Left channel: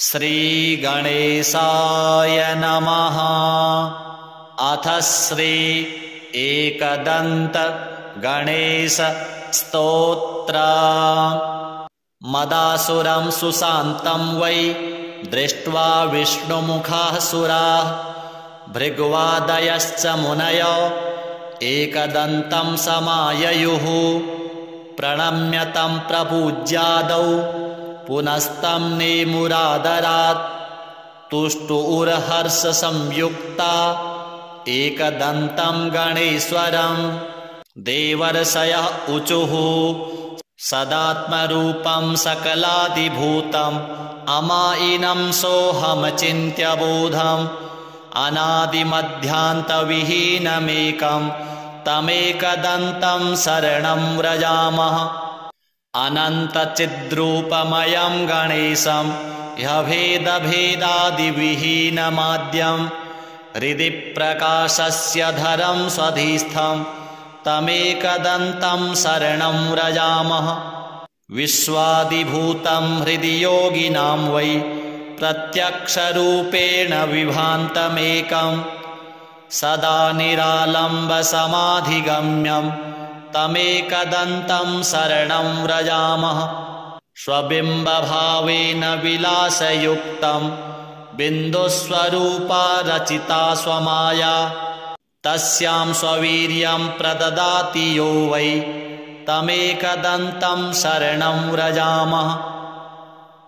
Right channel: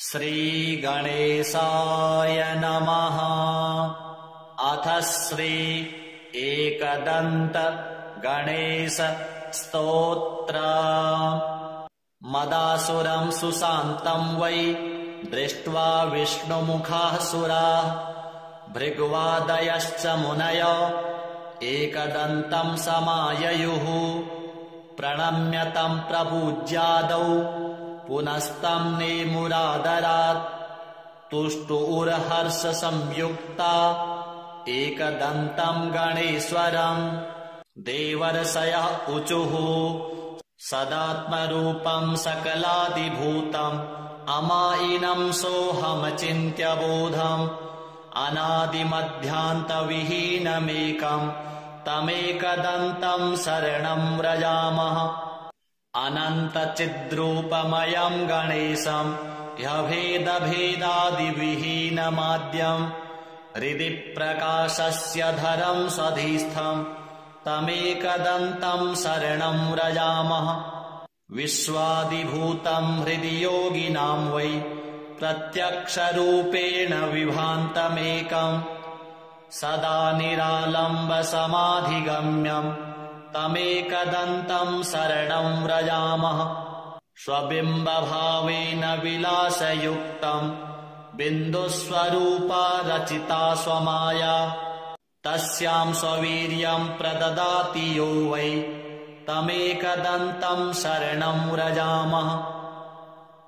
श्रीगणेशाय नमः। अथ श्री एकदन्त गणेश स्तोत्र। मदासुरं सुशान्तं वै दृष्ट्वा विष्णुमुखाः सुराः भृग्वादयश्च मुनय एकदन्तं समाययुः। प्रणम्य तं प्रपूज्यादौ पुनस्तं नेमुरादरात्। तुष्टुरहर्षसंयुक्ता एकदन्तं गणेश्वरं। देवर्षयः ऊचुः सदात्मरूपं सकलादिभूतम् अमायिनं सोऽहमचिन्त्य बोधम्। अनादिमध्यान्तविहीनमेकं तमेकदन्तं शरणं व्रजामः। अनन्तचिद्रूपमयं गणेशं ह्यभेदभेदादिविहीनमाद्यं। हृदि प्रकाशस्य धरं स्वधिस्थं तमेकदन्तं शरणं व्रजामः। विश्वादिभूतं हृदि योगिनां वै प्रत्यक्षरूपेण विभान्तमेकं। सदा निरालम्बसमाधिगम्यं तमेकदन्तं शरणं व्रजामः। स्वबिम्बभावेन विलासयुक्तं बिन्दुस्वरूपा रचिता स्वमाया। तस्यां स्ववीर्यं प्रददाति यो वै तमेकदन्तं शरणं व्रजामः।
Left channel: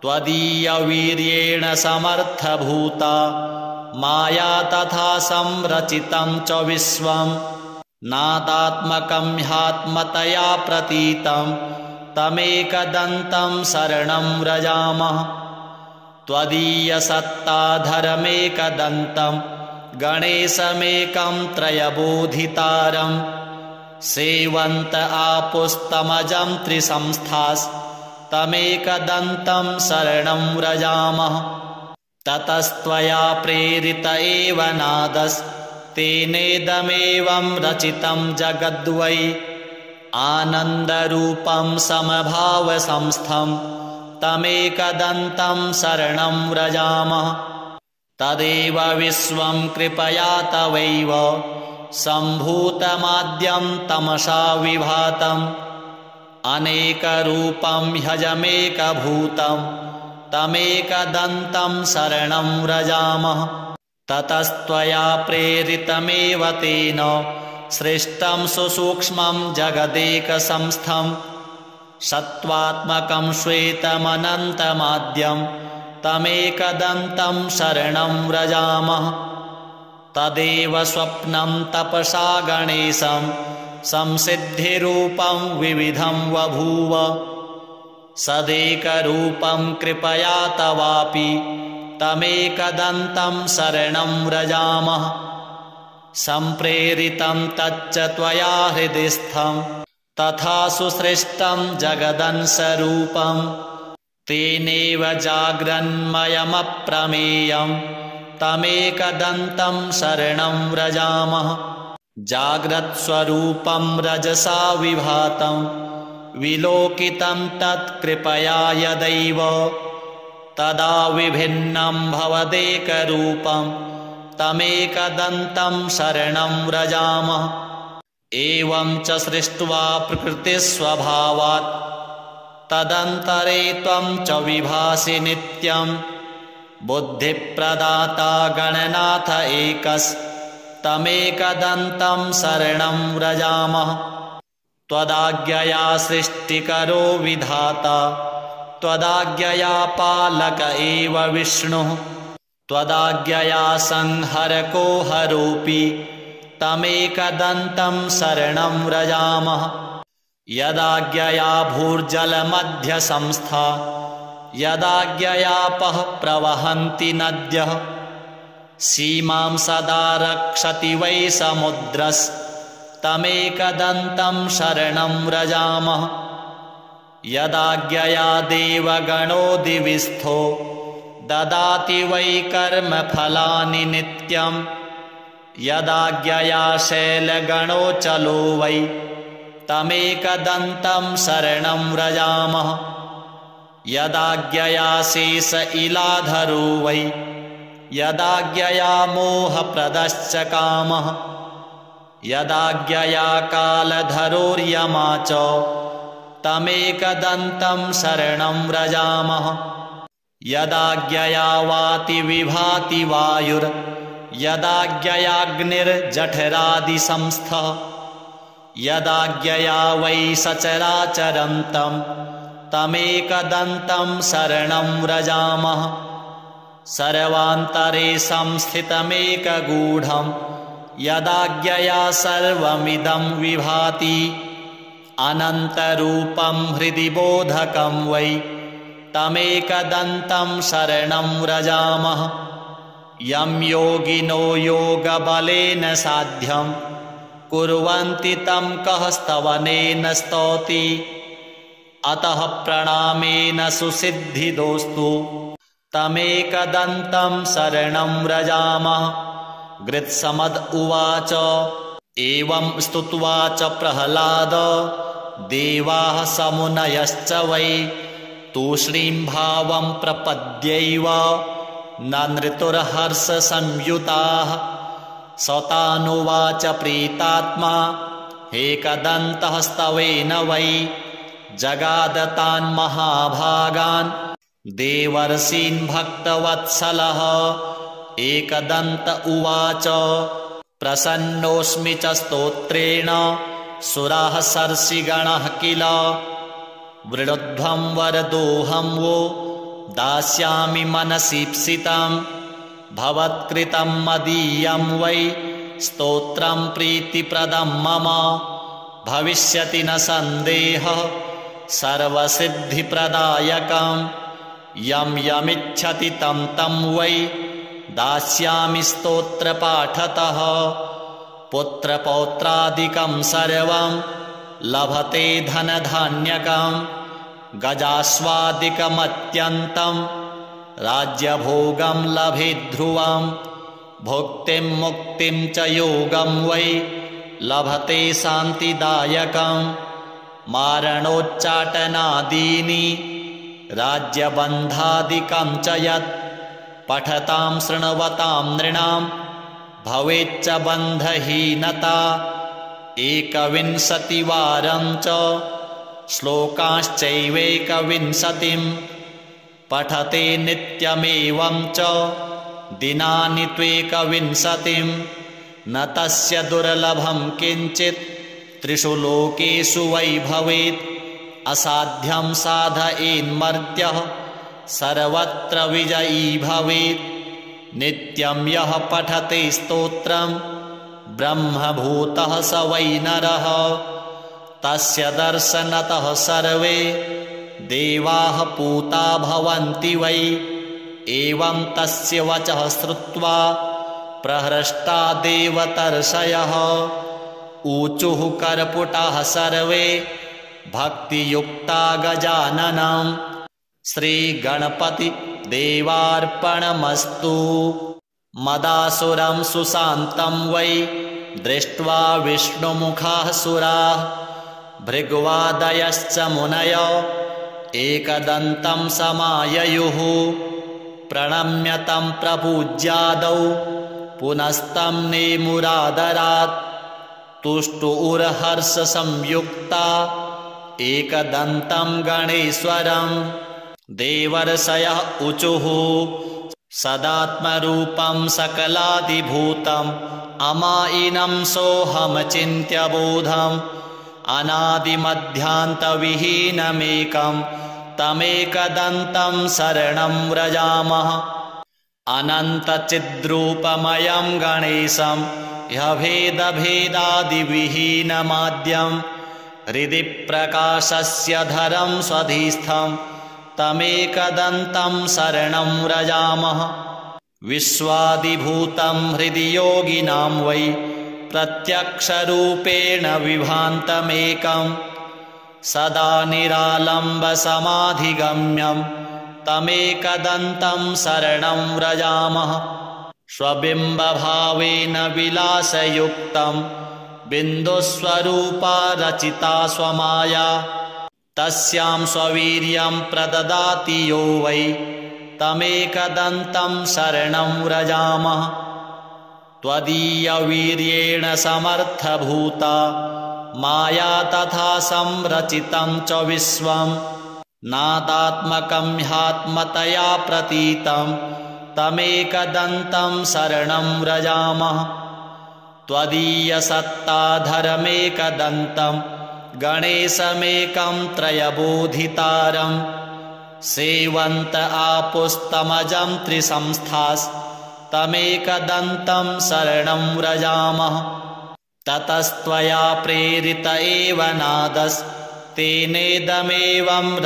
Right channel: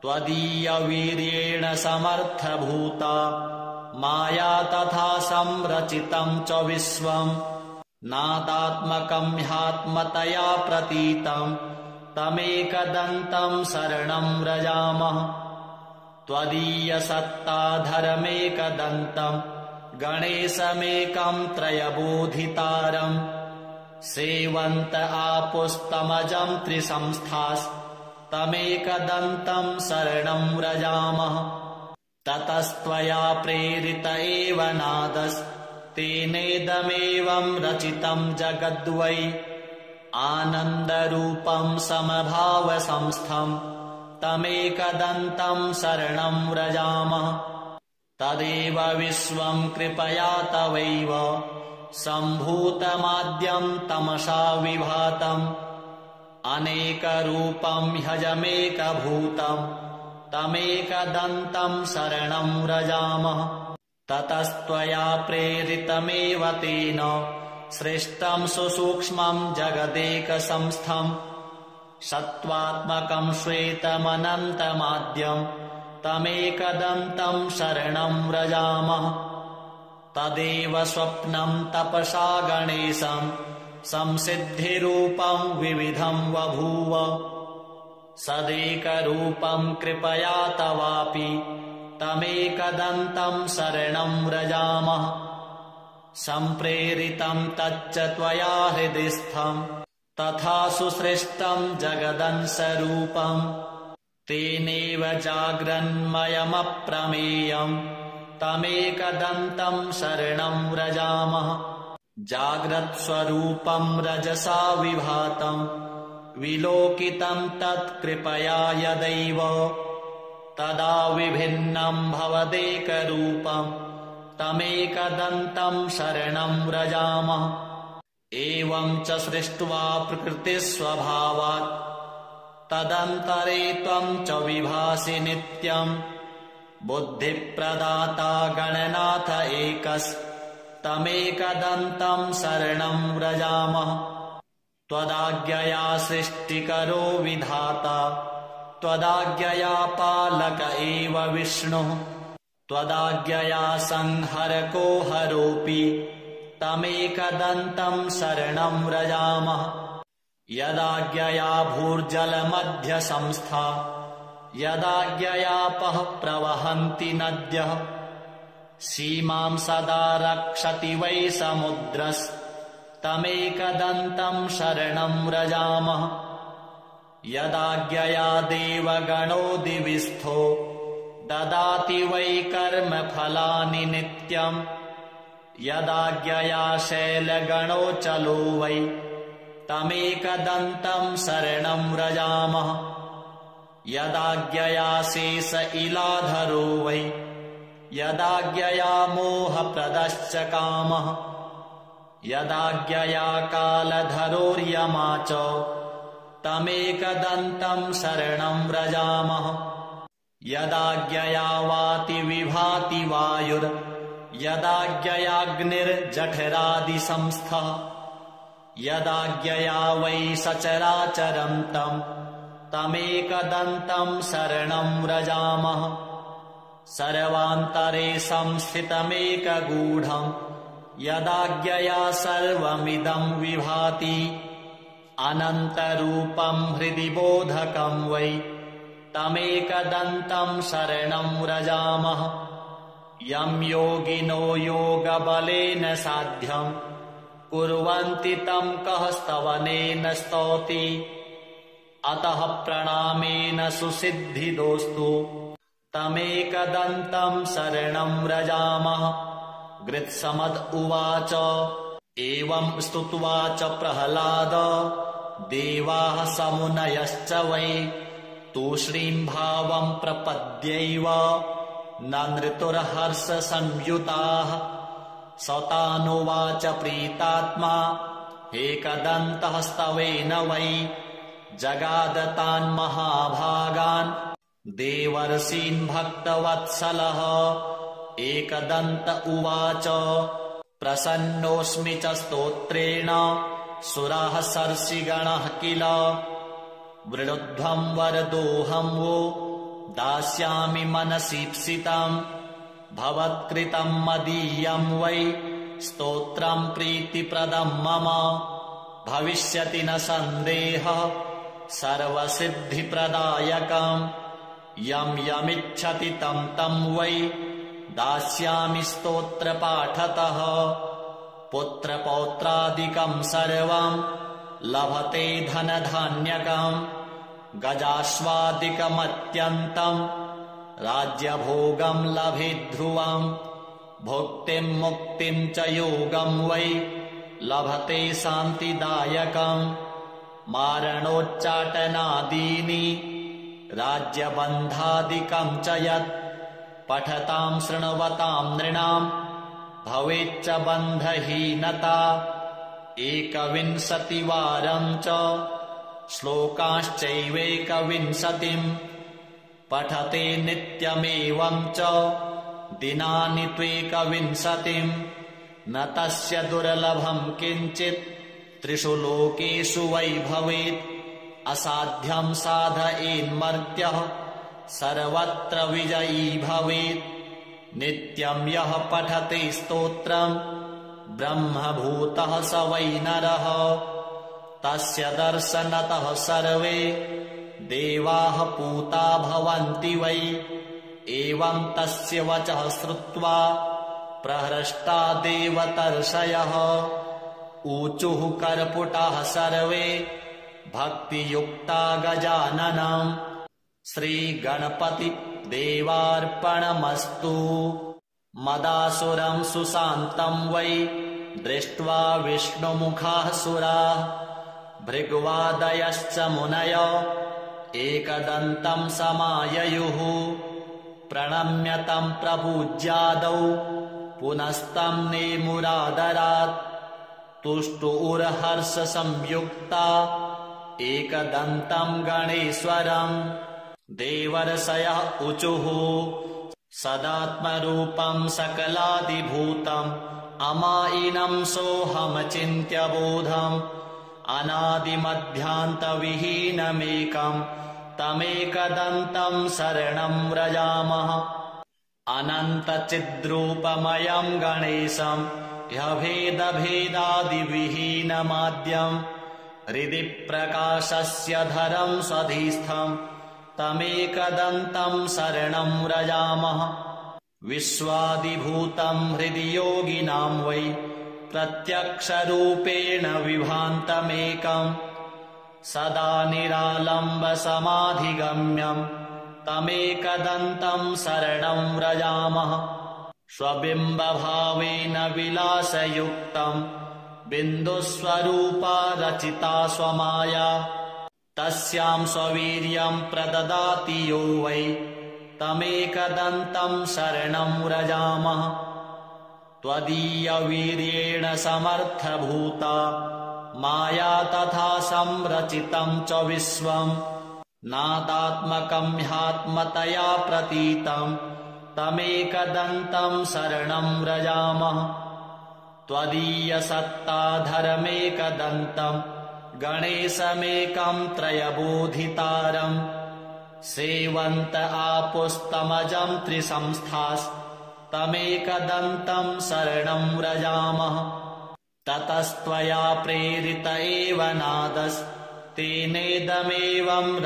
त्वदीयवीर्येण समर्थभूता माया तथा संरचितं च विश्वं। नादात्मकं ह्यात्मतया प्रतीतं तमेकदन्तं शरणं व्रजामः। त्वदीयसत्ताधरमेकदन्तं गणेशमेकं त्रयबोधितारं। सेवन्त आपुस्तमजं त्रिसंस्थास्तमेकदन्तं शरणं व्रजामः। ततस्त्वया प्रेरित एव नादस्तेनेदमेवं रचितं जगद्वै। आनन्दरूपं समभावसंस्थं तमेकदन्तं शरणं व्रजामः। तदेव विश्वं कृपया तवैव सम्भूतमाद्यं तमसा विभातम्। अनेकरूपं ह्यजमेकभूतं तमेकदन्तं शरणं व्रजामः। ततस्त्वया प्रेरितमेव तेन सृष्टं सुसूक्ष्मं जगदेकसंस्थं। सत्त्वात्मकं श्वेतमनन्तमाद्यं तमेकदन्तं शरणं व्रजामः। तदेव स्वप्नं तपसा गणेशं संसिद्धिरूपं विविधं बभूव। सदेकरूपं कृपया तवापि तमेकदन्तं शरणं व्रजामः। सम्प्रेरितं तच्च त्वया हृदिस्थं तथा सुसृष्टं जगदंशरूपं। तेनेव जाग्रन्मयमप्रमेयं तमेकदन्तं शरणं व्रजामः। जाग्रत्स्वरूपं रजसा विभातं विलोकितं तत्कृपया यदैव। तदा विभिन्नं भवदेकरूपं तमेकदन्तं शरणं व्रजामः। एवं च सृष्ट्वा प्रकृतिस्वभावात् तदन्तरे त्वं च विभासि नित्यं। बुद्धिप्रदाता गणनाथ एकस्तमेकदन्तं शरणं व्रजामः। त्वदाज्ञया सृष्टिकरो विधाता त्वदाज्ञया पालक एव विष्णुः। त्वदाज्ञया संहरको हरोऽपि तमेकदन्तं शरणं व्रजामः। यदाज्ञया भूर्जलमध्यसंस्था यदाज्ञयापः प्रवहन्ति नद्यः। सीमां सदा रक्षति वै समुद्रस्तमेकदन्तं शरणं व्रजामः। यदाज्ञया देवगणो दिविस्थो ददाति वै कर्मफलानि नित्यं। यदाज्ञया शैलगणोऽचलो वै तमेकदन्तं शरणं व्रजामः। यदाज्ञया शेष इलाधरो वै यदाज्ञया मोहप्रदश्च कामः यदाज्ञया कालधरोर्यमा च तमेकदन्तं शरणं व्रजामः यदाज्ञया वाति विभाति वायुर् यदाज्ञयाग्निर्जठरादिसंस्थः यदाज्ञया वै सचराचरन्तं तमेकदन्तं शरणं व्रजामः सर्वान्तरे संस्थितमेकगूढं यदाज्ञया सर्वमिदं विभाति अनन्तरूपं हृदि बोधकं वै तमेकदन्तं शरणं व्रजामः यं योगिनो योगबलेन साध्यं कुर्वन्ति तं कः स्तवनेन स्तौति अतः प्रणामेन सुसिद्धिदोस्तु तमेकदन्तं शरणं व्रजामः गृत्समद उवाच एवं स्तुत्वा च प्रह्लाद देवाः समुनयश्च वै तूष्णीं भावं प्रपद्यैव नृतुर्हर्षसंयुताः सतानुवाच प्रीतात्मा एकदन्तः स्तवेन वै जगादतान् महाभागान् देवर्षीन् भक्तवत्सलः एकदन्त उवाच प्रसन्नोऽस्मि च स्तोत्रेण सुराः सर्षिगणः किल वृणध्वं वरदोऽहं वो दास्यामि मनसीप्सितं भवत्कृतं मदीयं वै स्तोत्रं प्रीतिप्रदं मम भविष्यति न सन्देहः सर्वसिद्धिप्रदायकं यं यमिच्छति तं तं वै दास्यामि स्तोत्रपाठतः पुत्रपौत्रादिकं सर्वं लभते धनधान्यकं गजाश्वादिकमत्यन्तं राज्यभोगं लभेद्ध्रुवं भुक्तिं मुक्तिं च योगं वै लभते शान्तिदायकं मारणोच्चाटनादीनि राज्यबन्धादिकं च यत् पठतां शृण्वतां नृणां भवेच्च बन्धहीनता 21वारं च श्लोकाश्चैवेकविंशतिं पठते नित्यमेवं च दिनानि त्वेकविंशतिं न तस्य दुर्लभं किञ्चित् त्रिषु लोकेषु वै भवेत् असाध्यं साधयेन्मर्त्यः सर्वत्र विजयी भवेत् नित्यं यः पठते स्तोत्रं ब्रह्मभूतः स वै नरः तस्य दर्शनतः सर्वे देवाः पूता भवन्ति वै एवं तस्य वचः श्रुत्वा प्रहृष्टा देवतर्षयः ऊचुः कर्पुटाः सर्वे भक्तियुक्ता गजाननं श्रीगणपति देवार्पणमस्तु मदासुरं सुशान्तं वै दृष्ट्वा विष्णुमुखाः सुराः भृग्वादयश्च मुनयो एकदन्तं समाययुः प्रणम्य तं प्रपूज्यादौ पुनस्तं नेमुरादरात् तुष्टुर्हर्षसंयुक्ता एकदन्तं गणेश्वरं देवर्षयः ऊचुः सदात्मरूपं सकलादिभूतम् अमायिनं सोऽहमचिन्त्य बोधम् अनादिमध्यान्तविहीनमेकं तमेकदन्तं शरणं व्रजामः अनन्तचिद्रूपमयं गणेशं ह्यभेदभेदादिविहीनमाद्यं हृदि प्रकाशस्य धरं स्वधिस्थं तमेकदन्तं शरणं व्रजामः विश्वादिभूतं हृदि योगिनां वै प्रत्यक्षरूपेण विभान्तमेकं सदा निरालम्बसमाधिगम्यं तमेकदन्तं शरणं व्रजामः स्वबिम्बभावेन विलासयुक्तं बिन्दुस्वरूपा रचिता स्वमाया तस्यां स्ववीर्यं प्रददाति यो वै तमेकदन्तं शरणं व्रजामः त्वदीयवीर्येण समर्थभूता माया तथा संरचितं च विश्वं नादात्मकं ह्यात्मतया प्रतीतं तमेकदन्तं शरणं व्रजामः त्वदीयसत्ताधरमेकदन्तं गणेशमेकं त्रयबोधितारं सेवन्त आपुस्तमजं त्रिसंस्थास्तमेकदन्तं शरणं व्रजामः ततस्त्वया प्रेरित एव नादस्तेनेदमेवं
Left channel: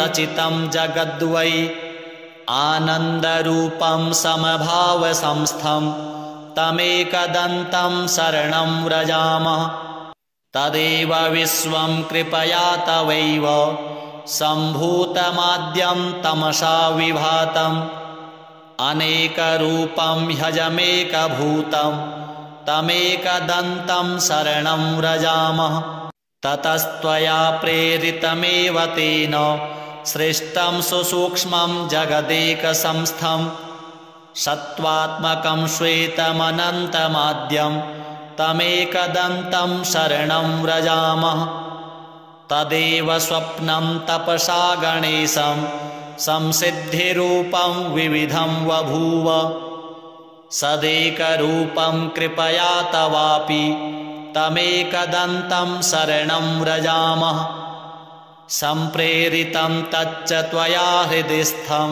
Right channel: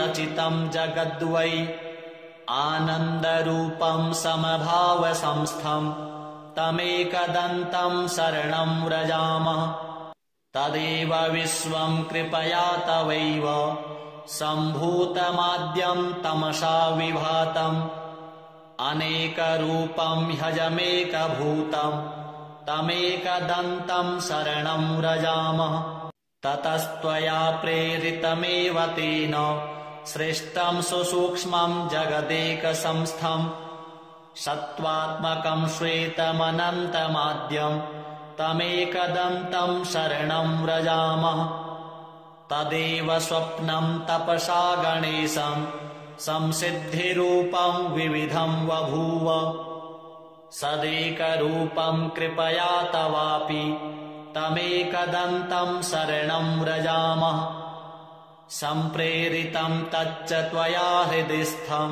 रचितं जगद्वै आनन्दरूपं समभावसंस्थं तमेकदन्तं शरणं व्रजामः तदेव विश्वं कृपया तवैव सम्भूतमाद्यं तमसा विभातम् अनेकरूपं ह्यजमेकभूतं तमेकदन्तं शरणं व्रजामः ततस्त्वया प्रेरितमेव तेन सृष्टं सुसूक्ष्मं जगदेकसंस्थं सत्त्वात्मकं श्वेतमनन्तमाद्यं तमेकदन्तं शरणं व्रजामः तदेव स्वप्नं तपसा गणेशं संसिद्धिरूपं विविधं बभूव सदेकरूपं कृपया तवापि तमेकदन्तं शरणं व्रजामः सम्प्रेरितं तच्च त्वया हृदिस्थं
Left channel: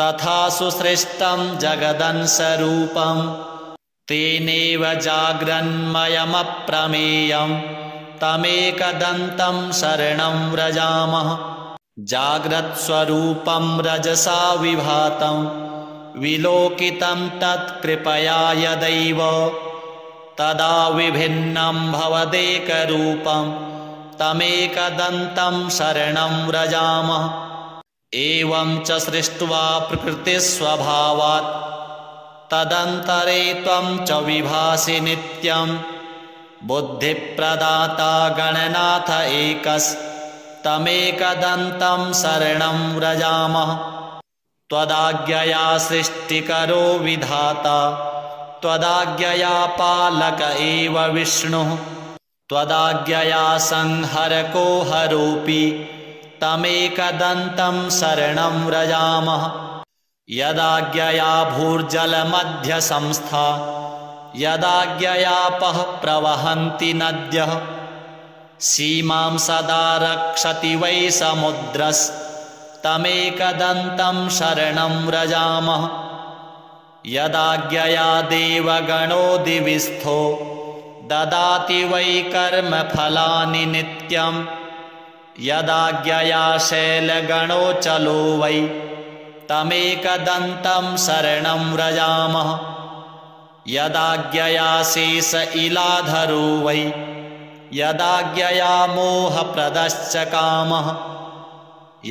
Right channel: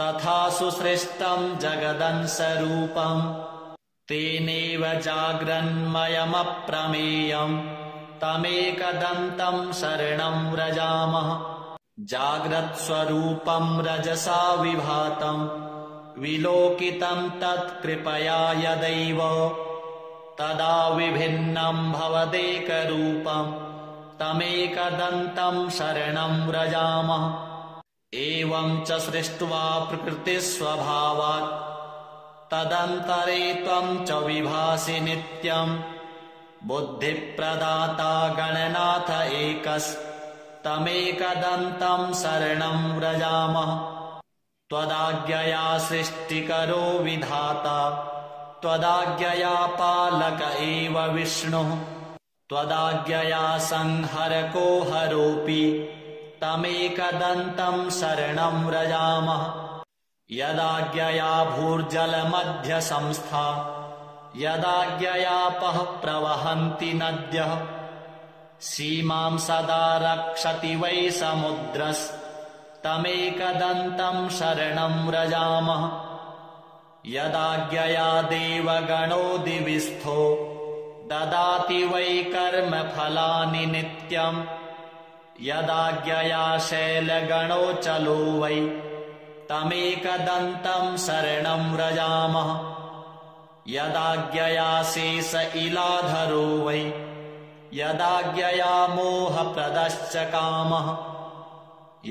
तथा सुसृष्टं जगदंशरूपं तेनेव जाग्रन्मयमप्रमेयं तमेकदन्तं शरणं व्रजामः जाग्रत्स्वरूपं रजसा विभातं विलोकितं तत्कृपया यदैव तदा विभिन्नं भवदेकरूपं तमेकदन्तं शरणं व्रजामः एवं च सृष्ट्वा प्रकृतिस्वभावात् तदन्तरे त्वं च विभासि नित्यं बुद्धिप्रदाता गणनाथ एकस्तमेकदन्तं शरणं व्रजामः त्वदाज्ञया सृष्टिकरो विधाता त्वदाज्ञया पालक एव विष्णुः त्वदाज्ञया संहरको हरोऽपि तमेकदन्तं शरणं व्रजामः यदाज्ञया भूर्जलमध्यसंस्था यदाज्ञयापः प्रवहन्ति नद्यः सीमां सदा रक्षति वै समुद्रस्तमेकदन्तं शरणं व्रजामः यदाज्ञया देवगणो दिविस्थो ददाति वै कर्मफलानि नित्यं यदाज्ञया शैलगणो चलो वै तमेकदन्तं शरणं व्रजामः यदाज्ञया शेष इलाधरो वै यदाज्ञया मोहप्रदश्च कामः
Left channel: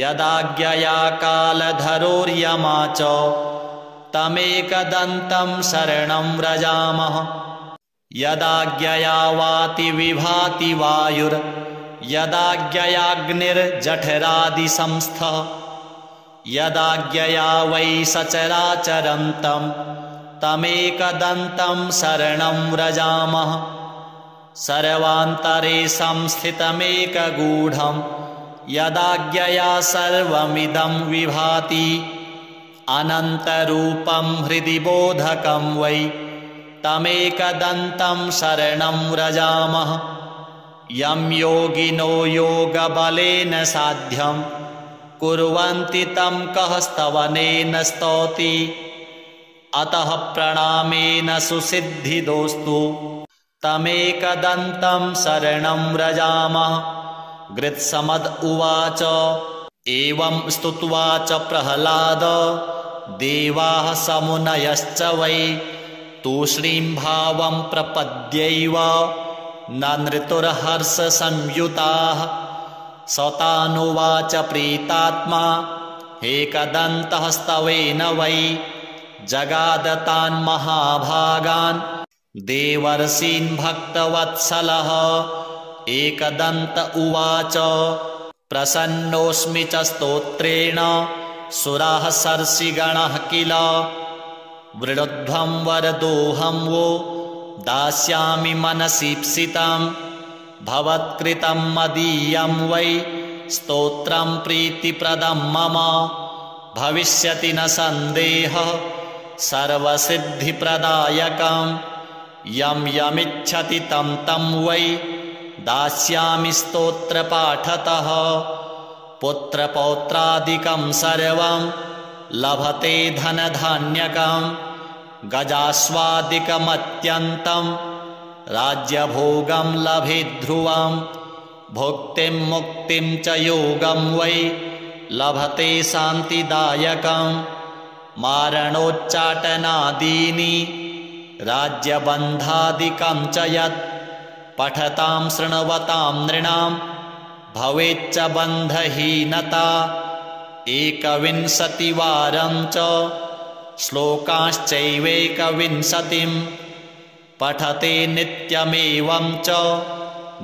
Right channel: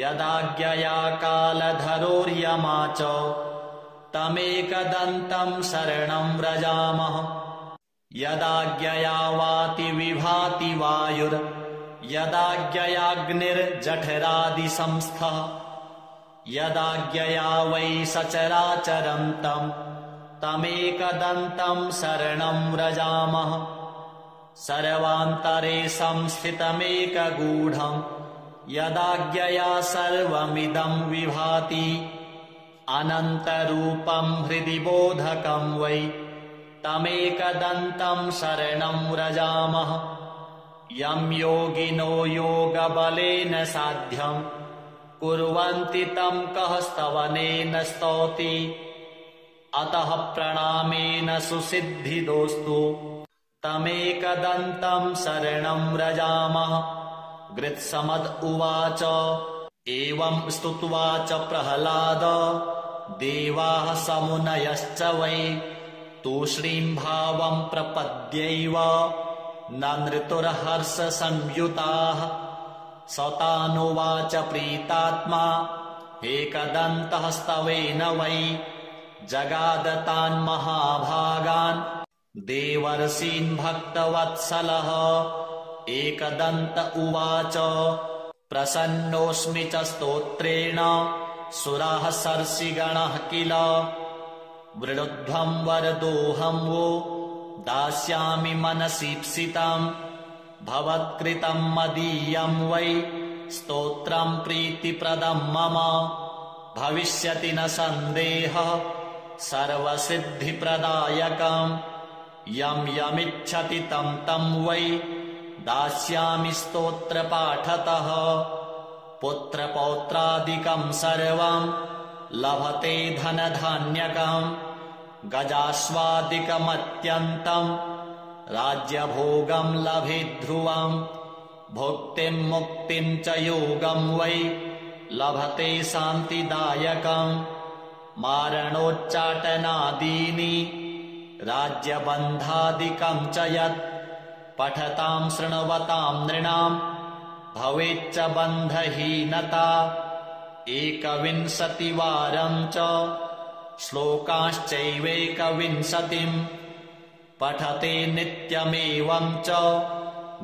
यदाज्ञया कालधरोर्यमा च तमेकदन्तं शरणं व्रजामः यदाज्ञया वाति विभाति वायुर्यदाज्ञयाग्निर्जठरादिसंस्थः यदाज्ञया वै सचराचरन्तं तमेकदन्तं शरणं व्रजामः सर्वान्तरे संस्थितमेकगूढं यदाज्ञया सर्वमिदं विभाति अनन्तरूपं हृदि बोधकं वै तमेकदन्तं शरणं व्रजामः यं योगिनो योगबलेन साध्यं कुर्वन्ति तं कः स्तवनेन स्तौति अतः प्रणामेन सुसिद्धिदोस्तु तमेकदन्तं शरणं व्रजामः गृत्समद उवाच एवं स्तुत्वा च प्रह्लाद देवाः समुनयश्च वै तूष्णीं भावं प्रपद्यैव नृतुर्हर्षसंयुताः सतानुवाच प्रीतात्मा एकदन्तः स्तवेन वै जगादतान् महाभागान् देवर्षीन् भक्तवत्सलः एकदन्त उवाच प्रसन्नोऽस्मि च स्तोत्रेण सुराः सर्षिगणः किल वृणध्वं वरदोऽहं वो दास्यामि मनसीप्सितं भवत्कृतं मदीयं वै स्तोत्रं प्रीतिप्रदं मम भविष्यति न सन्देहः सर्वसिद्धिप्रदायकं यं यमिच्छति तं तं वै दास्यामि स्तोत्रपाठतः पुत्रपौत्रादिकं सर्वं लभते धनधान्यकं गजास्वादिकमत्यन्तं राज्यभोगं लभेद्ध्रुवं भुक्तिं मुक्तिं च योगं वै लभते शान्तिदायकं मारणोच्चाटनादीनि राज्यबन्धादिकं च यत् पठतां शृण्वतां नृणां भवेच्च बन्धहीनता 21वारं च श्लोकांश्चैवेकविंशतिं पठते नित्यमेवं च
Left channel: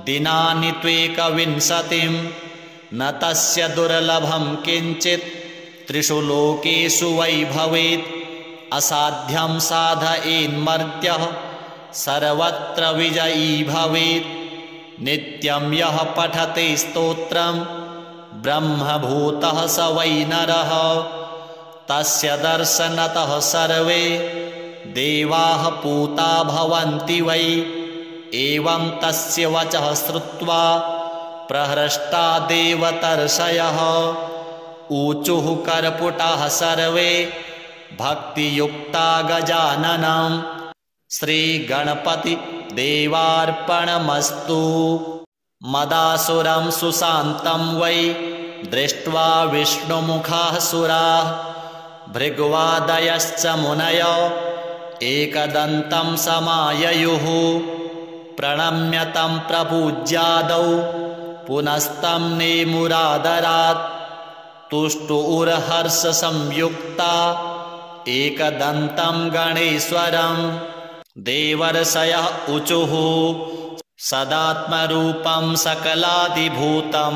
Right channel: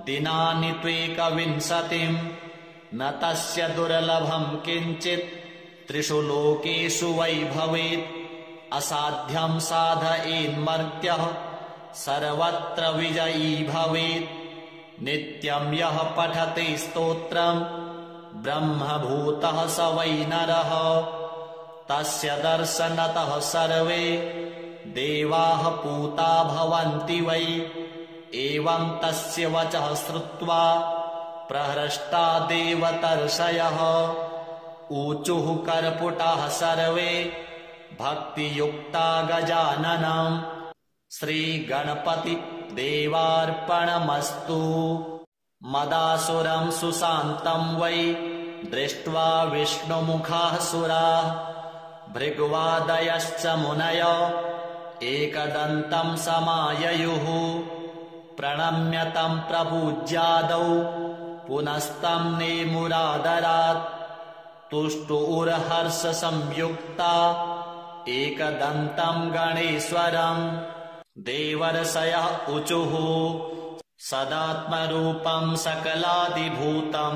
दिनानि त्वेकविंशतिं न तस्य दुर्लभं किञ्चित् त्रिषु लोकेषु वै भवेत् असाध्यं साधयेन्मर्त्यः सर्वत्र विजयी भवेत् नित्यं यः पठते स्तोत्रं ब्रह्मभूतः स वै नरः तस्य दर्शनतः सर्वे देवाः पूता भवन्ति वै एवं तस्य वचः श्रुत्वा प्रहृष्टा देवतर्षयः ऊचुः कर्पुटाः सर्वे भक्तियुक्ता गजाननं श्रीगणपति देवार्पणमस्तु मदासुरं सुशान्तं वै दृष्ट्वा विष्णुमुखाः सुराः भृग्वादयश्च मुनयो एकदन्तं समाययुः प्रणम्य तं प्रपूज्यादौ पुनस्तं नेमुरादरात् तुष्टुरहर्षसंयुक्ता एकदन्तं गणेश्वरं देवर्षयः ऊचुः सदात्मरूपं सकलादिभूतम्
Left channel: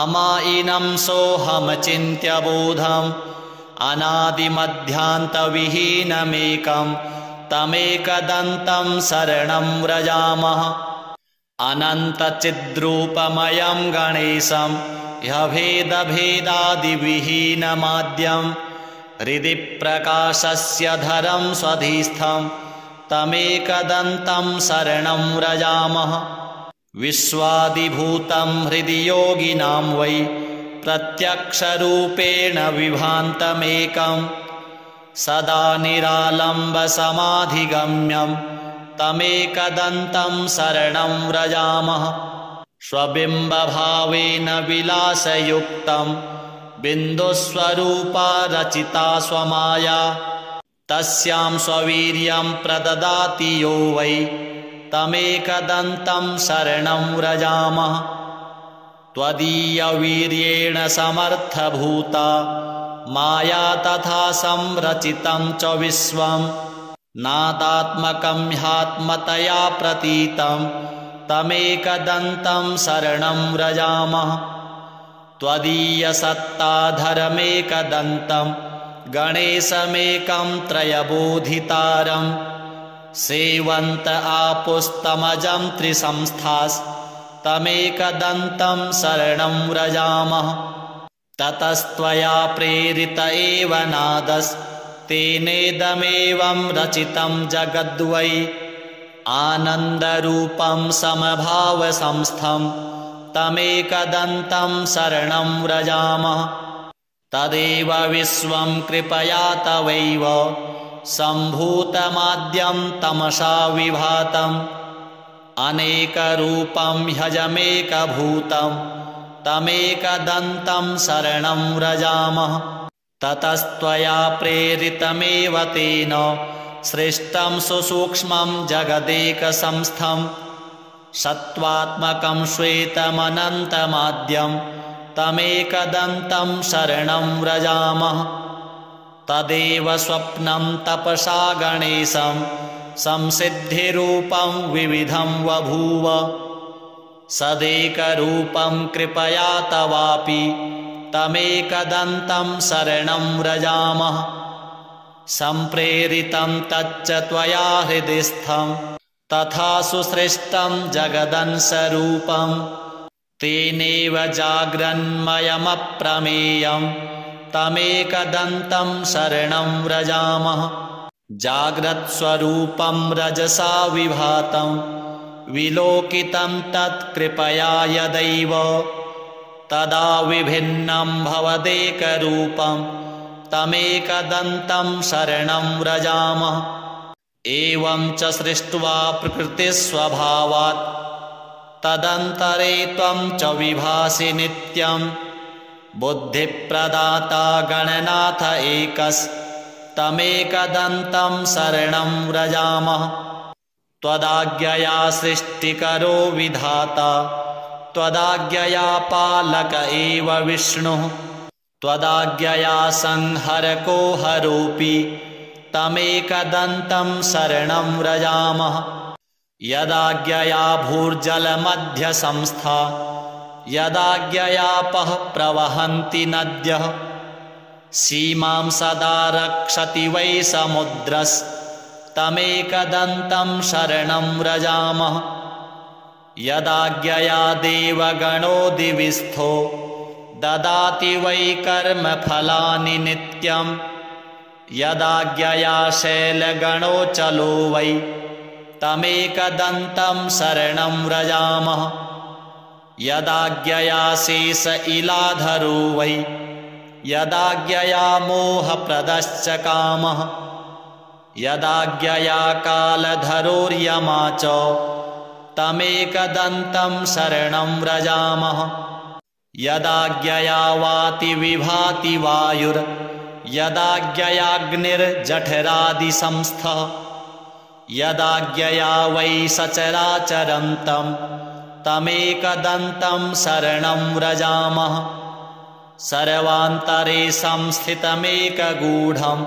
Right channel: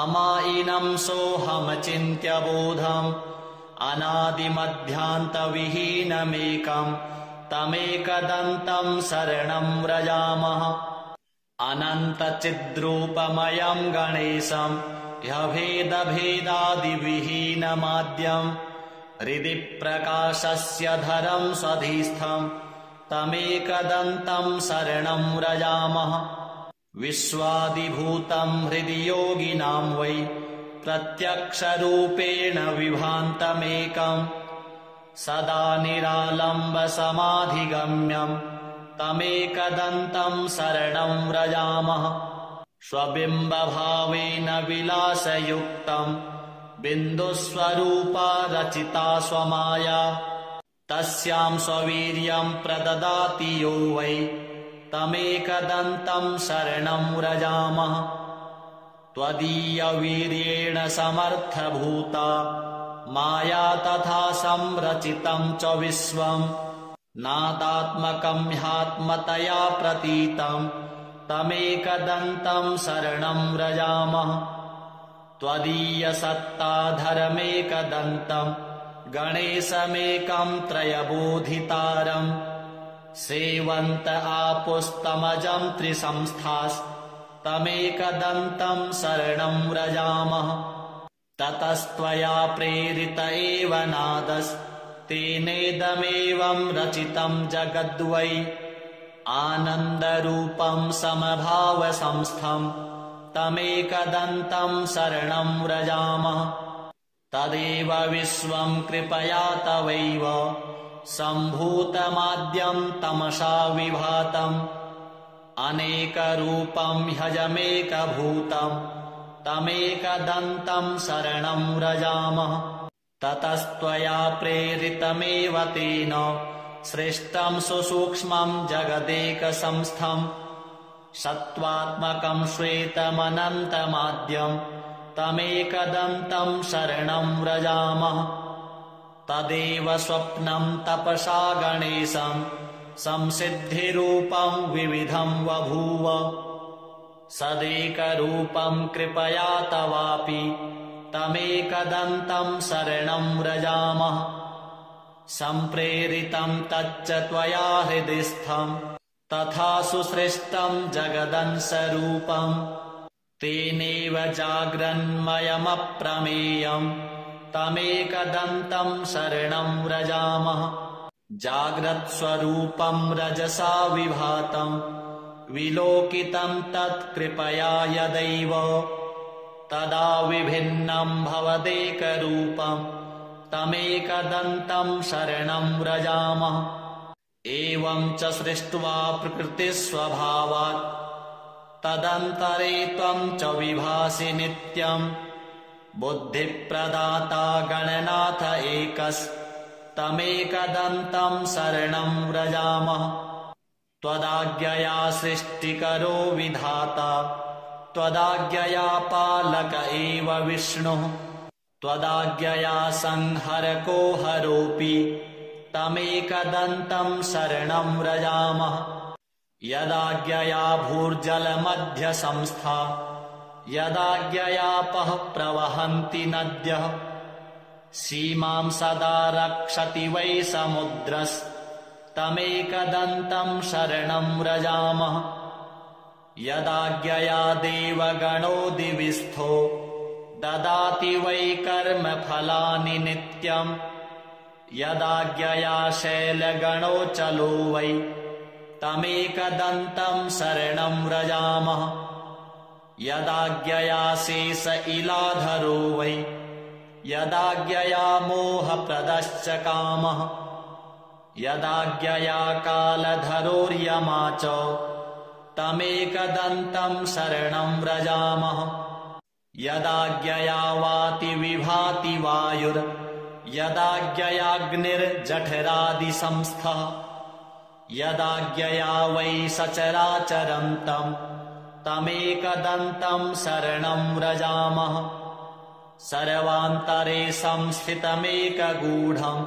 अमायिनं सोऽहमचिन्त्य बोधम् अनादिमध्यान्तविहीनमेकं तमेकदन्तं शरणं व्रजामः अनन्तचिद्रूपमयं गणेशं ह्यभेदभेदादिविहीनमाद्यं हृदि प्रकाशस्य धरं स्वधिस्थं तमेकदन्तं शरणं व्रजामः विश्वादिभूतं हृदि योगिनां वै प्रत्यक्षरूपेण विभान्तमेकं सदा निरालम्बसमाधिगम्यं तमेकदन्तं शरणं व्रजामः स्वबिम्बभावेन विलासयुक्तं बिन्दुस्वरूपा रचिता स्वमाया तस्यां स्ववीर्यं प्रददाति यो वै तमेकदन्तं शरणं व्रजामः त्वदीयवीर्येण समर्थभूता माया तथा संरचितं च विश्वं नादात्मकं ह्यात्मतया प्रतीतं तमेकदन्तं शरणं व्रजामः त्वदीयसत्ताधरमेकदन्तं गणेशमेकं त्रयबोधितारं सेवन्त आपुस्तमजं त्रिसंस्थास्तमेकदन्तं शरणं व्रजामः ततस्त्वया प्रेरित एव नादस्तेनेदमेवं रचितं जगद्वै आनन्दरूपं समभावसंस्थं तमेकदन्तं शरणं व्रजामः तदेव विश्वं कृपया तवैव सम्भूतमाद्यं तमसा विभातम् अनेकरूपं ह्यजमेकभूतं तमेकदन्तं शरणं व्रजामः ततस्त्वया प्रेरितमेव तेन सृष्टं सुसूक्ष्मं जगदेकसंस्थं सत्त्वात्मकं श्वेतमनन्तमाद्यं तमेकदन्तं शरणं व्रजामः तदेव स्वप्नं तपसा गणेशं संसिद्धिरूपं विविधं बभूव सदेकरूपं कृपया तवापि तमेकदन्तं शरणं व्रजामः। सम्प्रेरितं तच्च त्वया हृदिस्थं तथा सुसृष्टं जगदंशरूपं तेनैव जाग्रन्मयमप्रमेयं तमेकदन्तं शरणं व्रजामः। जाग्रत्स्वरूपं रजसा विभातं विलोकितं तत्कृपया यदैव तदा विभिन्नं भवदेकरूपं तमेकदन्तं शरणं व्रजामः। एवं च सृष्ट्वा प्रकृतिस्वभावात् तदन्तरे त्वं च विभासि नित्यं बुद्धिप्रदाता गणनाथ एकस्तमेकदन्तं शरणं व्रजामः। त्वदाज्ञया सृष्टिकरो विधाता त्वदाज्ञया पालक एव विष्णुः त्वदाज्ञया संहरको हरोऽपि तमेकदन्तं शरणं व्रजामः। यदाज्ञया भूर्जलमध्यसंस्था यदाज्ञयापः प्रवहन्ति नद्यः सीमां सदा रक्षति वै समुद्रस्तमेकदन्तं शरणं व्रजामः। यदाज्ञया देवगणो दिविस्थो ददाति वै कर्मफलानि नित्यं यदाज्ञया शैलगणो चलो वै तमेकदन्तं शरणं व्रजामः। यदाज्ञया शेष इलाधरो वै यदाज्ञया मोहप्रदश्च कामः यदाज्ञया कालधरोर्यमा च तमेकदन्तं शरणं व्रजामः। यदाज्ञया वाति विभाति वायुर् यदाज्ञयाग्निर्जठरादिसंस्थः यदाज्ञया वै सचराचरन्तं तमेकदन्तं शरणं व्रजामः। सर्वान्तरे संस्थितमेकगूढं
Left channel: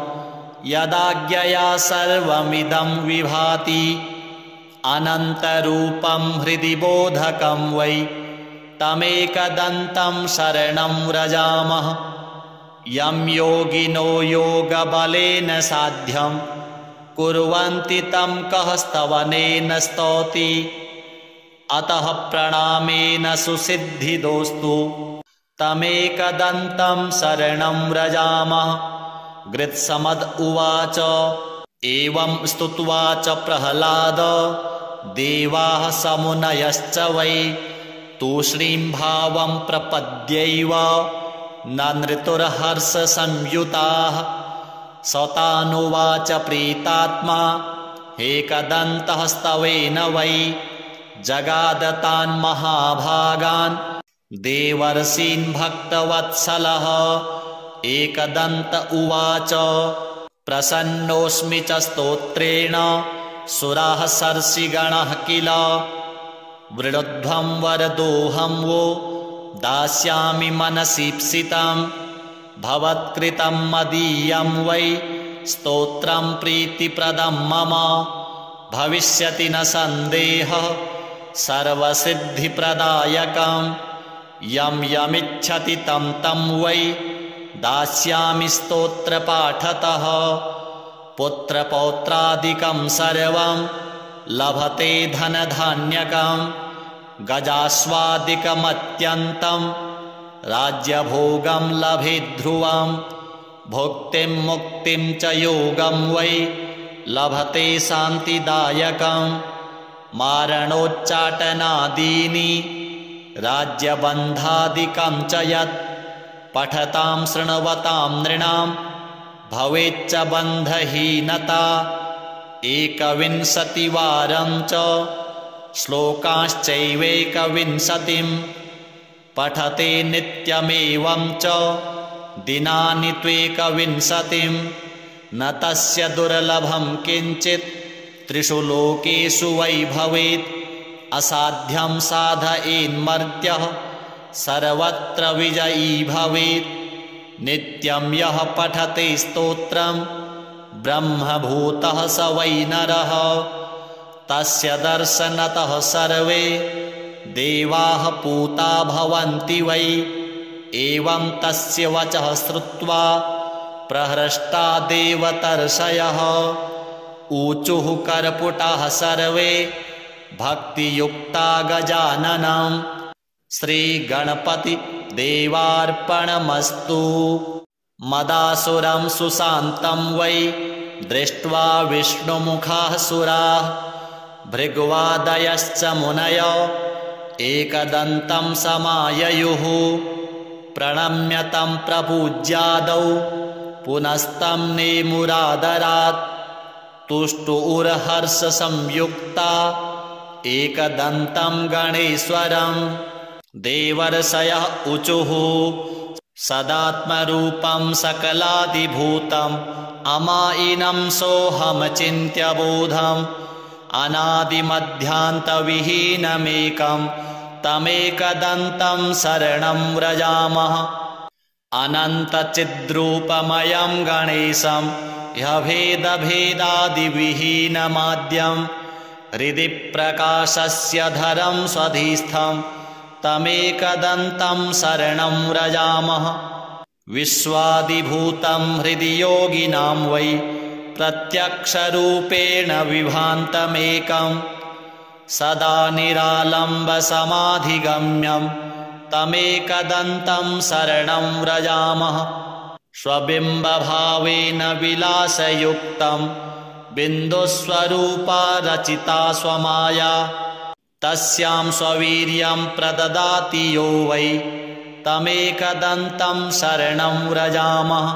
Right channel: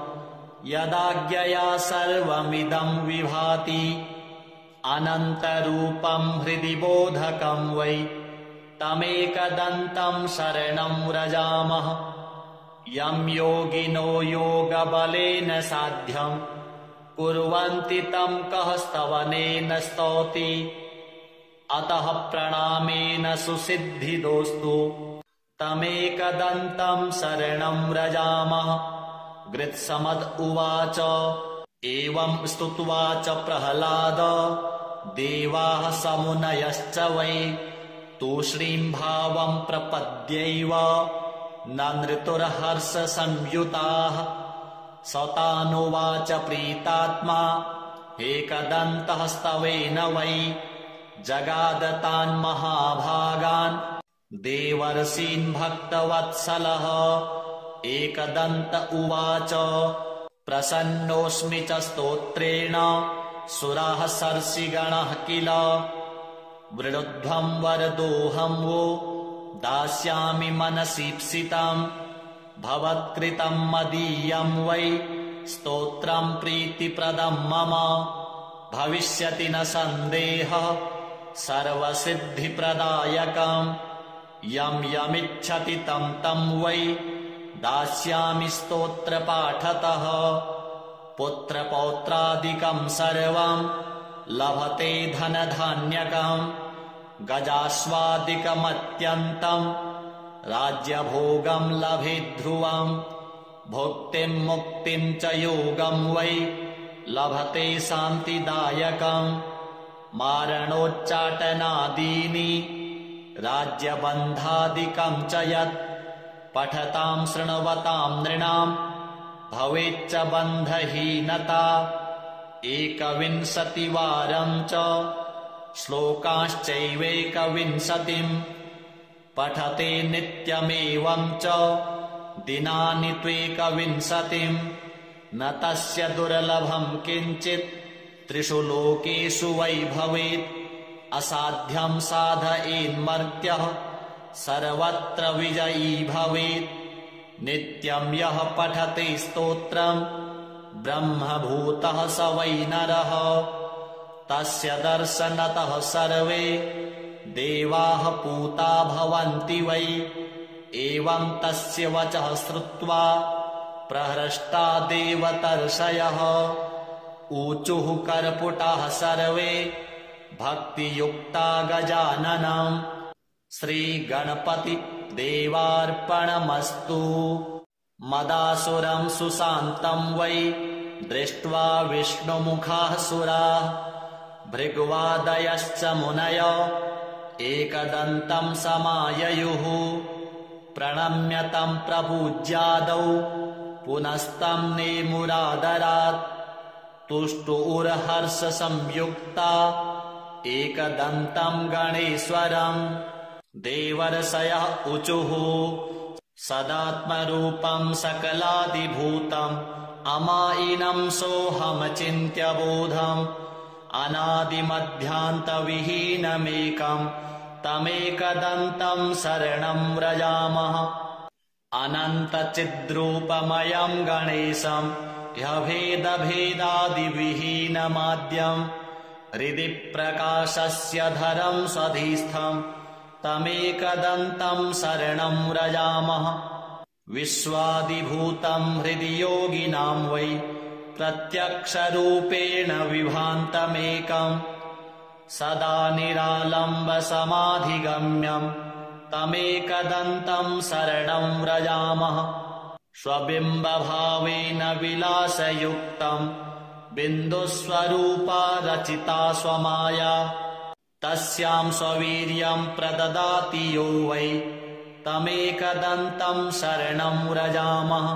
यदाज्ञया सर्वमिदं विभाति अनन्तरूपं हृदि बोधकं वै तमेकदन्तं शरणं व्रजामः। यं योगिनो योगबलेन साध्यं कुर्वन्ति तं कः स्तवनेन स्तौति अतः प्रणामेन सुसिद्धिदोस्तु तमेकदन्तं शरणं व्रजामः। गृत्समद उवाच एवं स्तुत्वा च प्रह्लाद देवाः समुनयश्च वै तूष्णीं भावं प्रपद्यैव नृतुर्हर्षसंयुताः सतानुवाच प्रीतात्मा एकदन्तः स्तवेन वै जगादतान् महाभागान् देवर्षीन् भक्तवत्सलः। एकदन्त उवाच प्रसन्नोऽस्मि च स्तोत्रेण सुराः सर्षिगणः किल वृणुध्वं वरदोऽहं वो दास्यामि मनसीप्सितं भवत्कृतं मदीयं वै स्तोत्रं प्रीतिप्रदं मम भविष्यति न सन्देहः सर्वसिद्धिप्रदायकं यं यमिच्छति तं तं वै दास्यामि स्तोत्रपाठतः। पुत्रपौत्रादिकं सर्वं लभते धनधान्यकं गजास्वादिकमत्यन्तं राज्यभोगं लभेद्ध्रुवं भुक्तिं मुक्तिं च योगं वै लभते शान्तिदायकं मारणोच्चाटनादीनि राज्यबन्धादिकं च यत् पठतां शृण्वतां नृणां भवेच्च बन्धहीनता 21वारं च श्लोकाश्चैवेकविंशतिं पठते नित्यमेवं च दिनानि त्वेकविंशतिं न तस्य दुर्लभं किञ्चित् त्रिषु लोकेषु वै भवेत् असाध्यं साधयेन्मर्त्यः सर्वत्र विजयी भवेत् नित्यं यः पठते स्तोत्रं ब्रह्मभूतः स वै नरः तस्य दर्शनतः सर्वे देवाः पूता भवन्ति वै। एवं तस्य वचः श्रुत्वा प्रहृष्टा देवतर्षयः ऊचुः कर्पुटाः सर्वे भक्तियुक्ता गजाननं। श्रीगणपति देवार्पणमस्तु। मदासुरं सुशान्तं वै दृष्ट्वा विष्णुमुखाः सुराः भृग्वादयश्च मुनयो एकदन्तं समाययुः। प्रणम्य तं प्रपूज्यादौ पुनस्तं नेमुरादरात्। तुष्टुरहर्षसंयुक्ता एकदन्तं गणेश्वरं। देवर्षयः ऊचुः सदात्मरूपं सकलादिभूतम् अमायिनं सोऽहमचिन्त्य बोधम्। अनादिमध्यान्तविहीनमेकं तमेकदन्तं शरणं व्रजामः। अनन्तचिद्रूपमयं गणेशं ह्यभेदभेदादिविहीनमाद्यं हृदि प्रकाशस्य धरं स्वधिस्थं तमेकदन्तं शरणं व्रजामः। विश्वादिभूतं हृदि योगिनां वै प्रत्यक्षरूपेण विभान्तमेकं सदा निरालम्बसमाधिगम्यं तमेकदन्तं शरणं व्रजामः। स्वबिम्बभावेन विलासयुक्तं बिन्दुस्वरूपा रचिता स्वमाया तस्यां स्ववीर्यं प्रददाति यो वै तमेकदन्तं शरणं व्रजामः।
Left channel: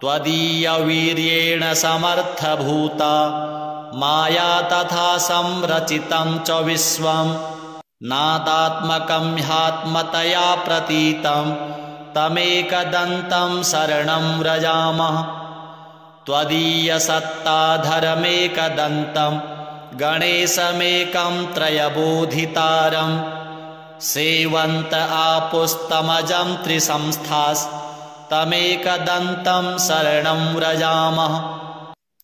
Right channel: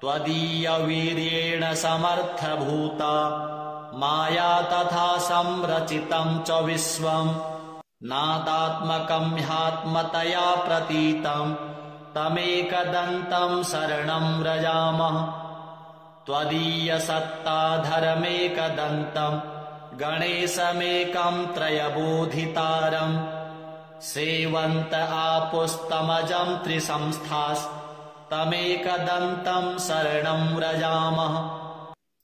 त्वदीयवीर्येण समर्थभूता माया तथा संरचितं च विश्वं नादात्मकं ह्यात्मतया प्रतीतं तमेकदन्तं शरणं व्रजामः। त्वदीयसत्ताधरमेकदन्तं गणेशमेकं त्रयबोधितारं सेवन्त आपुस्तमजं त्रिसंस्थास्तमेकदन्तं शरणं व्रजामः।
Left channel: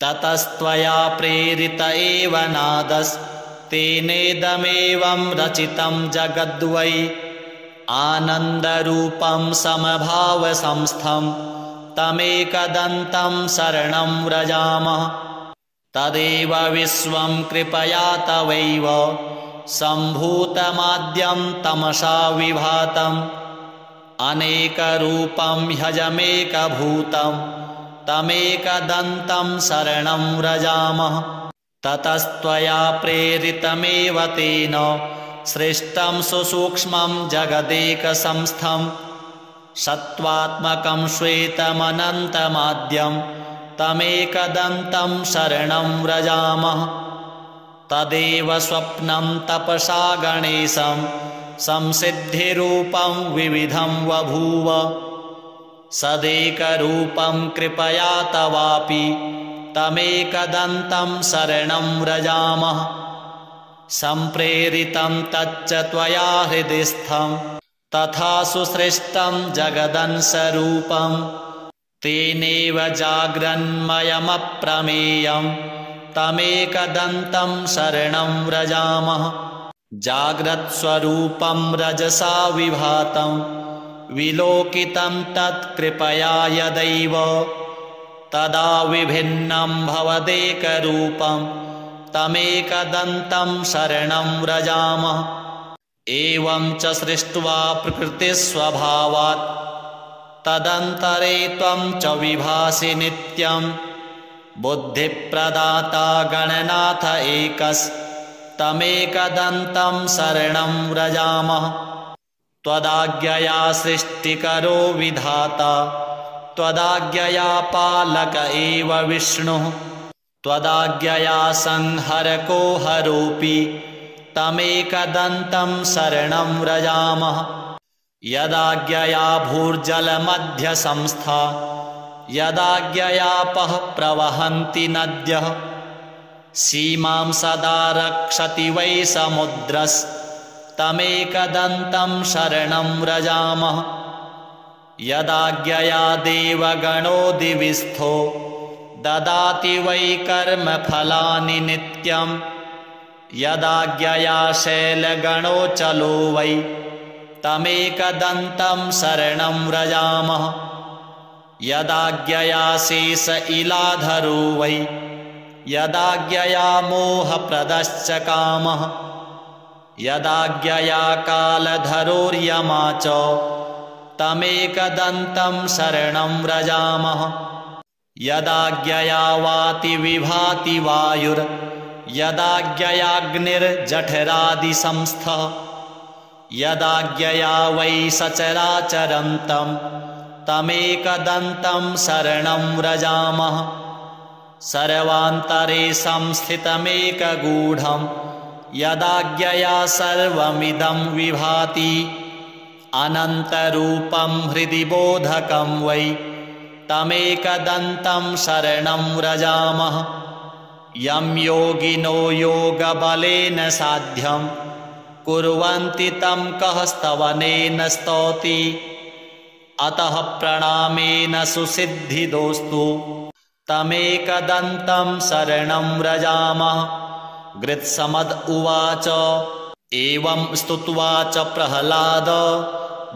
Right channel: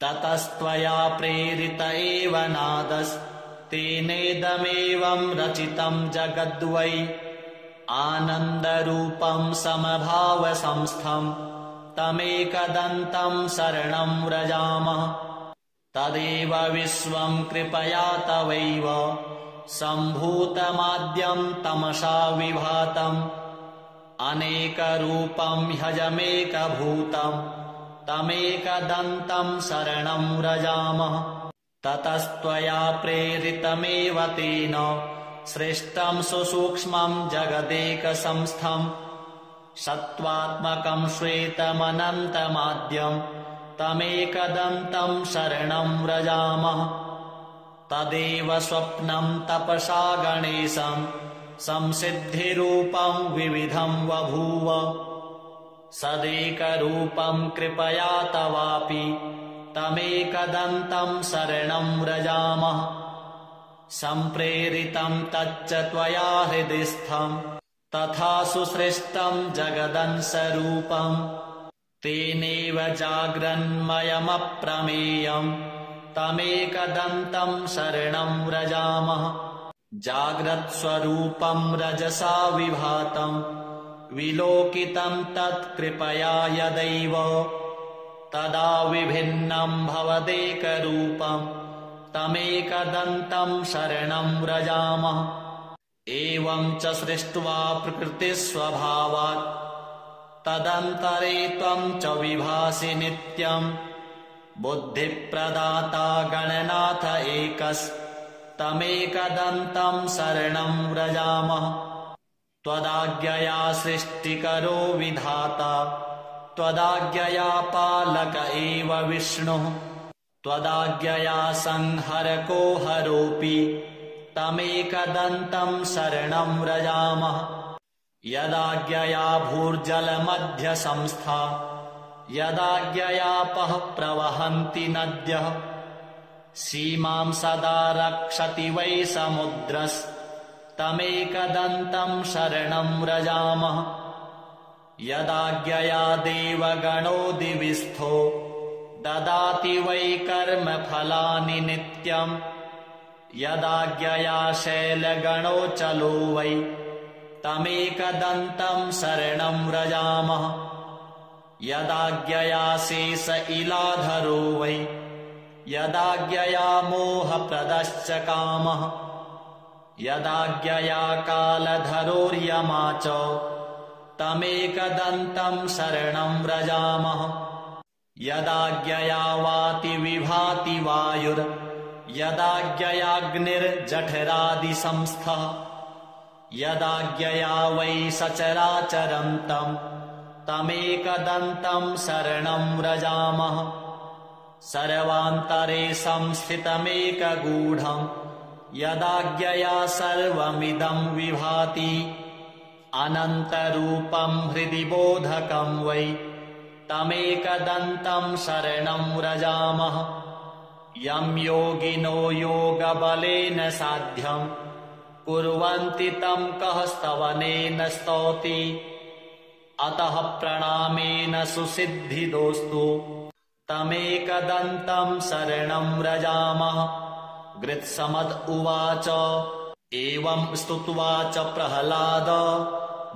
ततस्त्वया प्रेरित एव नादस्तेनेदमेवं रचितं जगद्वै आनन्दरूपं समभावसंस्थं तमेकदन्तं शरणं व्रजामः। तदेव विश्वं कृपया तवैव सम्भूतमाद्यं तमसा विभातम् अनेकरूपं ह्यजमेकभूतं तमेकदन्तं शरणं व्रजामः। ततस्त्वया प्रेरितमेव तेन सृष्टं सुसूक्ष्मं जगदेकसंस्थं सत्त्वात्मकं श्वेतमनन्तमाद्यं तमेकदन्तं शरणं व्रजामः। तदेव स्वप्नं तपसा गणेशं संसिद्धिरूपं विविधं बभूव सदेकरूपं कृपया तवापि तमेकदन्तं शरणं व्रजामः। सम्प्रेरितं तच्च त्वया हृदिस्थं तथा सुसृष्टं जगदंशरूपं तेनेव जाग्रन्मयमप्रमेयं तमेकदन्तं शरणं व्रजामः। जाग्रत्स्वरूपं रजसा विभातं विलोकितं तत्कृपया यदैव तदा विभिन्नं भवदेकरूपं तमेकदन्तं शरणं व्रजामः। एवं च सृष्ट्वा प्रकृतिस्वभावात् तदन्तरे त्वं च विभासि नित्यं बुद्धिप्रदाता गणनाथ एकस्तमेकदन्तं शरणं व्रजामः। त्वदाज्ञया सृष्टिकरो विधाता त्वदाज्ञया पालक एव विष्णुः त्वदाज्ञया संहरको हरोऽपि तमेकदन्तं शरणं व्रजामः। यदाज्ञया भूर्जलमध्यसंस्था यदाज्ञयापः प्रवहन्ति नद्यः सीमां सदा रक्षति वै समुद्रस्तमेकदन्तं शरणं व्रजामः। यदाज्ञया देवगणो दिविस्थो ददाति वै कर्मफलानि नित्यं यदाज्ञया शैलगणोचलो वै तमेकदन्तं शरणं व्रजामः। यदाज्ञया शेष इलाधरो वै यदाज्ञया मोहप्रदश्च कामः। यदाज्ञया कालधरोर्यमा च तमेकदन्तं शरणं व्रजामः। यदाज्ञया वाति विभाति वायुर् यदाज्ञयाग्निर्जठरादिसंस्थः। यदाज्ञया वै सचराचरन्तं तमेकदन्तं शरणं व्रजामः। सर्वान्तरे संस्थितमेकगूढं यदाज्ञया सर्वमिदं विभाति। अनन्तरूपं हृदि बोधकं वै तमेकदन्तं शरणं व्रजामः। यं योगिनो योगबलेन साध्यं कुर्वन्ति तं कः स्तवनेन स्तौति। अतः प्रणामेन सुसिद्धिदोस्तु तमेकदन्तं शरणं व्रजामः। गृत्समद उवाच एवं स्तुत्वा च प्रह्लाद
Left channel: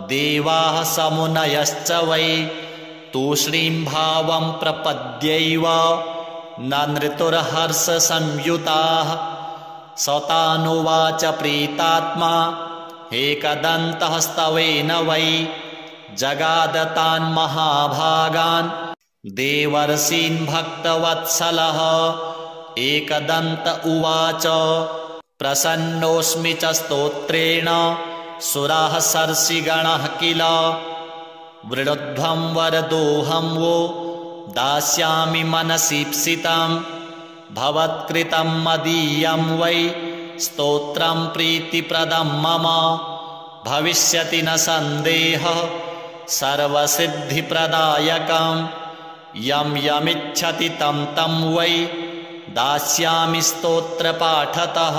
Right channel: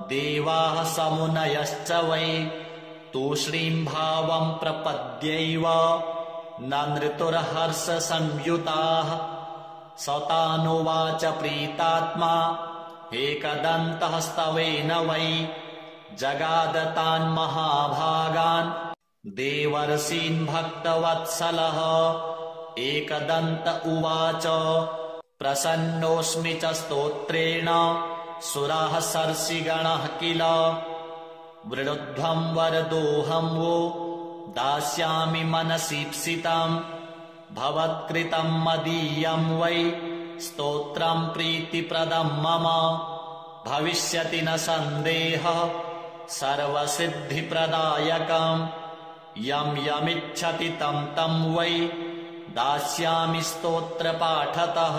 देवाः समुनयश्च वै तूष्णीं भावं प्रपद्यैव नृतुर्हर्षसंयुताः। सतानुवाच प्रीतात्मा एकदन्तः स्तवेन वै जगादतान् महाभागान् देवर्षीन् भक्तवत्सलः। एकदन्त उवाच प्रसन्नोऽस्मि च स्तोत्रेण सुराः सर्षिगणः किल। वृणुध्वं वरदोऽहं वो दास्यामि मनसीप्सितं भवत्कृतं मदीयं वै स्तोत्रं प्रीतिप्रदं मम। भविष्यति न सन्देहः सर्वसिद्धिप्रदायकं यं यमिच्छति तं तं वै दास्यामि स्तोत्रपाठतः।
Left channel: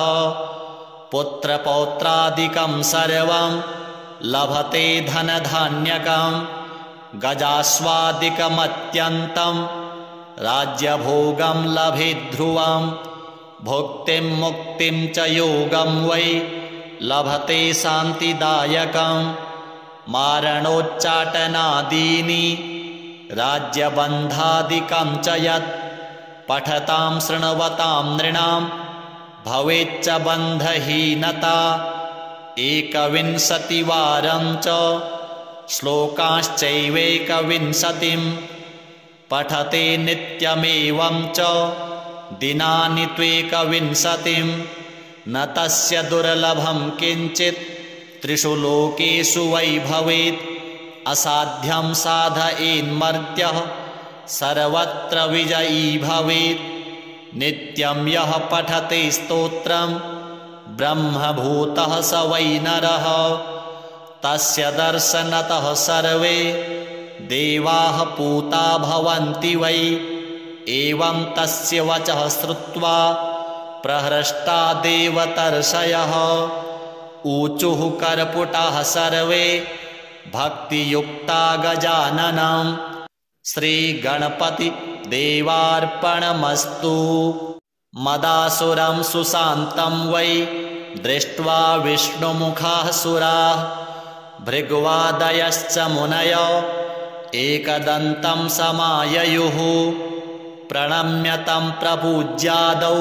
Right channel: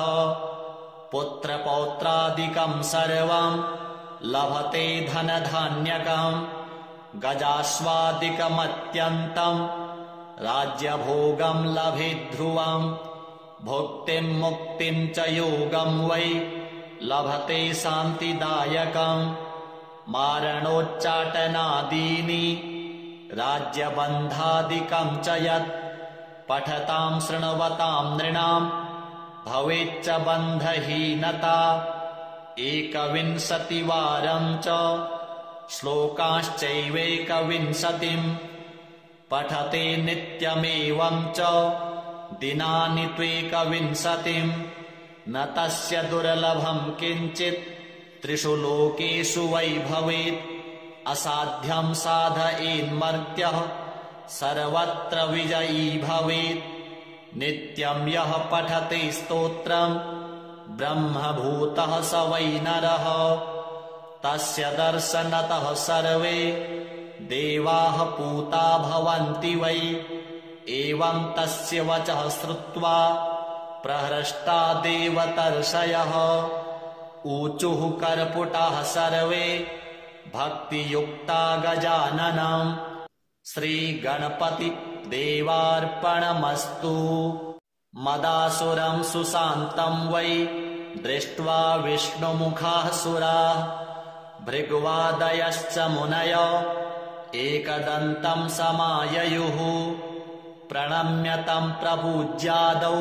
पुत्रपौत्रादिकं सर्वं लभते धनधान्यकं गजाश्वादिकमत्यन्तं राज्यभोगं लभेद्ध्रुवं। भुक्तिं मुक्तिं च योगं वै लभते शान्तिदायकं। मारणोच्चाटनादीनि राज्यबन्धादिकं च यत् पठतां शृण्वतां नृणां भवेच्च बन्धहीनता। 21वारं च श्लोकांश्चैवैकविंशतिं पठते नित्यमेवं च दिनानि त्वेकविंशतिं। न तस्य दुर्लभं किञ्चित् त्रिषु लोकेषु वै भवेत्। असाध्यं साधयेन्मर्त्यः सर्वत्र विजयी भवेत्। नित्यं यः पठते स्तोत्रं ब्रह्मभूतः स वै नरः। तस्य दर्शनतः सर्वे देवाः पूता भवन्ति वै। एवं तस्य वचः श्रुत्वा प्रहृष्टा देवतर्षयः ऊचुः कर्पुटाः सर्वे भक्तियुक्ता गजाननं। श्रीगणपति देवार्पणमस्तु। मदासुरं सुशान्तं वै दृष्ट्वा विष्णुमुखाः सुराः भृग्वादयश्च मुनयो एकदन्तं समाययुः। प्रणम्य तं प्रपूज्यादौ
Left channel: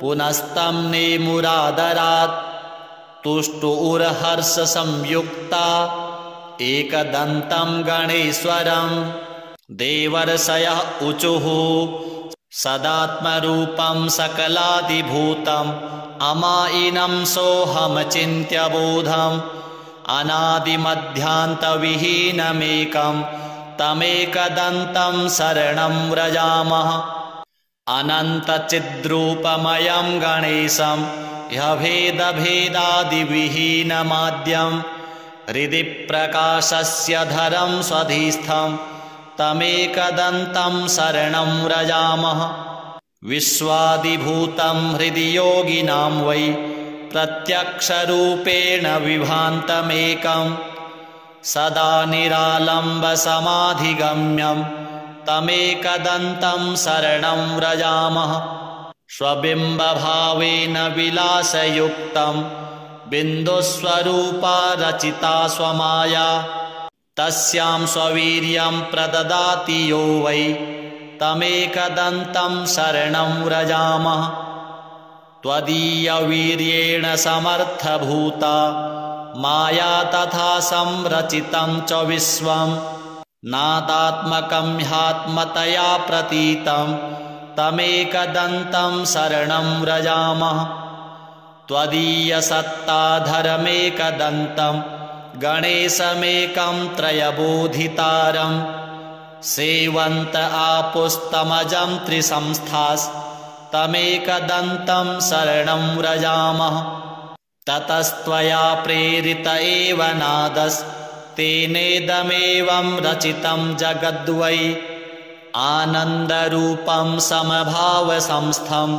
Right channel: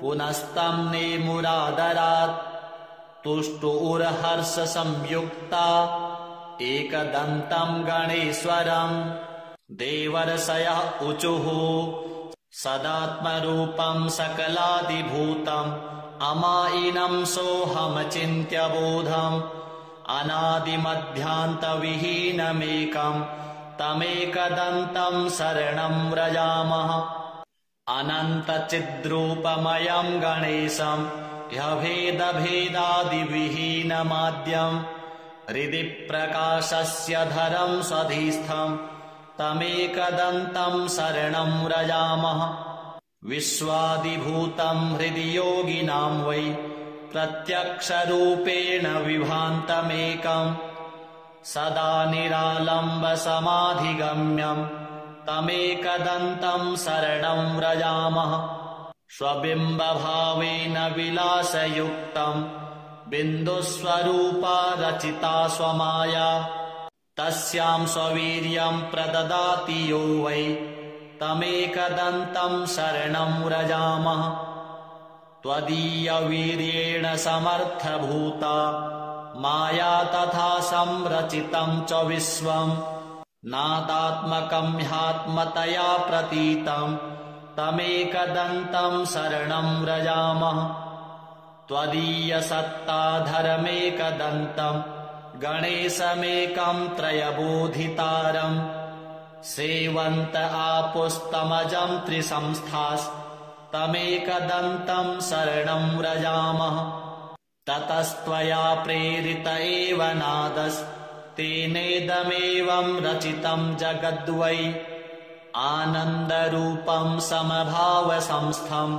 पुनस्तं नेमुरादरात्। तुष्टुरहर्षसंयुक्ता एकदन्तं गणेश्वरं। देवर्षयः ऊचुः सदात्मरूपं सकलादिभूतम् अमायिनं सोऽहमचिन्त्य बोधम्। अनादिमध्यान्तविहीनमेकं तमेकदन्तं शरणं व्रजामः। अनन्तचिद्रूपमयं गणेशं ह्यभेदभेदादिविहीनमाद्यं हृदि प्रकाशस्य धरं स्वधिस्थं तमेकदन्तं शरणं व्रजामः। विश्वादिभूतं हृदि योगिनां वै प्रत्यक्षरूपेण विभान्तमेकं सदा निरालम्बसमाधिगम्यं तमेकदन्तं शरणं व्रजामः। स्वबिम्बभावेन विलासयुक्तं बिन्दुस्वरूपा रचिता स्वमाया तस्यां स्ववीर्यं प्रददाति यो वै तमेकदन्तं शरणं व्रजामः त्वदीयवीर्येण समर्थभूता माया तथा संरचितं च विश्वं नादात्मकं ह्यात्मतया प्रतीतं तमेकदन्तं शरणं व्रजामः त्वदीयसत्ताधरमेकदन्तं गणेशमेकं त्रयबोधितारं सेवन्त आपुस्तमजं त्रिसंस्थास्तमेकदन्तं शरणं व्रजामः ततस्त्वया प्रेरित एव नादस्तेनेदमेवं रचितं जगद्वै आनन्दरूपं समभावसंस्थं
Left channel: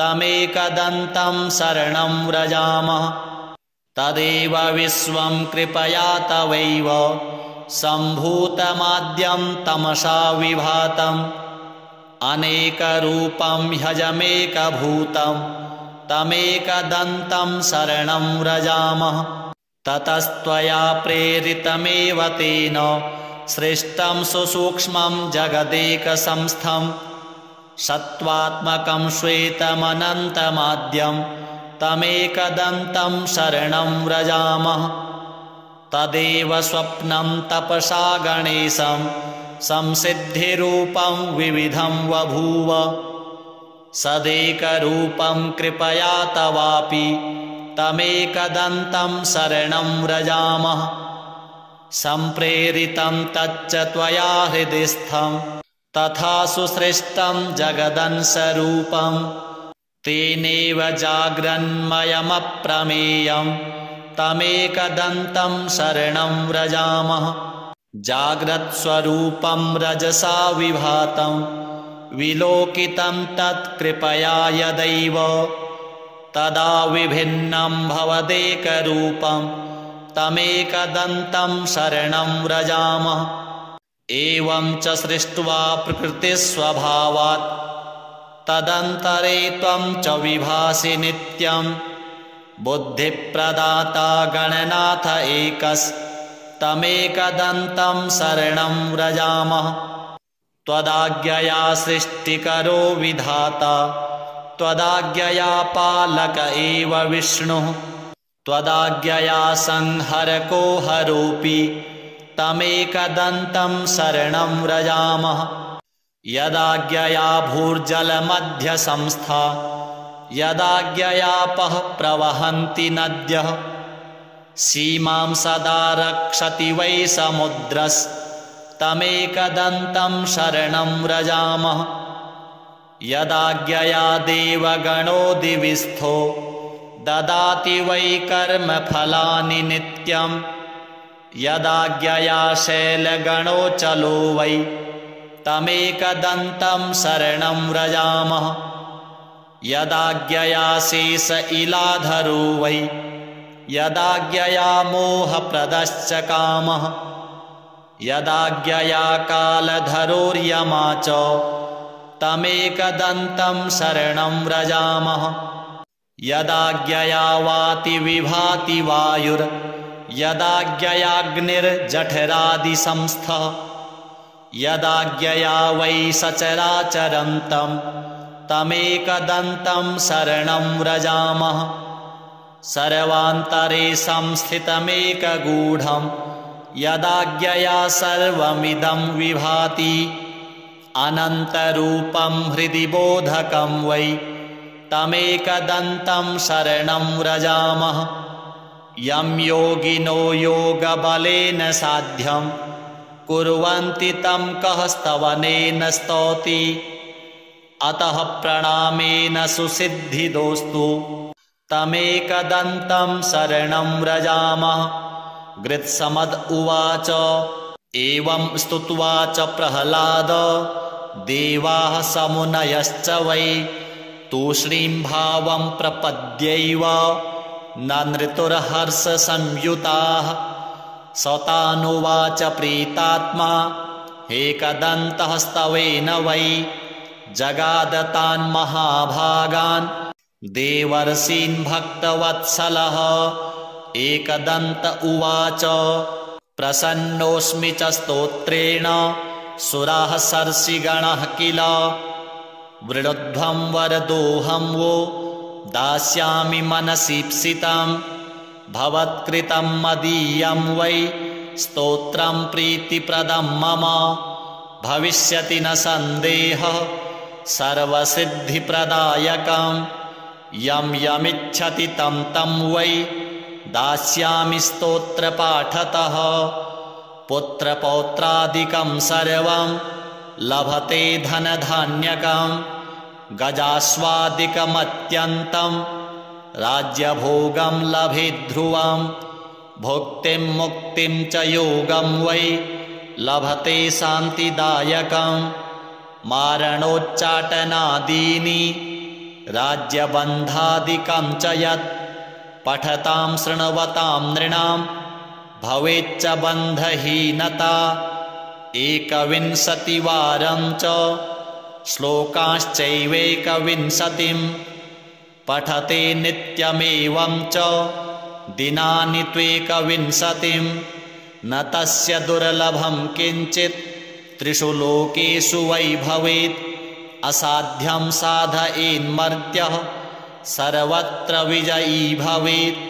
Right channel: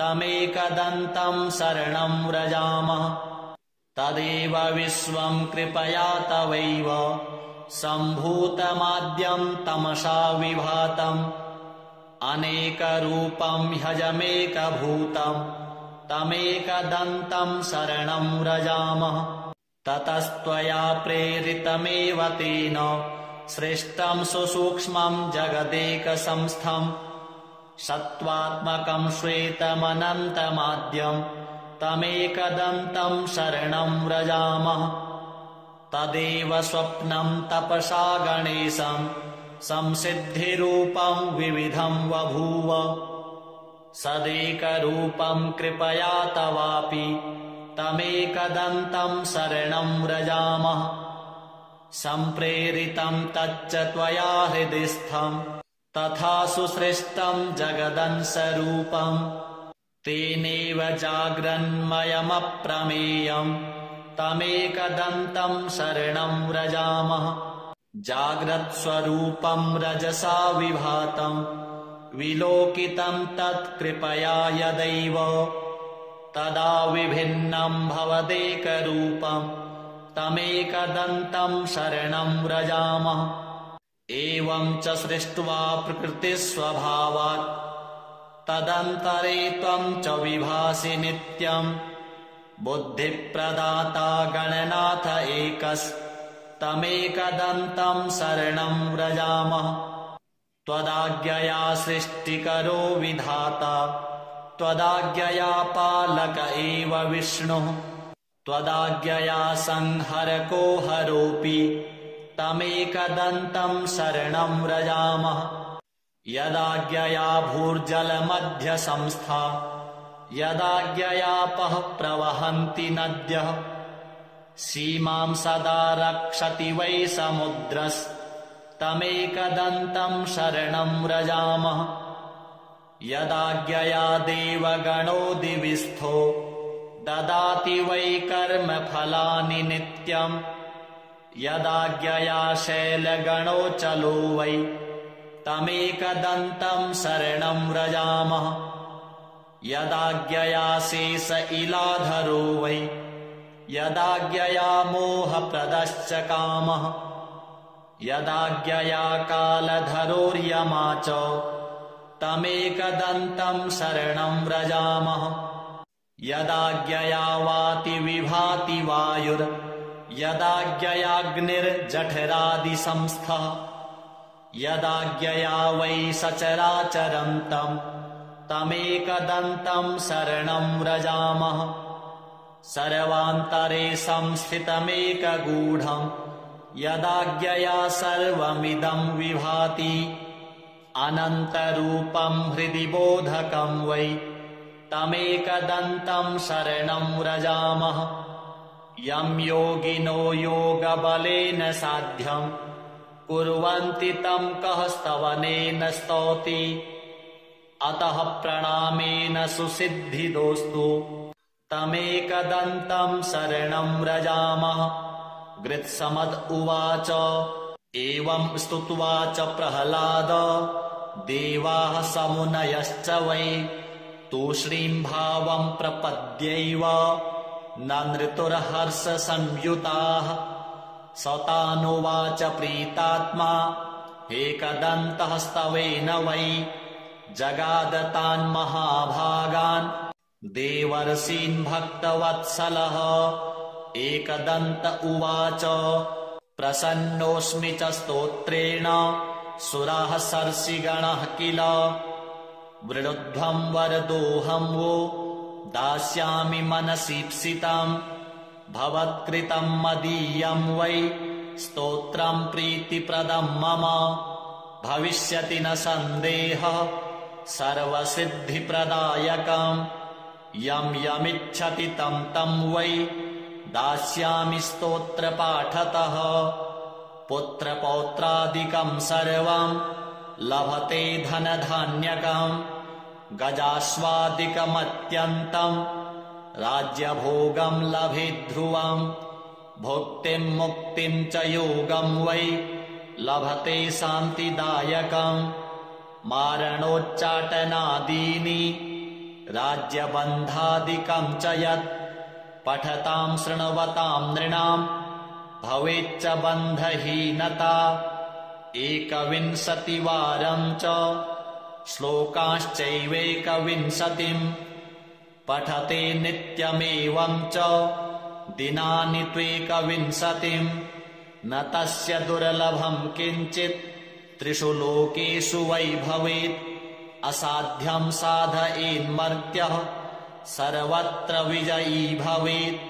तमेकदन्तं शरणं व्रजामः तदेव विश्वं कृपया तवैव सम्भूतमाद्यं तमसा विभातम् अनेकरूपं ह्यजमेकभूतं तमेकदन्तं शरणं व्रजामः ततस्त्वया प्रेरितमेव तेन सृष्टं सुसूक्ष्मं जगदेकसंस्थं सत्त्वात्मकं श्वेतमनन्तमाद्यं तमेकदन्तं शरणं व्रजामः तदेव स्वप्नं तपसा गणेशं संसिद्धिरूपं विविधं बभूव सदेकरूपं कृपया तवापि तमेकदन्तं शरणं व्रजामः सम्प्रेरितं तच्च त्वया हृदिस्थं तथा सुसृष्टं जगदंशरूपं तेनेव जाग्रन्मयमप्रमेयं तमेकदन्तं शरणं व्रजामः जाग्रत्स्वरूपं रजसा विभातं विलोकितं तत्कृपया यदैव तदा विभिन्नं भवदेकरूपं तमेकदन्तं शरणं व्रजामः एवं च सृष्ट्वा प्रकृतिस्वभावात् तदन्तरे त्वं च विभासि नित्यं बुद्धिप्रदाता गणनाथ एकस्तमेकदन्तं शरणं व्रजामः त्वदाज्ञया सृष्टिकरो विधाता त्वदाज्ञया पालक एव विष्णुः त्वदाज्ञया संहरको हरोऽपि तमेकदन्तं शरणं व्रजामः यदाज्ञया भूर्जलमध्यसंस्था यदाज्ञयापः प्रवहन्ति नद्यः सीमां सदा रक्षति वै समुद्रस्तमेकदन्तं शरणं व्रजामः यदाज्ञया देवगणो दिविस्थो ददाति वै कर्मफलानि नित्यं यदाज्ञया शैलगणो चलो वै तमेकदन्तं शरणं व्रजामः यदाज्ञया शेष इलाधरो वै यदाज्ञया मोहप्रदश्च कामः यदाज्ञया कालधरोर्यमा च तमेकदन्तं शरणं व्रजामः यदाज्ञया वाति विभाति वायुर् यदाज्ञयाग्निर्जठरादिसंस्थः यदाज्ञया वै सचराचरन्तं तमेकदन्तं शरणं व्रजामः सर्वान्तरे संस्थितमेकगूढं यदाज्ञया सर्वमिदं विभाति अनन्तरूपं हृदि बोधकं वै तमेकदन्तं शरणं व्रजामः यं योगिनो योगबलेन साध्यं कुर्वन्ति तं कः स्तवनेन स्तौति अतः प्रणामेन सुसिद्धिदोस्तु तमेकदन्तं शरणं व्रजामः गृत्समद उवाच एवं स्तुत्वा च प्रह्लाद देवाः समुनयश्च वै तूष्णीं भावं प्रपद्यैव नृतुर्हर्षसंयुताः सतानुवाच प्रीतात्मा एकदन्तः स्तवेन वै जगादतान् महाभागान् देवर्षीन् भक्तवत्सलः एकदन्त उवाच प्रसन्नोऽस्मि च स्तोत्रेण सुराः सर्षिगणः किल वृणुध्वं वरदोऽहं वो दास्यामि मनसीप्सितं भवत्कृतं मदीयं वै स्तोत्रं प्रीतिप्रदं मम भविष्यति न सन्देहः सर्वसिद्धिप्रदायकं यं यमिच्छति तं तं वै दास्यामि स्तोत्रपाठतः पुत्रपौत्रादिकं सर्वं लभते धनधान्यकं गजाश्वादिकमत्यन्तं राज्यभोगं लभेद्ध्रुवं भुक्तिं मुक्तिं च योगं वै लभते शान्तिदायकं मारणोच्चाटनादीनि राज्यबन्धादिकं च यत् पठतां शृण्वतां नृणां भवेच्च बन्धहीनता 21वारं च श्लोकाश्चैवेकविंशतिं पठते नित्यमेवं च दिनानि त्वेकविंशतिं न तस्य दुर्लभं किञ्चित् त्रिषु लोकेषु वै भवेत् असाध्यं साधयेन्मर्त्यः सर्वत्र विजयी भवेत्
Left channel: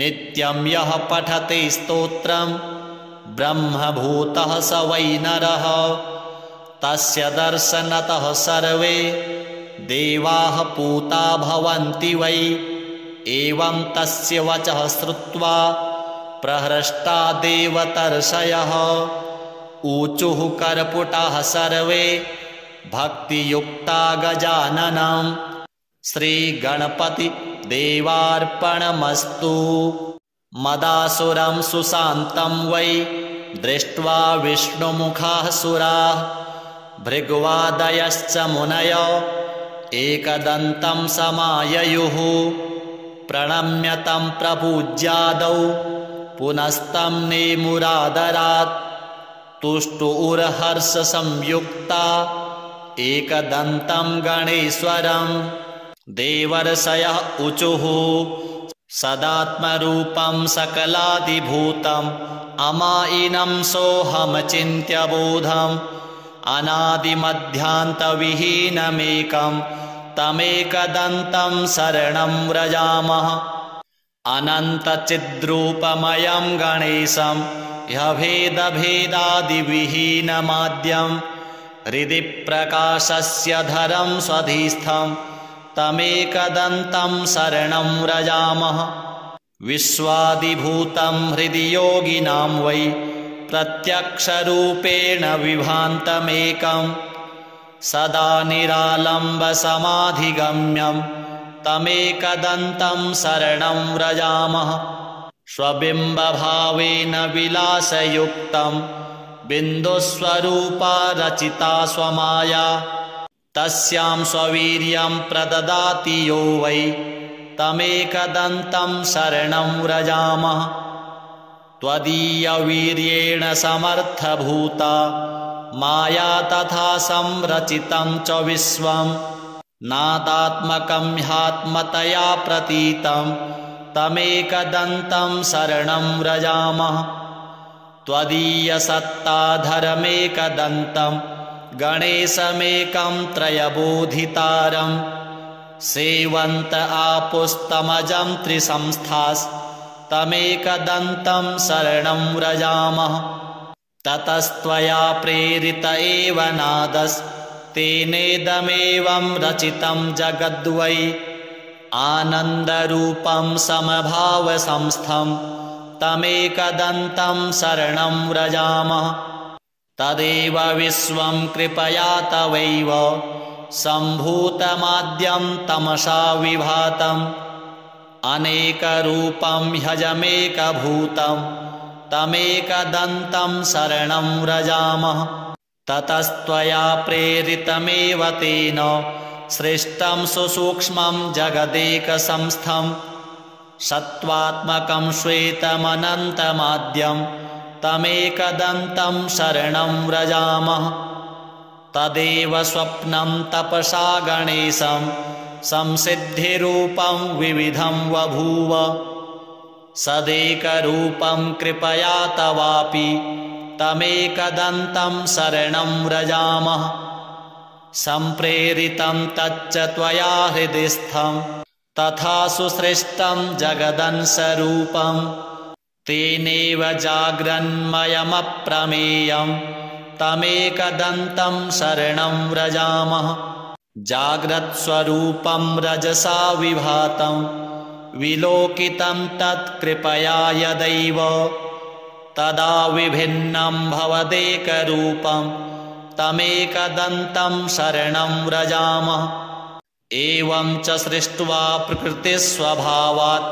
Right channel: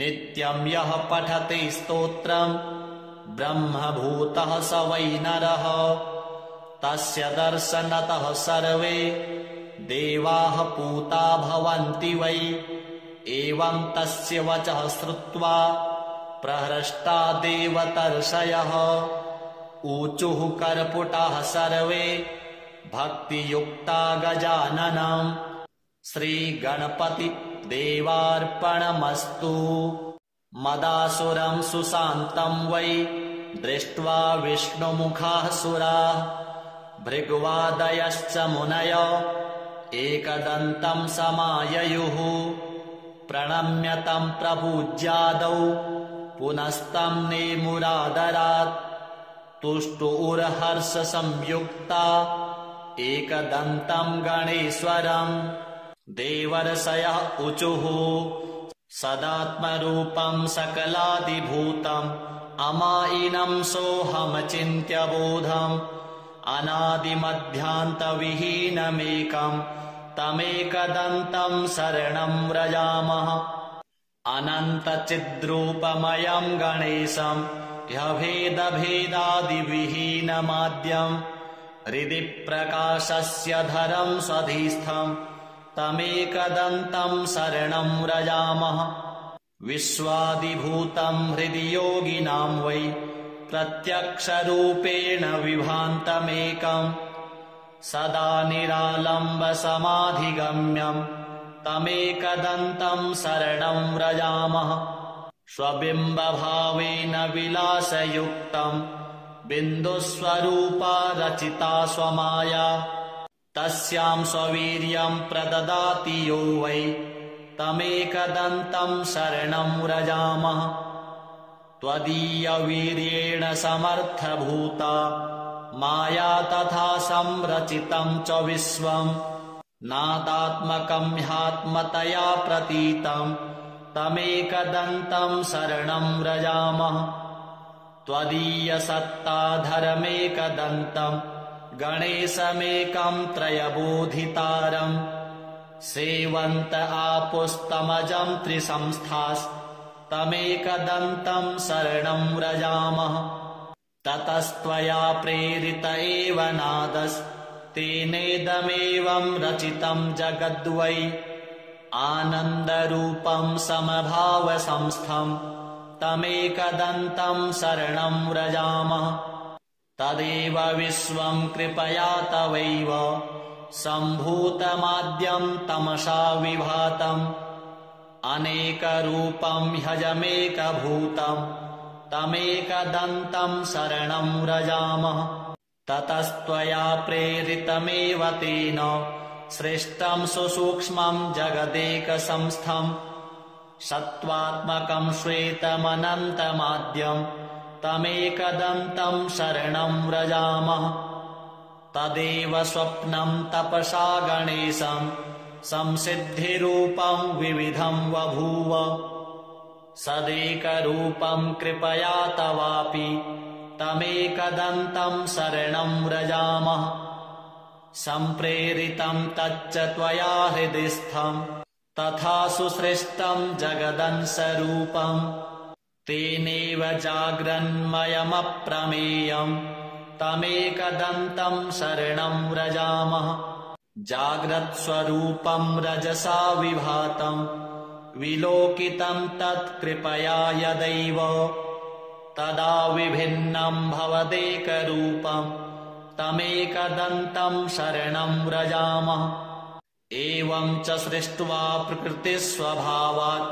नित्यं यः पठते स्तोत्रं ब्रह्मभूतः स वै नरः तस्य दर्शनतः सर्वे देवाः पूता भवन्ति वै एवं तस्य वचः श्रुत्वा प्रहृष्टा देवतर्षयः ऊचुः कर्पुटाः सर्वे भक्तियुक्ता गजाननं श्रीगणपति देवार्पणमस्तु। मदासुरं सुशान्तं वै दृष्ट्वा विष्णुमुखाः सुराः भृग्वादयश्च मुनयो एकदन्तं समाययुः प्रणम्य तं प्रपूज्यादौ पुनस्तं नेमुरादरात् तुष्टुरहर्षसंयुक्ता एकदन्तं गणेश्वरं देवर्षयः ऊचुः सदात्मरूपं सकलादिभूतम् अमायिनं सोऽहमचिन्त्य बोधम् अनादिमध्यान्तविहीनमेकं तमेकदन्तं शरणं व्रजामः अनन्तचिद्रूपमयं गणेशं ह्यभेदभेदादिविहीनमाद्यं हृदि प्रकाशस्य धरं स्वधिस्थं तमेकदन्तं शरणं व्रजामः विश्वादिभूतं हृदि योगिनां वै प्रत्यक्षरूपेण विभान्तमेकं सदा निरालम्बसमाधिगम्यं तमेकदन्तं शरणं व्रजामः स्वबिम्बभावेन विलासयुक्तं बिन्दुस्वरूपा रचिता स्वमाया तस्यां स्ववीर्यं प्रददाति यो वै तमेकदन्तं शरणं व्रजामः त्वदीयवीर्येण समर्थभूता माया तथा संरचितं च विश्वं नादात्मकं ह्यात्मतया प्रतीतं तमेकदन्तं शरणं व्रजामः त्वदीयसत्ताधरमेकदन्तं गणेशमेकं त्रयबोधितारं सेवन्त आपुस्तमजं त्रिसंस्थास्तमेकदन्तं शरणं व्रजामः ततस्त्वया प्रेरित एव नादस्तेनेदमेवं रचितं जगद्वै आनन्दरूपं समभावसंस्थं तमेकदन्तं शरणं व्रजामः तदेव विश्वं कृपया तवैव सम्भूतमाद्यं तमसा विभातम् अनेकरूपं ह्यजमेकभूतं तमेकदन्तं शरणं व्रजामः ततस्त्वया प्रेरितमेव तेन सृष्टं सुसूक्ष्मं जगदेकसंस्थं सत्त्वात्मकं श्वेतमनन्तमाद्यं तमेकदन्तं शरणं व्रजामः तदेव स्वप्नं तपसा गणेशं संसिद्धिरूपं विविधं बभूव सदेकरूपं कृपया तवापि तमेकदन्तं शरणं व्रजामः सम्प्रेरितं तच्च त्वया हृदिस्थं तथा सुसृष्टं जगदंशरूपं तेनैव जाग्रन्मयमप्रमेयं तमेकदन्तं शरणं व्रजामः जाग्रत्स्वरूपं रजसा विभातं विलोकितं तत्कृपया यदैव तदा विभिन्नं भवदेकरूपं तमेकदन्तं शरणं व्रजामः एवं च सृष्ट्वा प्रकृतिस्वभावात्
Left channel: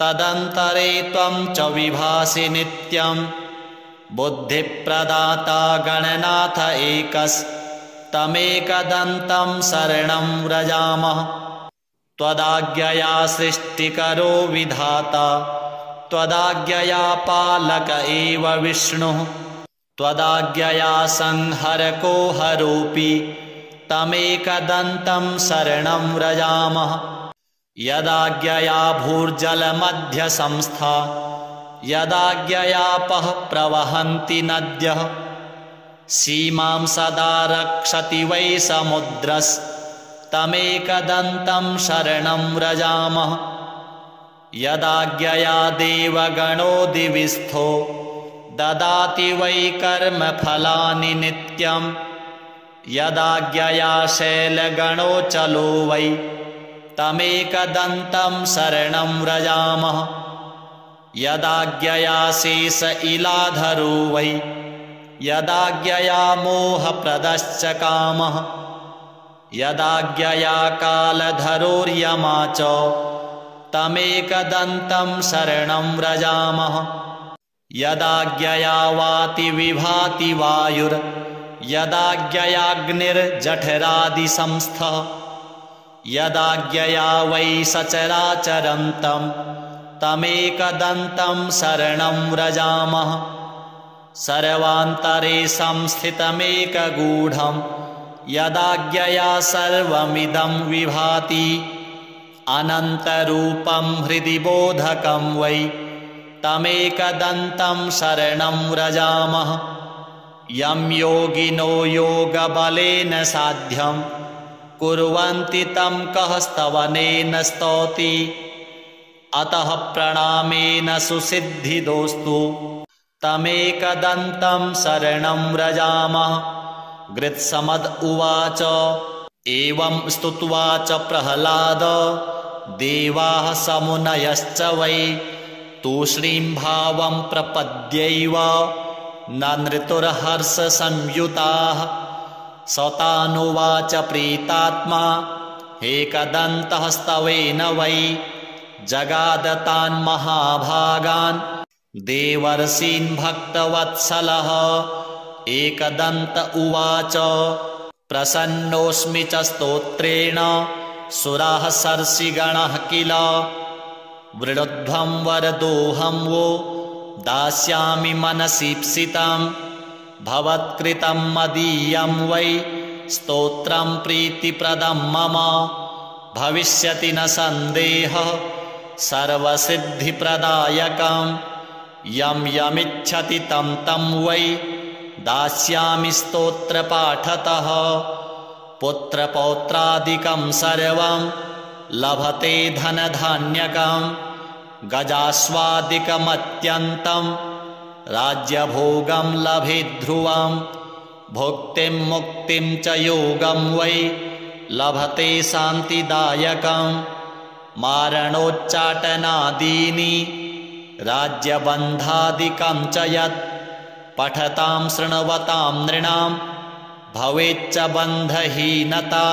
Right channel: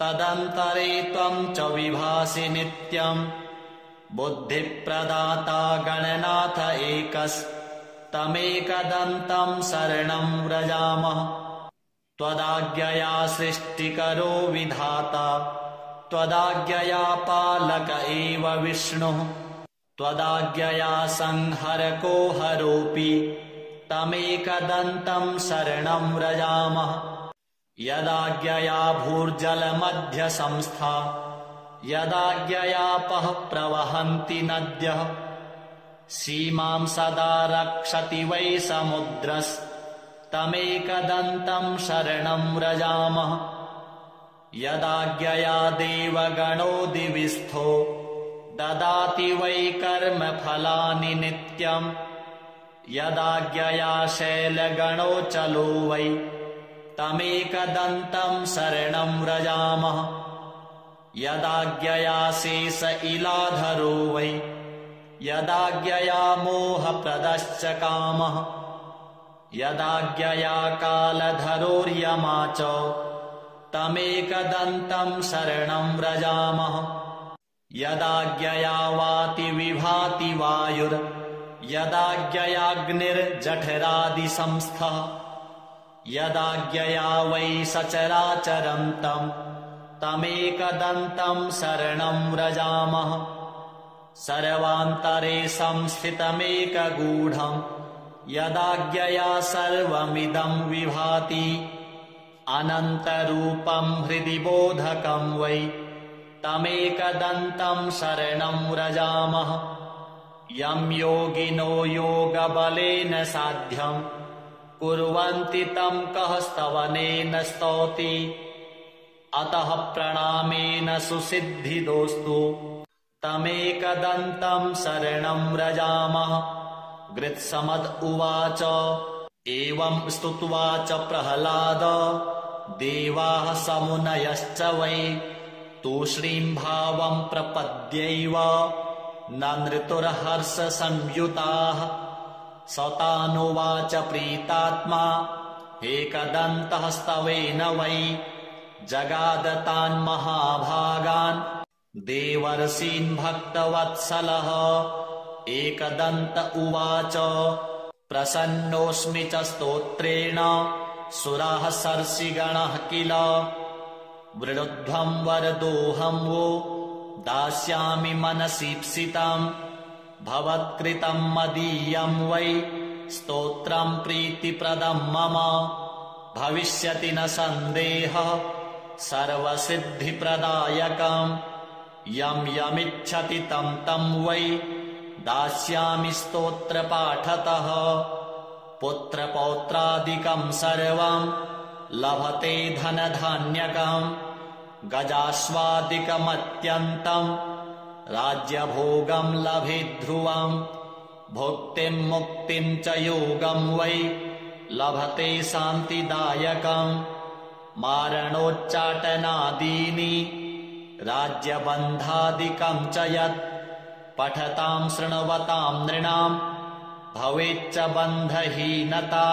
तदन्तरे त्वं च विभासि नित्यं बुद्धिप्रदाता गणनाथ एकस्तमेकदन्तं शरणं व्रजामः त्वदाज्ञया सृष्टिकरो विधाता त्वदाज्ञया पालक एव विष्णुः त्वदाज्ञया संहरको हरोऽपि तमेकदन्तं शरणं व्रजामः यदाज्ञया भूर्जलमध्यसंस्था यदाज्ञयापः प्रवहन्ति नद्यः सीमां सदा रक्षति वै समुद्रस्तमेकदन्तं शरणं व्रजामः यदाज्ञया देवगणो दिविस्थो ददाति वै कर्मफलानि नित्यं यदाज्ञया शैलगणो चलो वै तमेकदन्तं शरणं व्रजामः यदाज्ञया शेष इलाधरो वै यदाज्ञया मोहप्रदश्च कामः यदाज्ञया कालधरोर्यमा च तमेकदन्तं शरणं व्रजामः यदाज्ञया वाति विभाति वायुर् यदाज्ञयाग्निर्जठरादिसंस्थः यदाज्ञया वै सचराचरन्तं तमेकदन्तं शरणं व्रजामः सर्वान्तरे संस्थितमेकगूढं यदाज्ञया सर्वमिदं विभाति अनन्तरूपं हृदि बोधकं वै तमेकदन्तं शरणं व्रजामः यं योगिनो योगबलेन साध्यं कुर्वन्ति तं कः स्तवनेन स्तौति अतः प्रणामेन सुसिद्धिदोस्तु तमेकदन्तं शरणं व्रजामः गृत्समद उवाच एवं स्तुत्वा च प्रह्लाद देवाः समुनयश्च वै तूष्णीं भावं प्रपद्यैव नृतुर्हर्षसंयुताः सतानुवाच प्रीतात्मा एकदन्तः स्तवेन वै जगादतान् महाभागान् देवर्षीन् भक्तवत्सलः एकदन्त उवाच प्रसन्नोऽस्मि च स्तोत्रेण सुराः सर्षिगणः किल वृणुध्वं वरदोऽहं वो दास्यामि मनसीप्सितं भवत्कृतं मदीयं वै स्तोत्रं प्रीतिप्रदं मम भविष्यति न सन्देहः सर्वसिद्धिप्रदायकं यं यमिच्छति तं तं वै दास्यामि स्तोत्रपाठतः पुत्रपौत्रादिकं सर्वं लभते धनधान्यकं गजास्वादिकमत्यन्तं राज्यभोगं लभेद्ध्रुवं भुक्तिं मुक्तिं च योगं वै लभते शान्तिदायकं मारणोच्चाटनादीनि राज्यबन्धादिकं च यत् पठतां शृण्वतां नृणां भवेच्च बन्धहीनता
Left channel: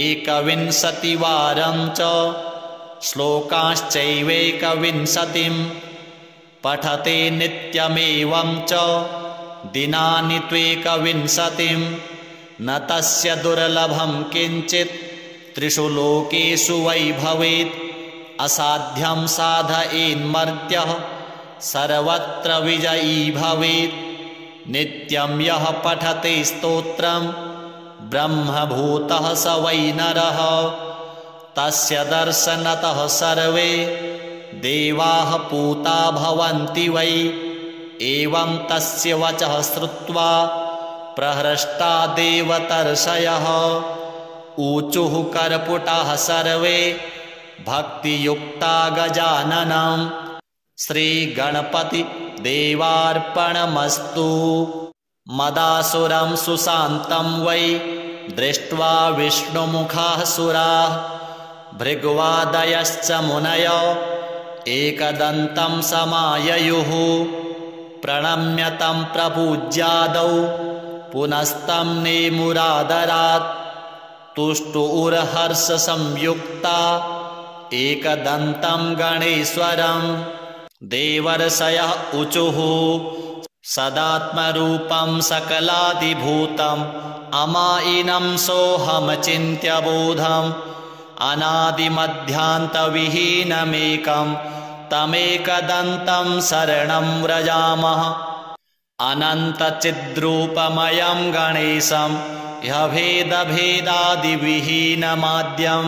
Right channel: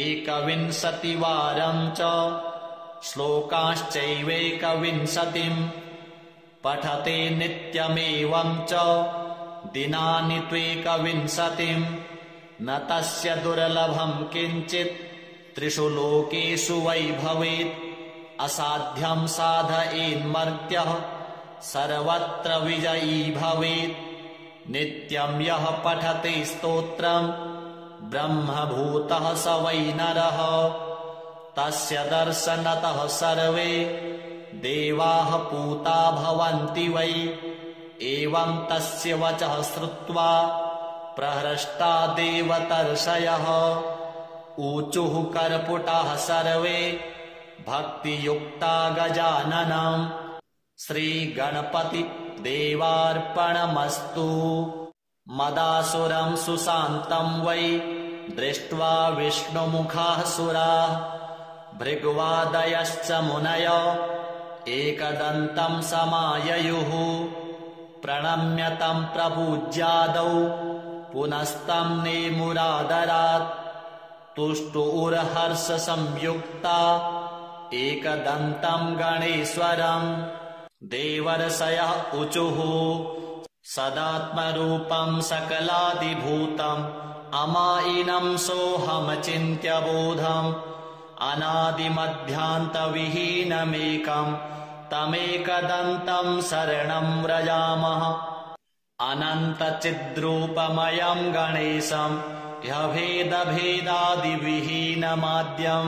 21वारं च श्लोकाश्चैवेकविंशतिं पठते नित्यमेवं च दिनानि त्वेकविंशतिं न तस्य दुर्लभं किञ्चित् त्रिषु लोकेषु वै भवेत् असाध्यं साधयेन्मर्त्यः सर्वत्र विजयी भवेत् नित्यं यः पठते स्तोत्रं ब्रह्मभूतः स वै नरः तस्य दर्शनतः सर्वे देवाः पूता भवन्ति वै। एवं तस्य वचः श्रुत्वा प्रहृष्टा देवतर्षयः ऊचुः कर्पुटाः सर्वे भक्तियुक्ता गजाननं श्रीगणपति देवार्पणमस्तु। मदासुरं सुशान्तं वै दृष्ट्वा विष्णुमुखाः सुराः भृग्वादयश्च मुनयो एकदन्तं समाययुः प्रणम्य तं प्रपूज्यादौ पुनस्तं नेमुरादरात् तुष्टुरहर्षसंयुक्ता एकदन्तं गणेश्वरं देवर्षयः ऊचुः सदात्मरूपं सकलादिभूतम् अमायिनं सोऽहमचिन्त्य बोधम् अनादिमध्यान्तविहीनमेकं तमेकदन्तं शरणं व्रजामः। अनन्तचिद्रूपमयं गणेशं ह्यभेदभेदादिविहीनमाद्यं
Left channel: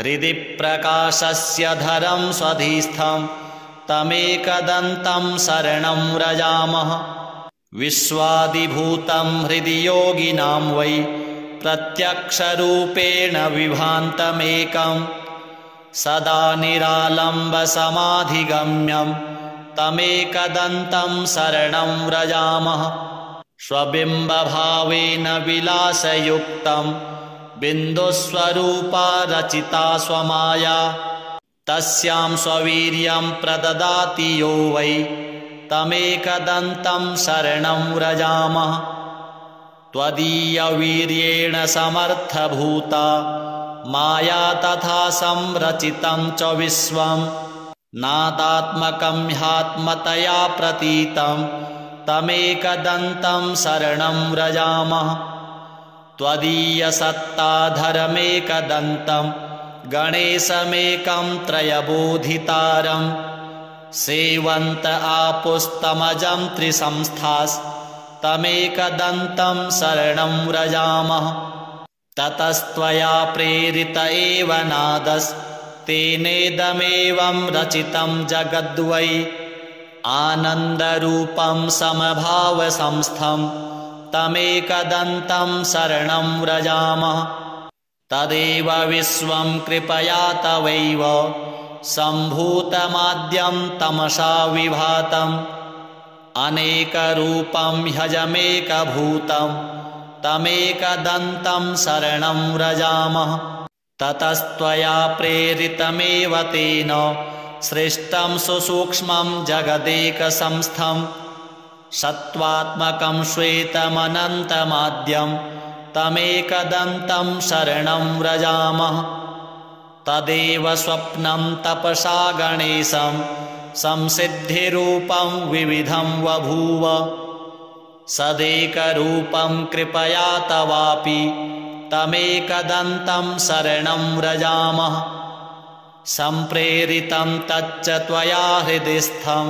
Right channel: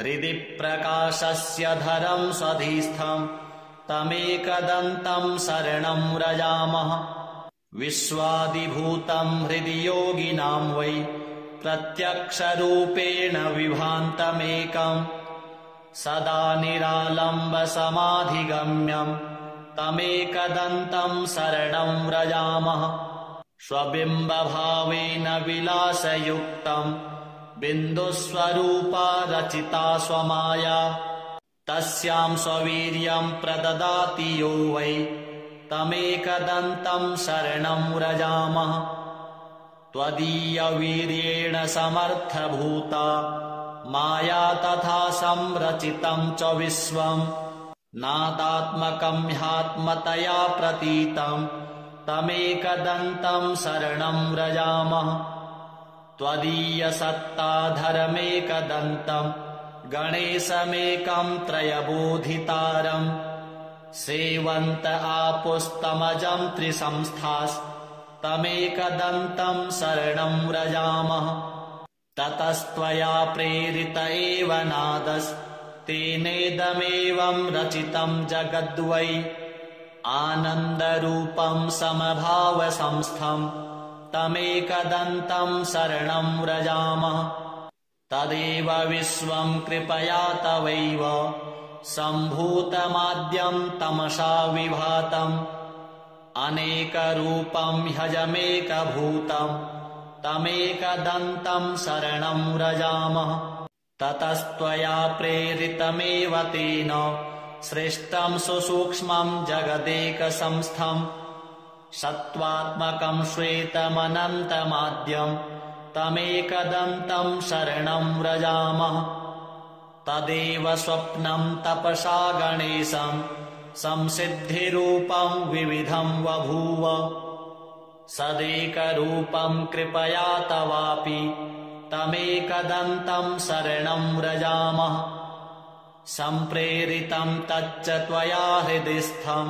हृदि प्रकाशस्य धरं स्वधिस्थं तमेकदन्तं शरणं व्रजामः। विश्वादिभूतं हृदि योगिनां वै प्रत्यक्षरूपेण विभान्तमेकं सदा निरालम्बसमाधिगम्यं तमेकदन्तं शरणं व्रजामः। स्वबिम्बभावेन विलासयुक्तं बिन्दुस्वरूपा रचिता स्वमाया तस्यां स्ववीर्यं प्रददाति यो वै तमेकदन्तं शरणं व्रजामः। त्वदीयवीर्येण समर्थभूता माया तथा संरचितं च विश्वं नादात्मकं ह्यात्मतया प्रतीतं तमेकदन्तं शरणं व्रजामः। त्वदीयसत्ताधरमेकदन्तं गणेशमेकं त्रयबोधितारं सेवन्त आपुस्तमजं त्रिसंस्थास्तमेकदन्तं शरणं व्रजामः। ततस्त्वया प्रेरित एव नादस्तेनेदमेवं रचितं जगद्वै आनन्दरूपं समभावसंस्थं तमेकदन्तं शरणं व्रजामः। तदेव विश्वं कृपया तवैव सम्भूतमाद्यं तमसा विभातम् अनेकरूपं ह्यजमेकभूतं तमेकदन्तं शरणं व्रजामः। ततस्त्वया प्रेरितमेव तेन सृष्टं सुसूक्ष्मं जगदेकसंस्थं सत्त्वात्मकं श्वेतमनन्तमाद्यं तमेकदन्तं शरणं व्रजामः। तदेव स्वप्नं तपसा गणेशं संसिद्धिरूपं विविधं बभूव सदेकरूपं कृपया तवापि तमेकदन्तं शरणं व्रजामः। सम्प्रेरितं तच्च त्वया हृदिस्थं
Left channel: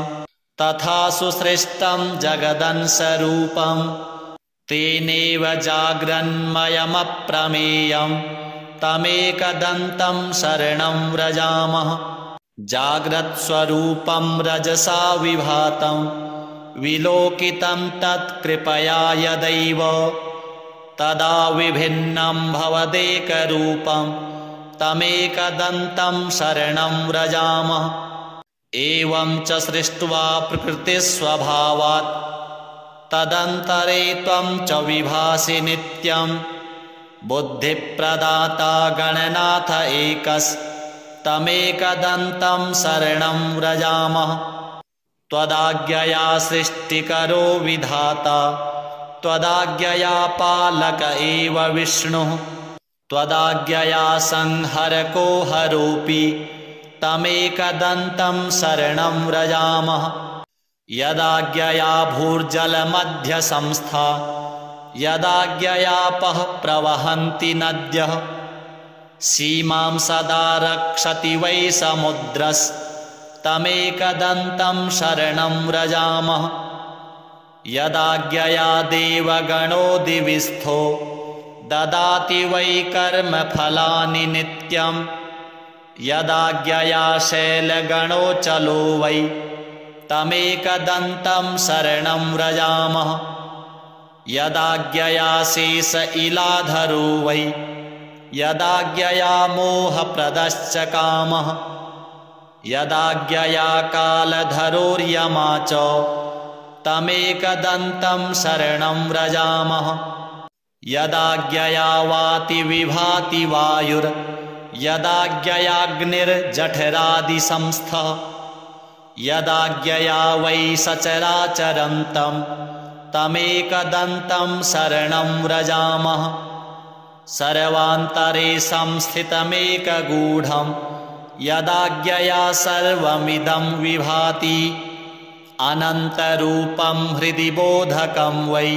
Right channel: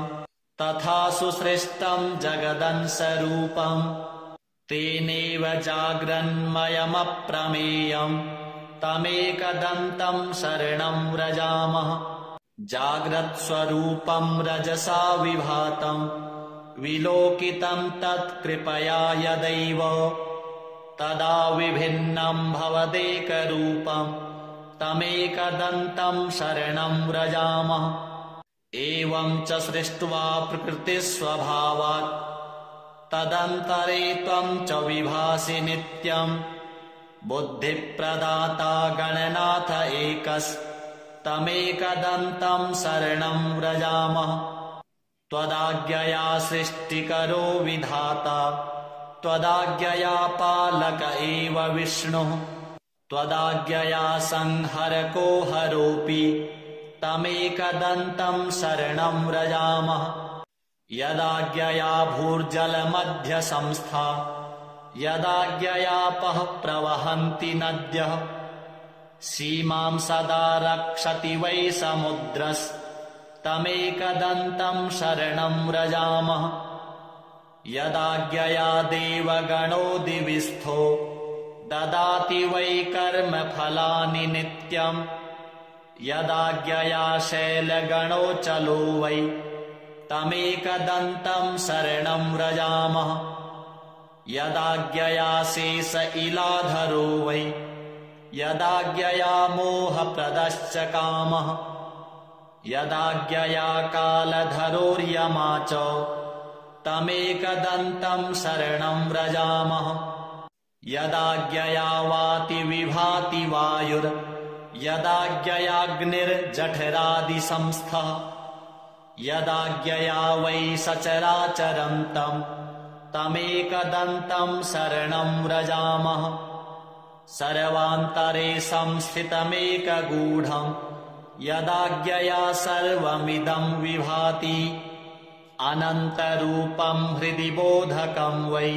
तथा सुसृष्टं जगदंशरूपं तेनेव जाग्रन्मयमप्रमेयं तमेकदन्तं शरणं व्रजामः। जाग्रत्स्वरूपं रजसा विभातं विलोकितं तत्कृपया यदैव तदा विभिन्नं भवदेकरूपं तमेकदन्तं शरणं व्रजामः। एवं च सृष्ट्वा प्रकृतिस्वभावात् तदन्तरे त्वं च विभासि नित्यं बुद्धिप्रदाता गणनाथ एकस्तमेकदन्तं शरणं व्रजामः। त्वदाज्ञया सृष्टिकरो विधाता त्वदाज्ञया पालक एव विष्णुः त्वदाज्ञया संहरको हरोऽपि तमेकदन्तं शरणं व्रजामः। यदाज्ञया भूर्जलमध्यसंस्था यदाज्ञयापः प्रवहन्ति नद्यः सीमां सदा रक्षति वै समुद्रस्तमेकदन्तं शरणं व्रजामः। यदाज्ञया देवगणो दिविस्थो ददाति वै कर्मफलानि नित्यम् यदाज्ञया शैलगणो चलो वै तमेकदन्तं शरणं व्रजामः यदाज्ञया शेष इलाधरो वै यदाज्ञया मोहप्रदश्च कामः यदाज्ञया कालधरोर्यमा च तमेकदन्तं शरणं व्रजामः यदाज्ञया वाति विभाति वायुर् यदाज्ञयाग्निर्जठरादिसंस्थः यदाज्ञया वै सचराचरन्तं तमेकदन्तं शरणं व्रजामः सर्वान्तरे संस्थितमेकगूढं यदाज्ञया सर्वमिदं विभाति अनन्तरूपं हृदि बोधकं वै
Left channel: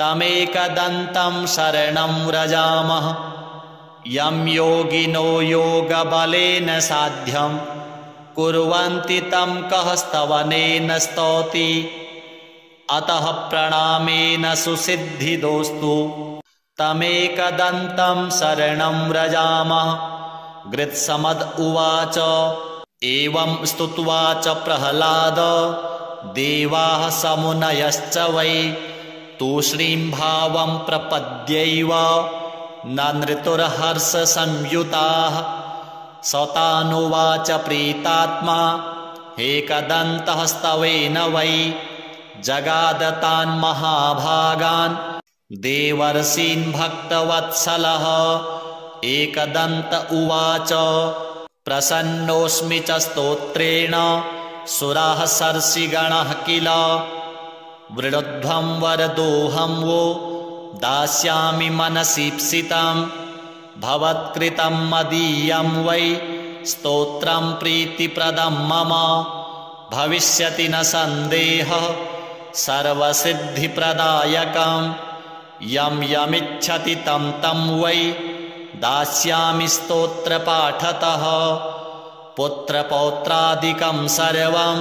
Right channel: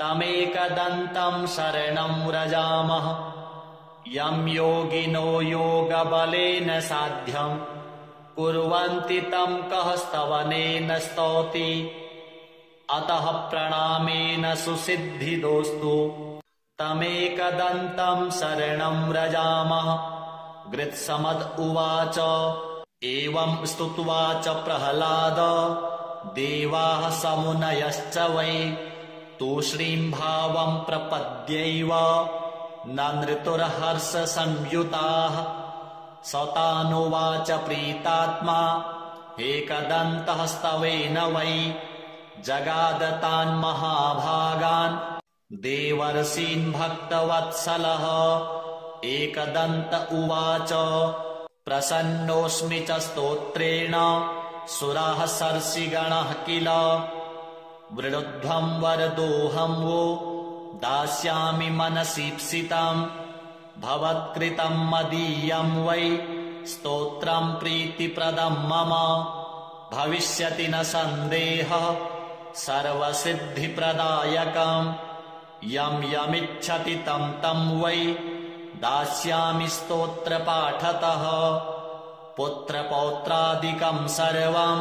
तमेकदन्तं शरणं व्रजामः यं योगिनो योगबलेन साध्यं कुर्वन्ति तं कः स्तवनेन स्तौति अतः प्रणामेन सुसिद्धिदोस्तु तमेकदन्तं शरणं व्रजामः गृत्समद उवाच एवं स्तुत्वा च प्रह्लाद देवाः समुनयश्च वै तूष्णीं भावं प्रपद्यैव नृतुर्हर्षसंयुताः सतानुवाच प्रीतात्मा एकदन्तः स्तवेन वै जगादतान् महाभागान् देवर्षीन् भक्तवत्सलः एकदन्त उवाच प्रसन्नोऽस्मि च स्तोत्रेण सुराः सर्षिगणः किल वृणुध्वं वरदोऽहं वो दास्यामि मनसीप्सितं भवत्कृतं मदीयं वै स्तोत्रं प्रीतिप्रदं मम भविष्यति न सन्देहः सर्वसिद्धिप्रदायकं यं यमिच्छति तं तं वै दास्यामि स्तोत्रपाठतः पुत्रपौत्रादिकं सर्वं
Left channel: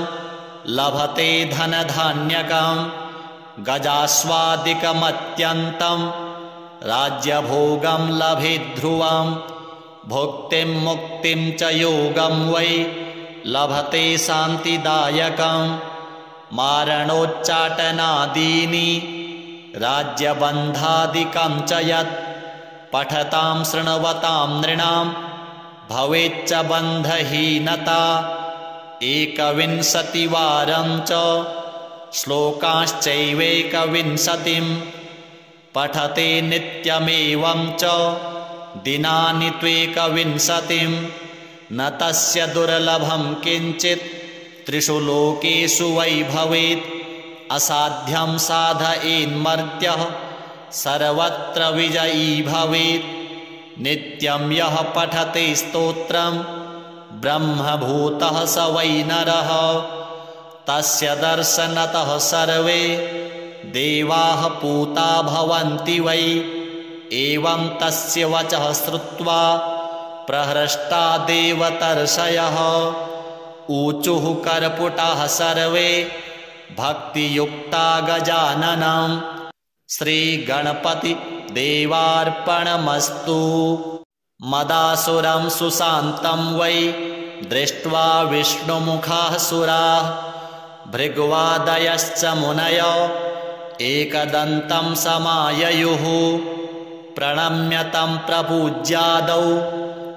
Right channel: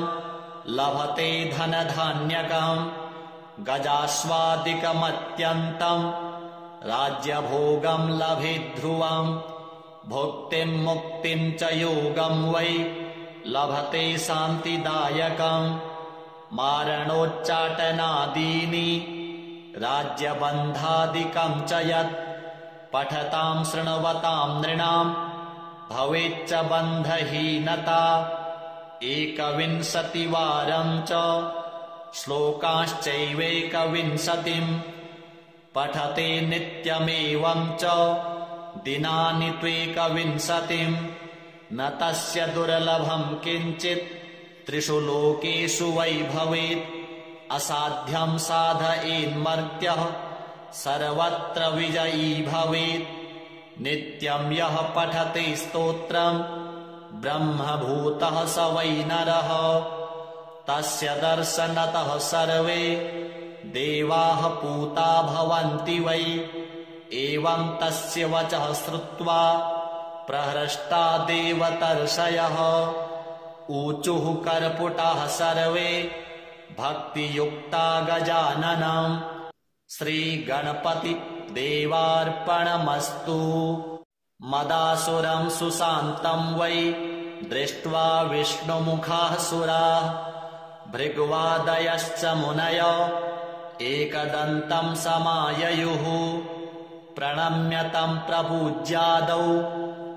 लभते धनधान्यकं गजास्वादिकमत्यन्तं राज्यभोगं लभेद्ध्रुवं भुक्तिं मुक्तिं च योगं वै लभते शान्तिदायकं मारणोच्चाटनादीनि राज्यबन्धादिकं च यत् पठतां शृण्वतां नृणां भवेच्च बन्धहीनता 21वारं च श्लोकाश्चैवेकविंशतिं पठते नित्यमेवं च दिनानि त्वेकविंशतिं न तस्य दुर्लभं किञ्चित् त्रिषु लोकेषु वै भवेत् असाध्यं साधयेन्मर्त्यः सर्वत्र विजयी भवेत् नित्यं यः पठते स्तोत्रं ब्रह्मभूतः स वै नरः तस्य दर्शनतः सर्वे देवाः पूता भवन्ति वै एवं तस्य वचः श्रुत्वा प्रहृष्टा देवतर्षयः ऊचुः कर्पुटाः सर्वे भक्तियुक्ता गजाननं श्रीगणपति देवार्पणमस्तु। मदासुरं सुशान्तं वै दृष्ट्वा विष्णुमुखाः सुराः भृग्वादयश्च मुनयो एकदन्तं समाययुः प्रणम्य तं प्रपूज्यादौ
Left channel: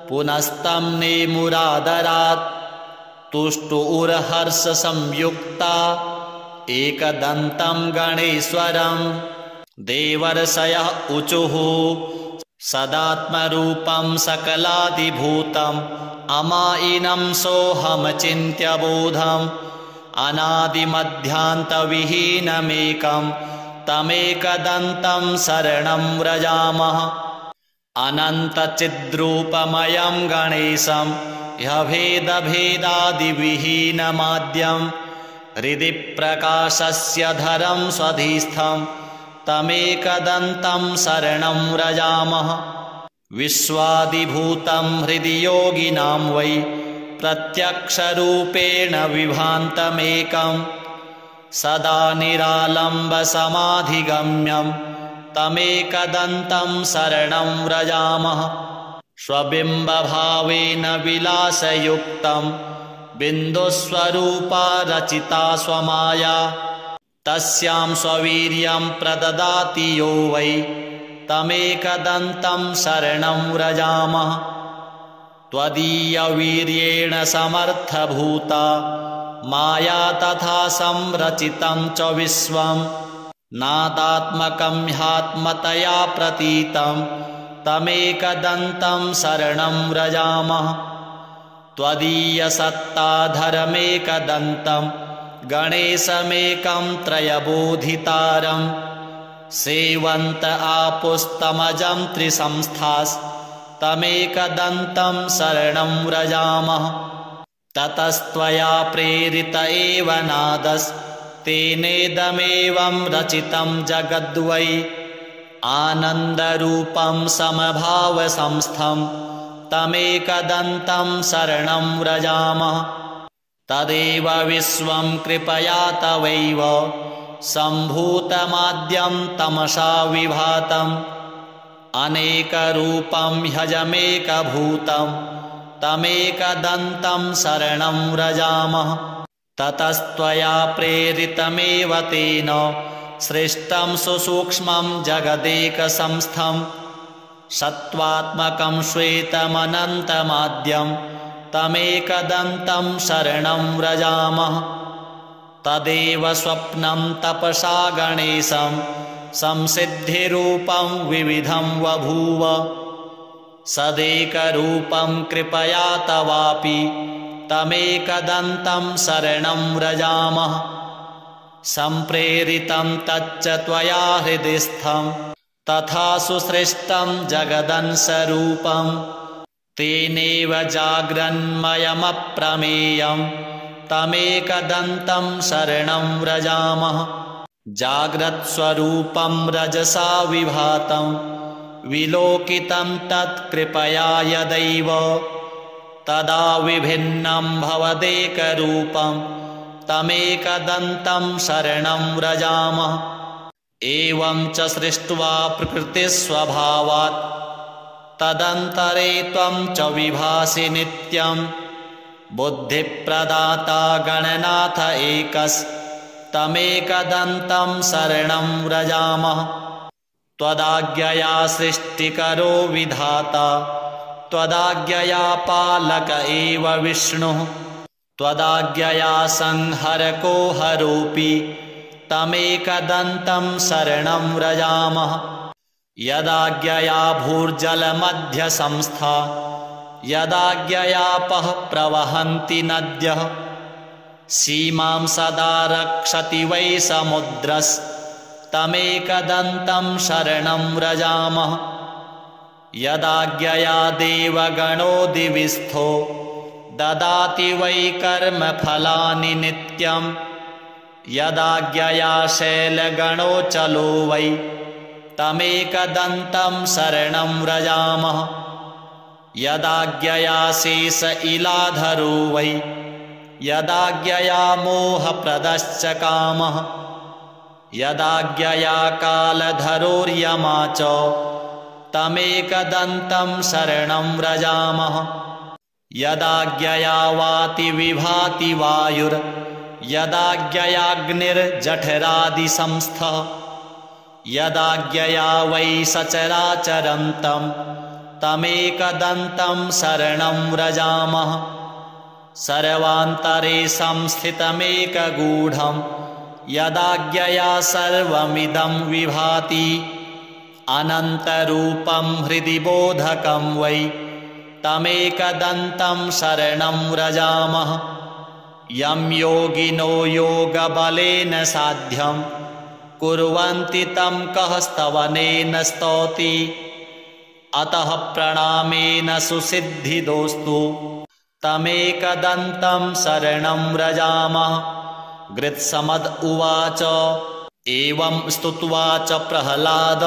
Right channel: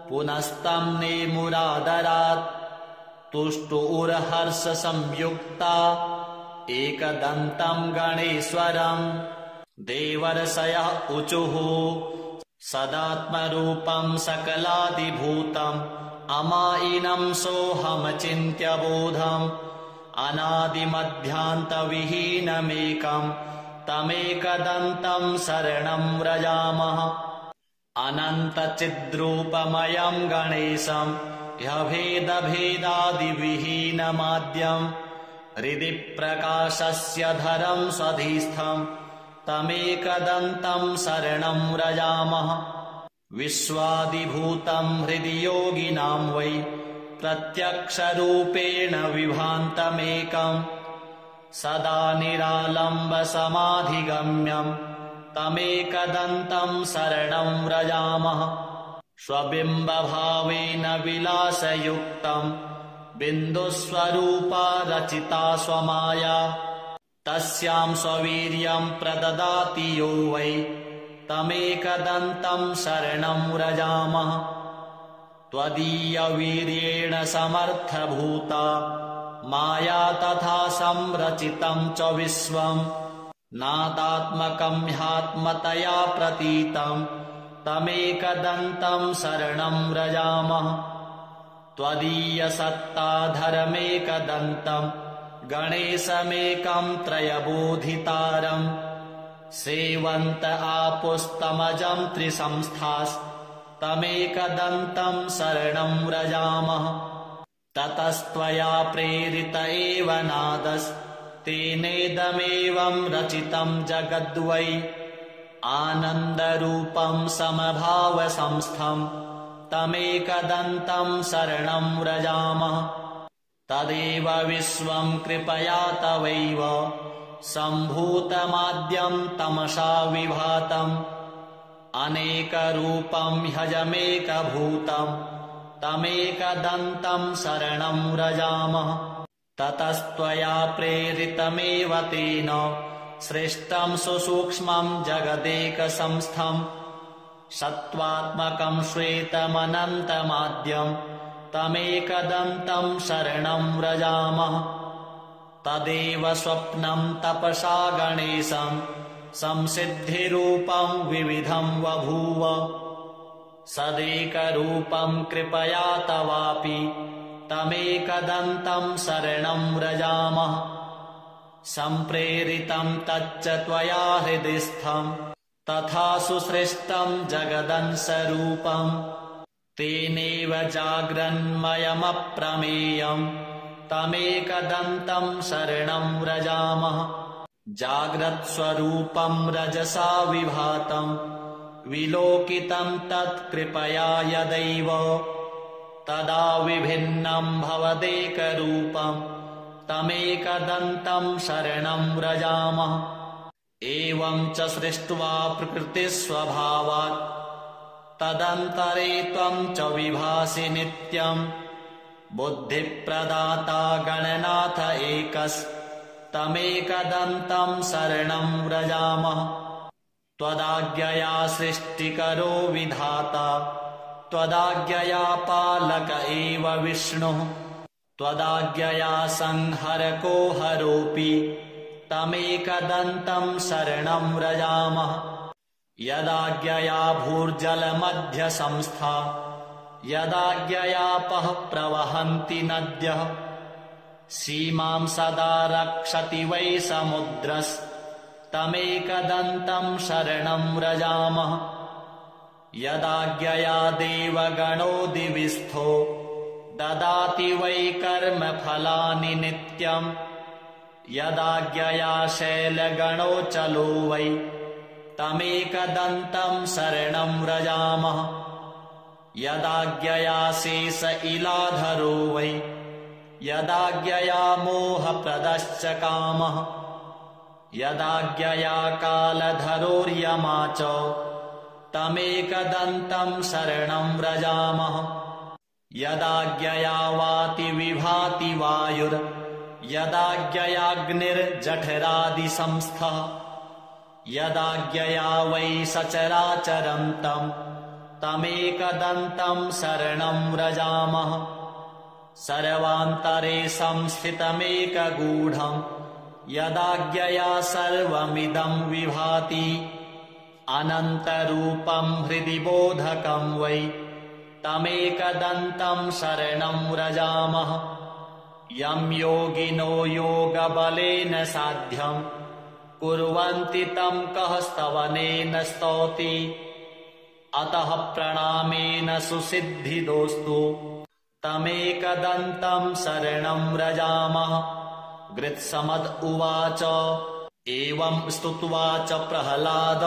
पुनस्तं नेमुरादरात् तुष्टुर्हर्षसंयुक्ता एकदन्तं गणेश्वरं देवर्षयः ऊचुः सदात्मरूपं सकलादिभूतम् अमायिनं सोऽहमचिन्त्यबोधम् अनादिमध्यान्तविहीनमेकं तमेकदन्तं शरणं व्रजामः अनन्तचिद्रूपमयं गणेशं ह्यभेदभेदादिविहीनमाद्यं हृदि प्रकाशस्य धरं स्वधिस्थं तमेकदन्तं शरणं व्रजामः विश्वादिभूतं हृदि योगिनां वै प्रत्यक्षरूपेण विभान्तमेकं सदा निरालम्बसमाधिगम्यं तमेकदन्तं शरणं व्रजामः। स्वबिम्बभावेन विलासयुक्तं बिन्दुस्वरूपा रचिता स्वमाया, तस्यां स्ववीर्यं प्रददाति यो वै तमेकदन्तं शरणं व्रजामः। त्वदीयवीर्येण समर्थभूता माया तथा संरचितं च विश्वं, नादात्मकं ह्यात्मतया प्रतीतं तमेकदन्तं शरणं व्रजामः। त्वदीयसत्ताधरमेकदन्तं गणेशमेकं त्रयबोधितारं, सेवन्त आपुस्तमजं त्रिसंस्थास्तमेकदन्तं शरणं व्रजामः। ततस्त्वया प्रेरित एव नादस्तेनेदमेवं रचितं जगद्वै, आनन्दरूपं समभावसंस्थं तमेकदन्तं शरणं व्रजामः। तदेव विश्वं कृपया तवैव सम्भूतमाद्यं तमसा विभातम्, अनेकरूपं ह्यजमेकभूतं तमेकदन्तं शरणं व्रजामः। ततस्त्वया प्रेरितमेव तेन सृष्टं सुसूक्ष्मं जगदेकसंस्थं, सत्त्वात्मकं श्वेतमनन्तमाद्यं तमेकदन्तं शरणं व्रजामः। तदेव स्वप्नं तपसा गणेशं संसिद्धिरूपं विविधं बभूव, सदेकरूपं कृपया तवापि तमेकदन्तं शरणं व्रजामः। सम्प्रेरितं तच्च त्वया हृदिस्थं तथा सुसृष्टं जगदंशरूपं, तेनेव जाग्रन्मयमप्रमेयं तमेकदन्तं शरणं व्रजामः। जाग्रत्स्वरूपं रजसा विभातं विलोकितं तत्कृपया यदैव, तदा विभिन्नं भवदेकरूपं तमेकदन्तं शरणं व्रजामः। एवं च सृष्ट्वा प्रकृतिस्वभावात् तदन्तरे त्वं च विभासि नित्यं, बुद्धिप्रदाता गणनाथ एकस्तमेकदन्तं शरणं व्रजामः। त्वदाज्ञया सृष्टिकरो विधाता त्वदाज्ञया पालक एव विष्णुः, त्वदाज्ञया संहरको हरोऽपि तमेकदन्तं शरणं व्रजामः। यदाज्ञया भूर्जलमध्यसंस्था यदाज्ञयापः प्रवहन्ति नद्यः, सीमां सदा रक्षति वै समुद्रस्तमेकदन्तं शरणं व्रजामः। यदाज्ञया देवगणो दिविस्थो ददाति वै कर्मफलानि नित्यं, यदाज्ञया शैलगणो चलो वै तमेकदन्तं शरणं व्रजामः। यदाज्ञया शेष इलाधरो वै यदाज्ञया मोहप्रदश्च कामः, यदाज्ञया कालधरोर्यमा च तमेकदन्तं शरणं व्रजामः। यदाज्ञया वाति विभाति वायुर्यदाज्ञयाग्निर्जठरादिसंस्थः, यदाज्ञया वै सचराचरन्तं तमेकदन्तं शरणं व्रजामः। सर्वान्तरे संस्थितमेकगूढं यदाज्ञया सर्वमिदं विभाति, अनन्तरूपं हृदि बोधकं वै तमेकदन्तं शरणं व्रजामः। यं योगिनो योगबलेन साध्यं कुर्वन्ति तं कः स्तवनेन स्तौति, अतः प्रणामेन सुसिद्धिदोस्तु तमेकदन्तं शरणं व्रजामः। गृत्समद उवाच एवं स्तुत्वा च प्रह्लाद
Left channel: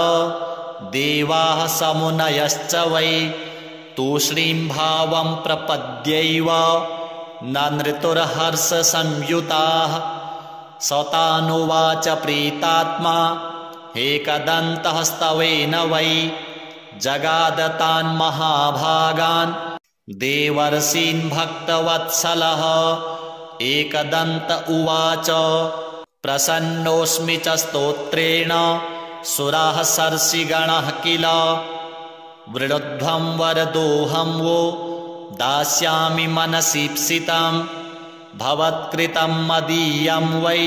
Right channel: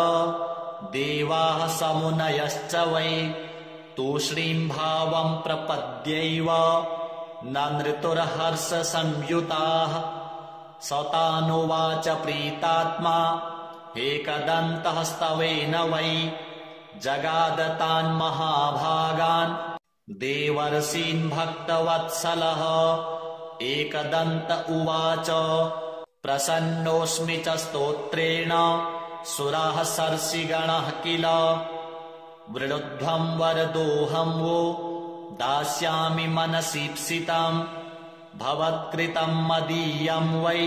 देवाः समुनयश्च वै तूष्णीं भावं प्रपद्यैव नृतुर्हर्षसंयुताः सतानुवाच प्रीतात्मा एकदन्तः स्तवेन वै जगादतान् महाभागान् देवर्षीन् भक्तवत्सलः। एकदन्त उवाच प्रसन्नोऽस्मि च स्तोत्रेण सुराः सर्षिगणः किल वृणुध्वं वरदोऽहं वो दास्यामि मनसीप्सितं भवत्कृतं मदीयं वै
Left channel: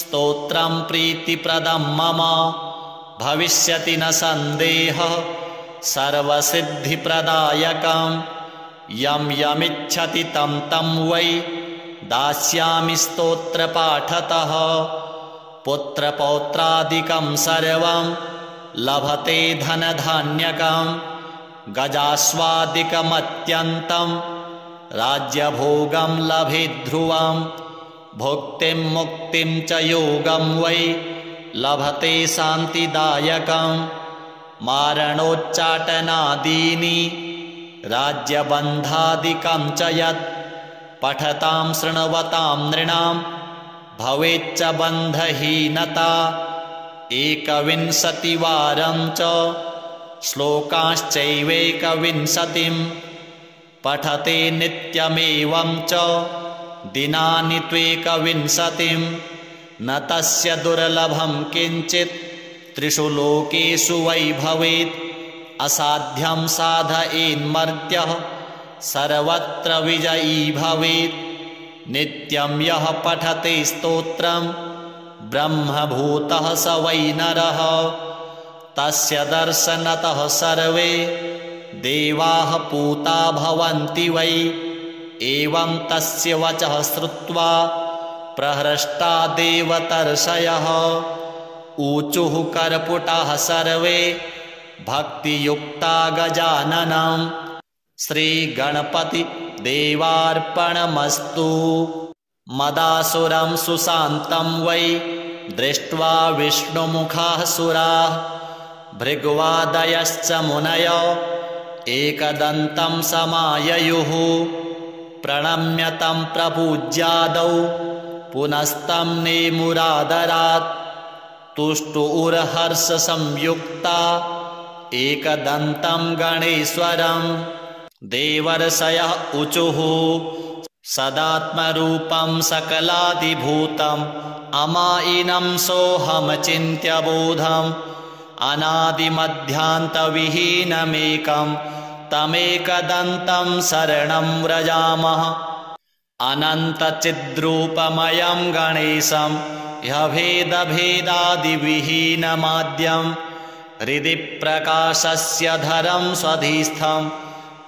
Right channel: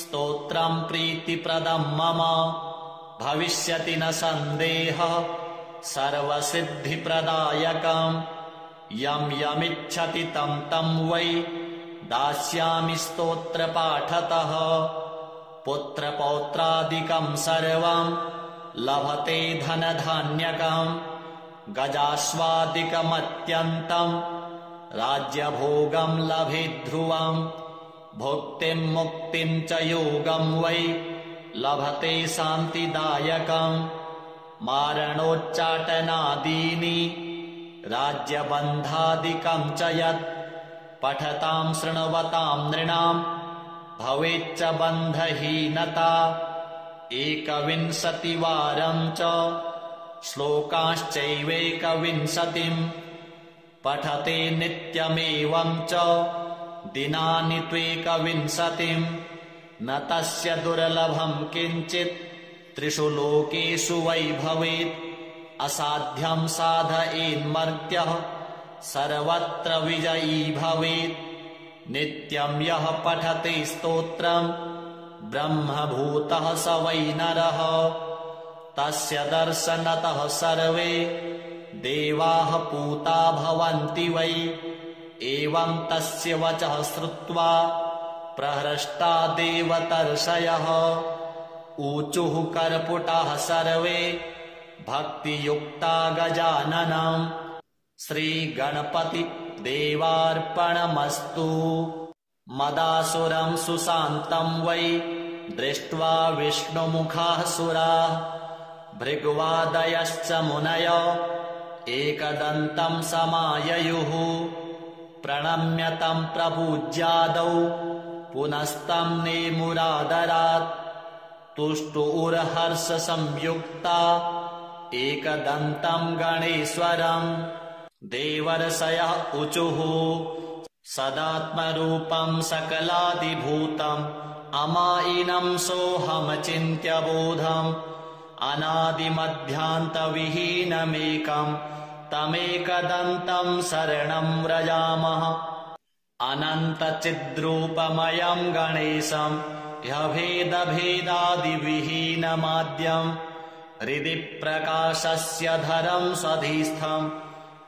स्तोत्रं प्रीतिप्रदं मम भविष्यति न सन्देहः सर्वसिद्धिप्रदायकं यं यमिच्छति तं तं वै दास्यामि स्तोत्रपाठतः पुत्रपौत्रादिकं सर्वं लभते धनधान्यकं गजास्वादिकमत्यन्तं राज्यभोगं लभेत् ध्रुवं भुक्तिं मुक्तिं च योगं वै लभते शान्तिदायकं मारणोच्चाटनादीनि राज्यबन्धादिकं च यत् पठतां शृण्वतां नृणां भवेच्च बन्धहीनता 21वारं च श्लोकाश्चैवेकविंशतिं पठते नित्यमेवं च दिनानि त्वेकविंशतिं न तस्य दुर्लभं किञ्चित् त्रिषु लोकेषु वै भवेत् असाध्यं साधयेन्मर्त्यः सर्वत्र विजयी भवेत् नित्यं यः पठते स्तोत्रं ब्रह्मभूतः स वै नरः तस्य दर्शनतः सर्वे देवाः पूता भवन्ति वै एवं तस्य वचः श्रुत्वा प्रहृष्टा देवतर्षयः ऊचुः कर्पुटाः सर्वे भक्तियुक्ता गजाननं श्रीगणपति देवार्पणमस्तु। मदासुरं सुशान्तं वै दृष्ट्वा विष्णुमुखाः सुराः भृग्वादयश्च मुनयो एकदन्तं समाययुः प्रणम्य तं प्रपूज्यादौ पुनस्तं नेमुरादरात् तुष्टुर्हर्षसंयुक्ता एकदन्तं गणेश्वरं देवर्षयः ऊचुः सदात्मरूपं सकलादिभूतम् अमायिनं सोऽहमचिन्त्य बोधम् अनादिमध्यान्तविहीनमेकं तमेकदन्तं शरणं व्रजामः अनन्तचिद्रूपमयं गणेशं ह्यभेदभेदादिविहीनमाद्यं हृदि प्रकाशस्य धरं स्वधिस्थं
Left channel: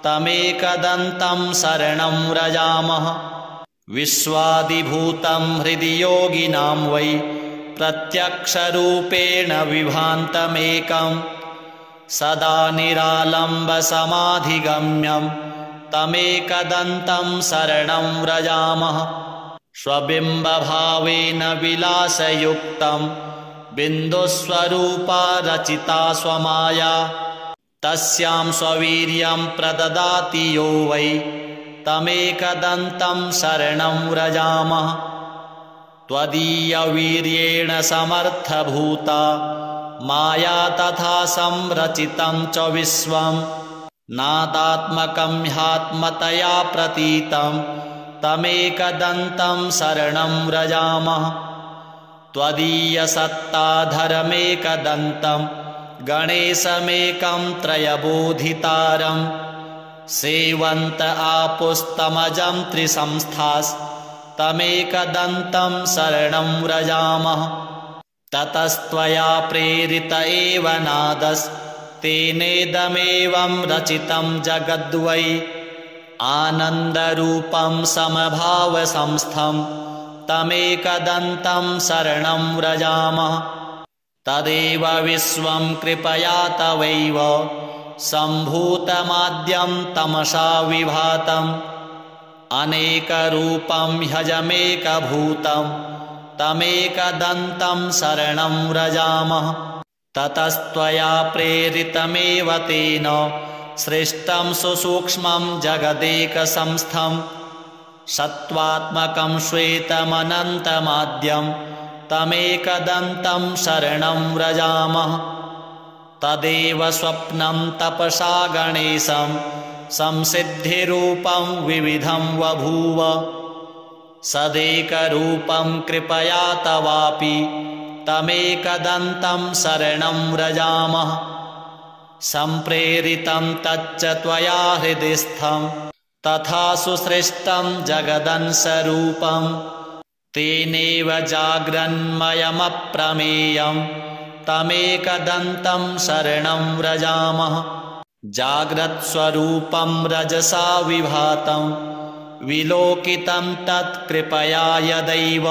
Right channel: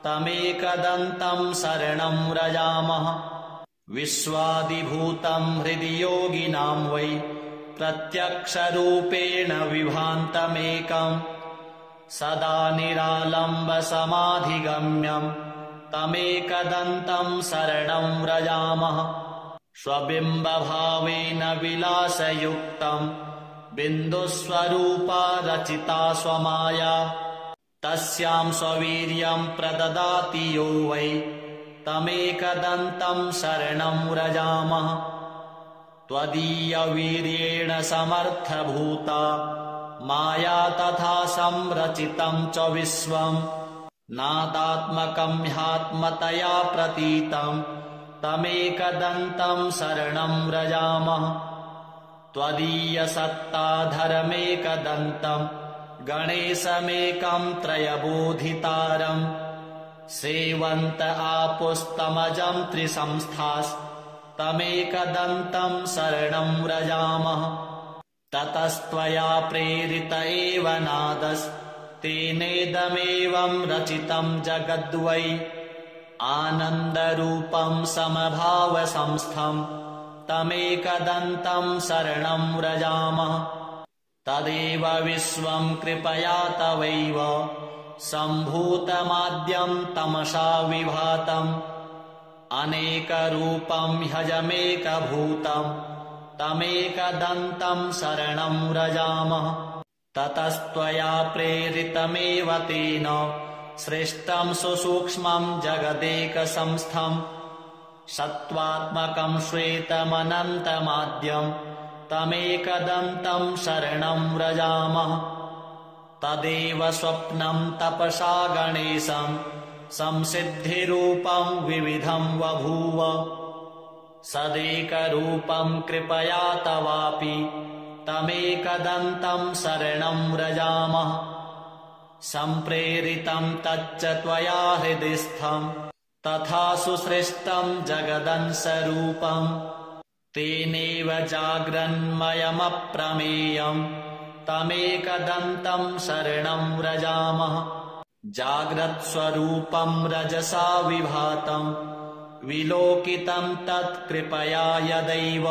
तमेकदन्तं शरणं व्रजामः विश्वादिभूतं हृदि योगिनां वै प्रत्यक्षरूपेण विभान्तमेकं सदा निरालम्बसमाधिगम्यं तमेकदन्तं शरणं व्रजामः स्वबिम्बभावेन विलासयुक्तं बिन्दुस्वरूपा रचिता स्वमाया तस्यां स्ववीर्यं प्रददाति यो वै तमेकदन्तं शरणं व्रजामः त्वदीयवीर्येण समर्थभूता माया तथा संरचितं च विश्वं नादात्मकं ह्यात्मतया प्रतीतं तमेकदन्तं शरणं व्रजामः त्वदीयसत्ताधरमेकदन्तं गणेशमेकं त्रयबोधितारं सेवन्त आपुस्तमजं त्रिसंस्थास्तमेकदन्तं शरणं व्रजामः ततस्त्वया प्रेरित एव नादस्तेनेदमेवं रचितं जगद्वै आनन्दरूपं समभावसंस्थं तमेकदन्तं शरणं व्रजामः तदेव विश्वं कृपया तवैव सम्भूतमाद्यं तमसा विभातम् अनेकरूपं ह्यजमेकभूतं तमेकदन्तं शरणं व्रजामः ततस्त्वया प्रेरितमेव तेन सृष्टं सुसूक्ष्मं जगदेकसंस्थं सत्त्वात्मकं श्वेतमनन्तमाद्यं तमेकदन्तं शरणं व्रजामः। तदेव स्वप्नं तपसा गणेशं संसिद्धिरूपं विविधं बभूव। सदेकरूपं कृपया तवापि तमेकदन्तं शरणं व्रजामः। सम्प्रेरितं तच्च त्वया हृदिस्थं तथा सुसृष्टं जगदंशरूपं। तेनेव जाग्रन्मयमप्रमेयं तमेकदन्तं शरणं व्रजामः। जाग्रत्स्वरूपं रजसा विभातं विलोकितं तत्कृपया यदैव।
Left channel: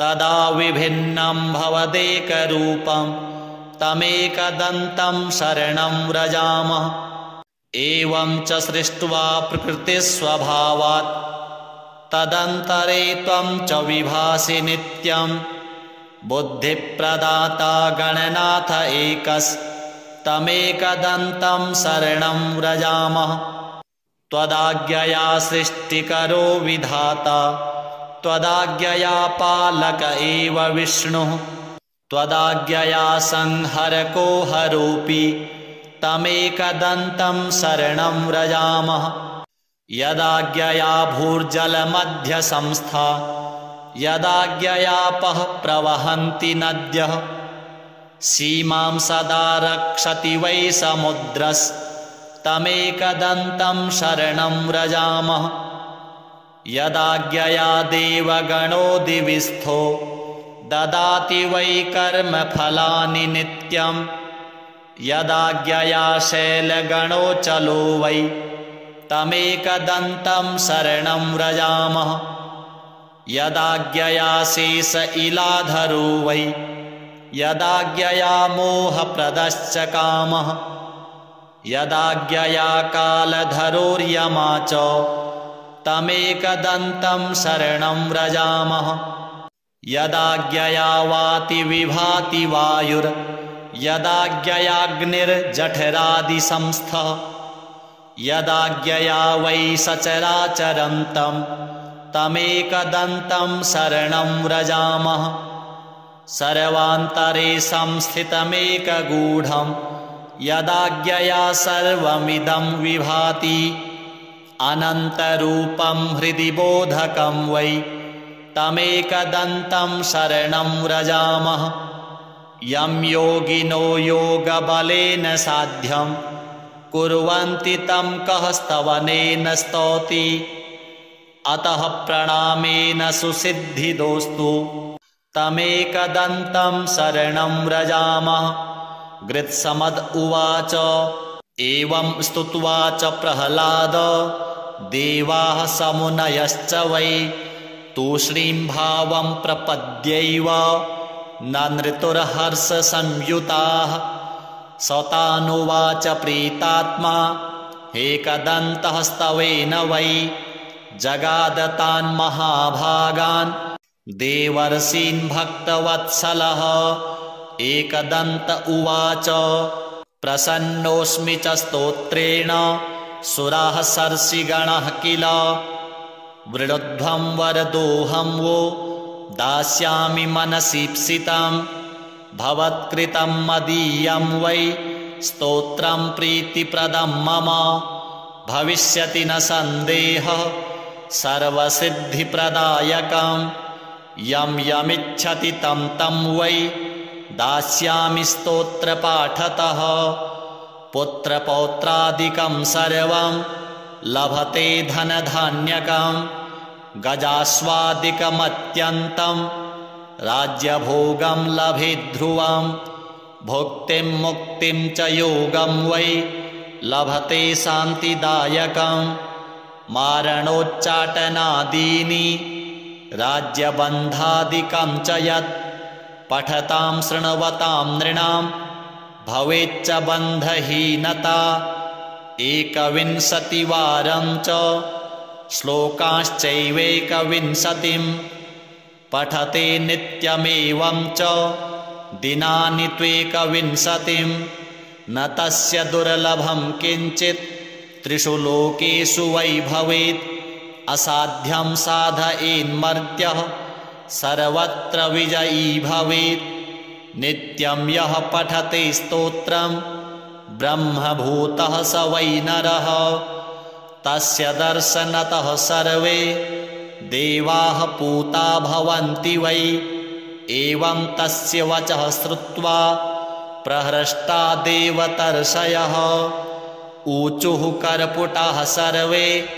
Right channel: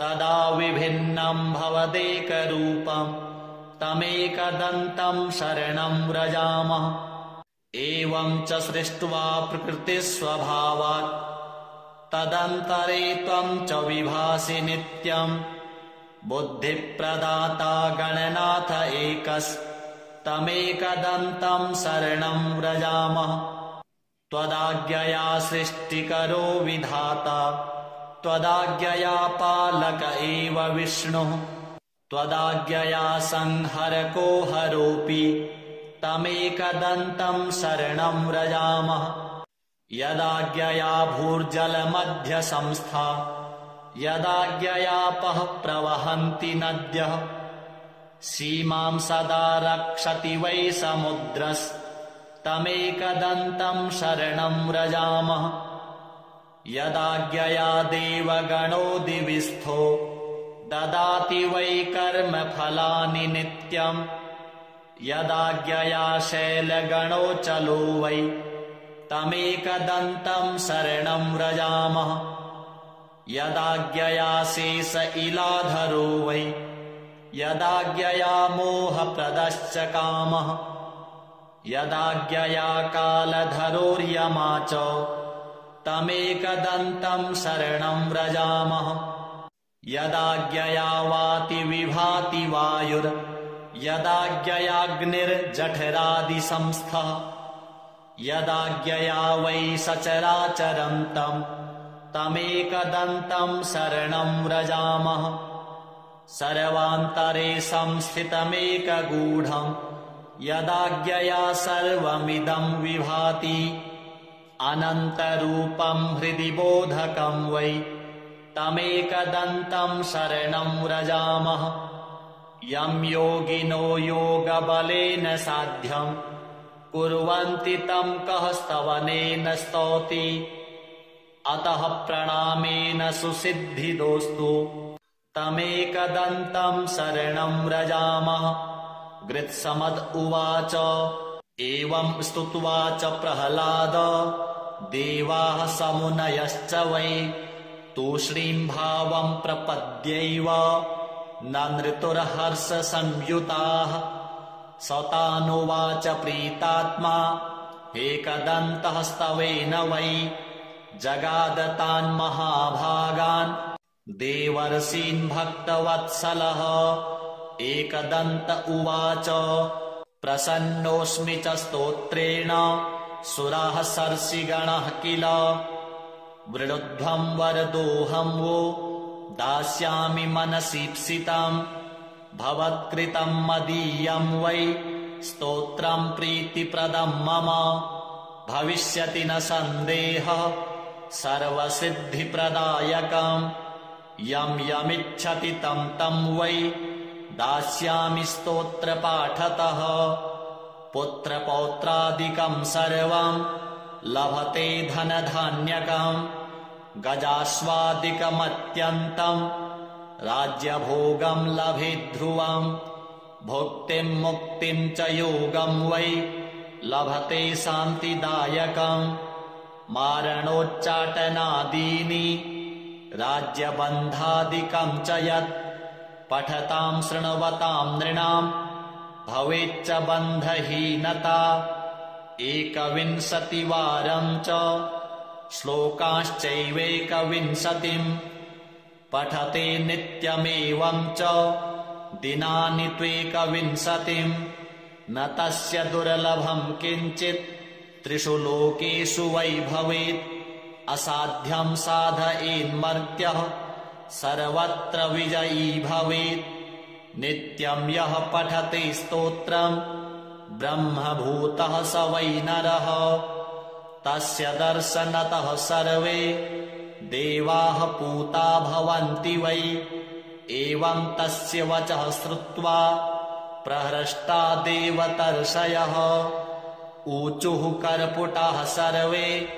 तदा विभिन्नं भवदेकरूपं तमेकदन्तं शरणं व्रजामः। एवं च सृष्ट्वा प्रकृतिस्वभावात् तदन्तरे त्वं च विभासि नित्यं। बुद्धिप्रदाता गणनाथ एकस्तमेकदन्तं शरणं व्रजामः। त्वदाज्ञया सृष्टिकरो विधाता त्वदाज्ञया पालक एव विष्णुः। त्वदाज्ञया संहरको हरोऽपि तमेकदन्तं शरणं व्रजामः। यदाज्ञया भूर्जलमध्यसंस्था यदाज्ञयापः प्रवहन्ति नद्यः। सीमां सदा रक्षति वै समुद्रस्तमेकदन्तं शरणं व्रजामः। यदाज्ञया देवगणो दिविस्थो ददाति वै कर्मफलानि नित्यं। यदाज्ञया शैलगणो चलो वै तमेकदन्तं शरणं व्रजामः। यदाज्ञया शेष इलाधरो वै यदाज्ञया मोहप्रदश्च कामः। यदाज्ञया कालधरोर्यमा च तमेकदन्तं शरणं व्रजामः। यदाज्ञया वाति विभाति वायुर् यदाज्ञयाग्निर्जठरादिसंस्थः। यदाज्ञया वै सचराचरन्तं तमेकदन्तं शरणं व्रजामः। सर्वान्तरे संस्थितमेकगूढं यदाज्ञया सर्वमिदं विभाति। अनन्तरूपं हृदि बोधकं वै तमेकदन्तं शरणं व्रजामः। यं योगिनो योगबलेन साध्यं कुर्वन्ति तं कः स्तवनेन स्तौति। अतः प्रणामेन सुसिद्धिदोस्तु तमेकदन्तं शरणं व्रजामः। गृत्समद उवाच एवं स्तुत्वा च प्रह्लाद देवाः समुनयश्च वै तूष्णीं भावं प्रपद्यैव ननृतुर्हर्षसंयुताः। सतानुवाच प्रीतात्मा एकदन्तः स्तवेन वै जगादतान् महाभागान् देवर्षीन् भक्तवत्सलः। एकदन्त उवाच प्रसन्नोऽस्मि च स्तोत्रेण सुराः सर्षिगणः किल। वृणुध्वं वरदोऽहं वो दास्यामि मनसीप्सितं। भवत्कृतं मदीयं वै स्तोत्रं प्रीतिप्रदं मम। भविष्यति न सन्देहः सर्वसिद्धिप्रदायकं। यं यमिच्छति तं तं वै दास्यामि स्तोत्रपाठतः। पुत्रपौत्रादिकं सर्वं लभते धनधान्यकं। गजास्वादिकमत्यन्तं राज्यभोगं लभेद्ध्रुवं। भुक्तिं मुक्तिं च योगं वै लभते शान्तिदायकं। मारणोच्चाटनादीनि राज्यबन्धादिकं च यत् पठतां शृण्वतां नृणां भवेच्च बन्धहीनता। 21वारं च श्लोकाश्चैवेकविंशतिं पठते नित्यमेवं च दिनानि त्वेकविंशतिं। न तस्य दुर्लभं किञ्चित् त्रिषु लोकेषु वै भवेत्। असाध्यं साधयेन्मर्त्यः सर्वत्र विजयी भवेत्। नित्यं यः पठते स्तोत्रं ब्रह्मभूतः स वै नरः। तस्य दर्शनतः सर्वे देवाः पूता भवन्ति वै। एवं तस्य वचः श्रुत्वा प्रहृष्टा देवतर्षयः। ऊचुः कर्पुटाः सर्वे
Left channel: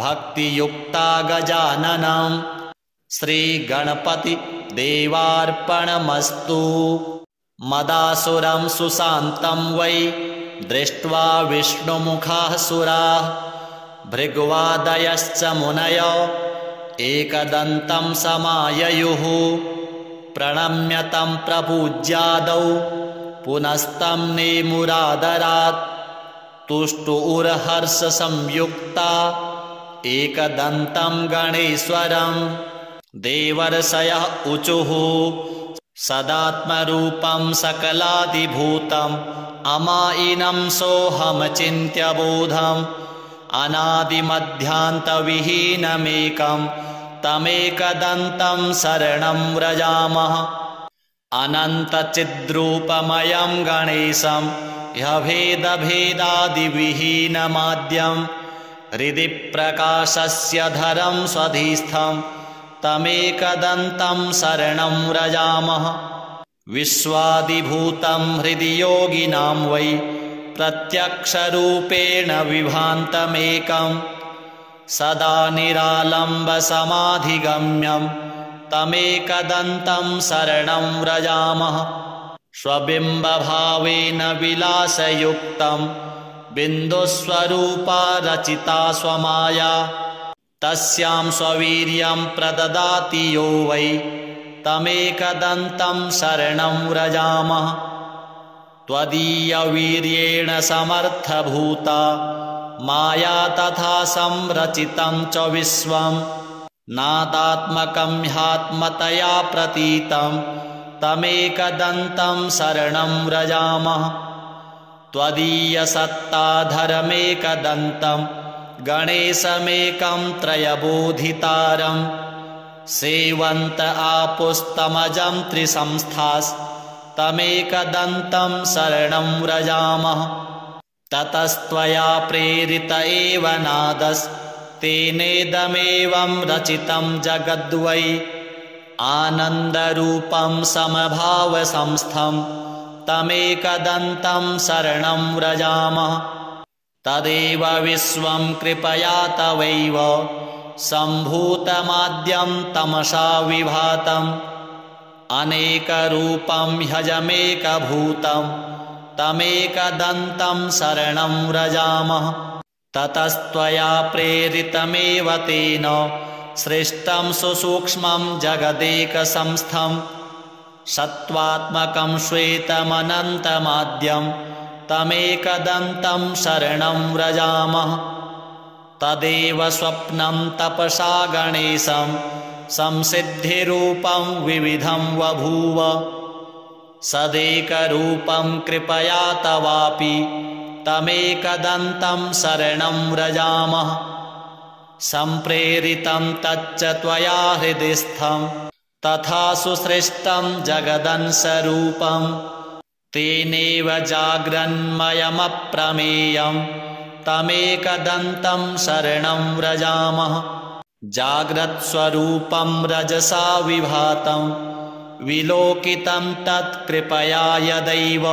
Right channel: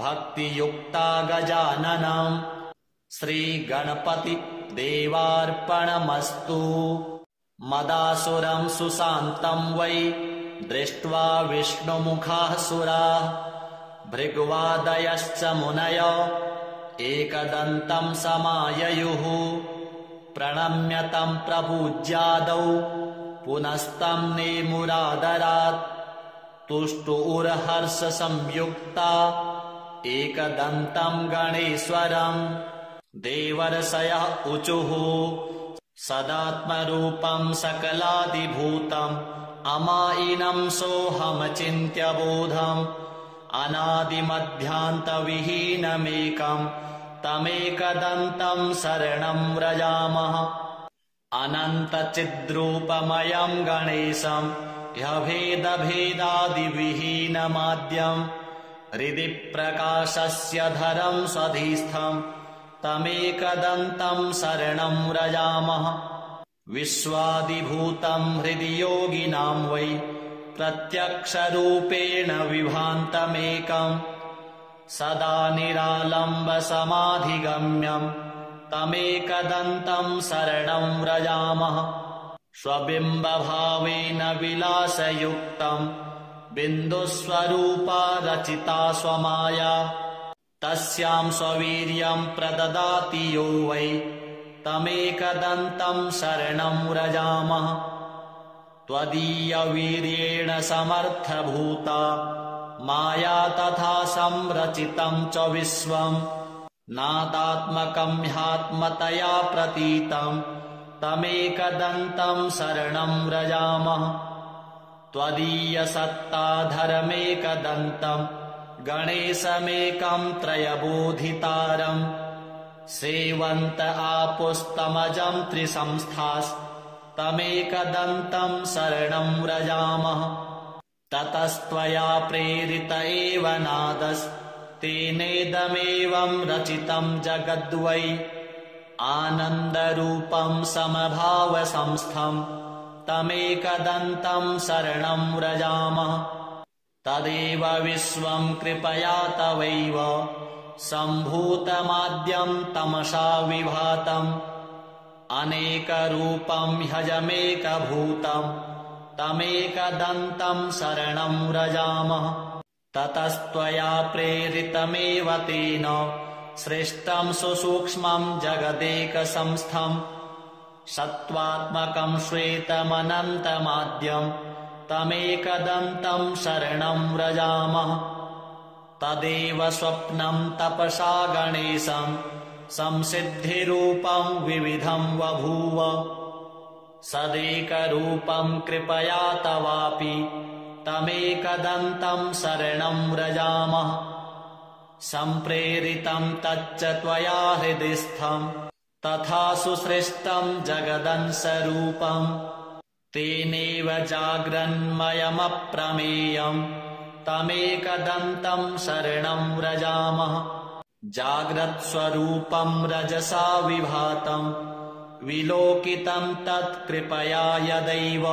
भक्तियुक्ता गजाननं। श्रीगणपतिदेवार्पणमस्तु। मदासुरं सुशान्तं वै दृष्ट्वा विष्णुमुखाः सुराः। भृग्वादयश्च मुनयो एकदन्तं समाययुः। प्रणम्य तं प्रपूज्यादौ पुनस्तं नेमुरादरात्। तुष्टुर्हर्षसंयुक्ता एकदन्तं गणेश्वरं। देवर्षयः ऊचुः सदात्मरूपं सकलादिभूतम् अमायिनं सोऽहमचिन्त्य बोधम्। अनादिमध्यान्तविहीनमेकं तमेकदन्तं शरणं व्रजामः। अनन्तचिद्रूपमयं गणेशं ह्यभेदभेदादिविहीनमाद्यं। हृदि प्रकाशस्य धरं स्वधिस्थं तमेकदन्तं शरणं व्रजामः। विश्वादिभूतं हृदि योगिनां वै प्रत्यक्षरूपेण विभान्तमेकं। सदा निरालम्बसमाधिगम्यं तमेकदन्तं शरणं व्रजामः। स्वबिम्बभावेन विलासयुक्तं बिन्दुस्वरूपा रचिता स्वमाया। तस्यां स्ववीर्यं प्रददाति यो वै तमेकदन्तं शरणं व्रजामः। त्वदीयवीर्येण समर्थभूता माया तथा संरचितं च विश्वं। नादात्मकं ह्यात्मतया प्रतीतं तमेकदन्तं शरणं व्रजामः। त्वदीयसत्ताधरमेकदन्तं गणेशमेकं त्रयबोधितारम्। सेवन्त आपुस्तमजं त्रिसंस्थास्तमेकदन्तं शरणं व्रजामः। ततस्त्वया प्रेरित एव नादस्तेनेदमेवं रचितं जगद्वै। आनन्दरूपं समभावसंस्थं तमेकदन्तं शरणं व्रजामः। तदेव विश्वं कृपया तवैव सम्भूतमाद्यं तमसा विभातम्। अनेकरूपं ह्यजमेकभूतं तमेकदन्तं शरणं व्रजामः। ततस्त्वया प्रेरितमेव तेन सृष्टं सुसूक्ष्मं जगदेकसंस्थं। सत्त्वात्मकं श्वेतमनन्तमाद्यं तमेकदन्तं शरणं व्रजामः। तदेव स्वप्नं तपसा गणेशं संसिद्धिरूपं विविधं बभूव। सदेकरूपं कृपया तवापि तमेकदन्तं शरणं व्रजामः। सम्प्रेरितं तच्च त्वया हृदिस्थं तथा सुसृष्टं जगदंशरूपं। तेनेव जाग्रन्मयमप्रमेयं तमेकदन्तं शरणं व्रजामः। जाग्रत्स्वरूपं रजसा विभातं विलोकितं तत्कृपया यदैव।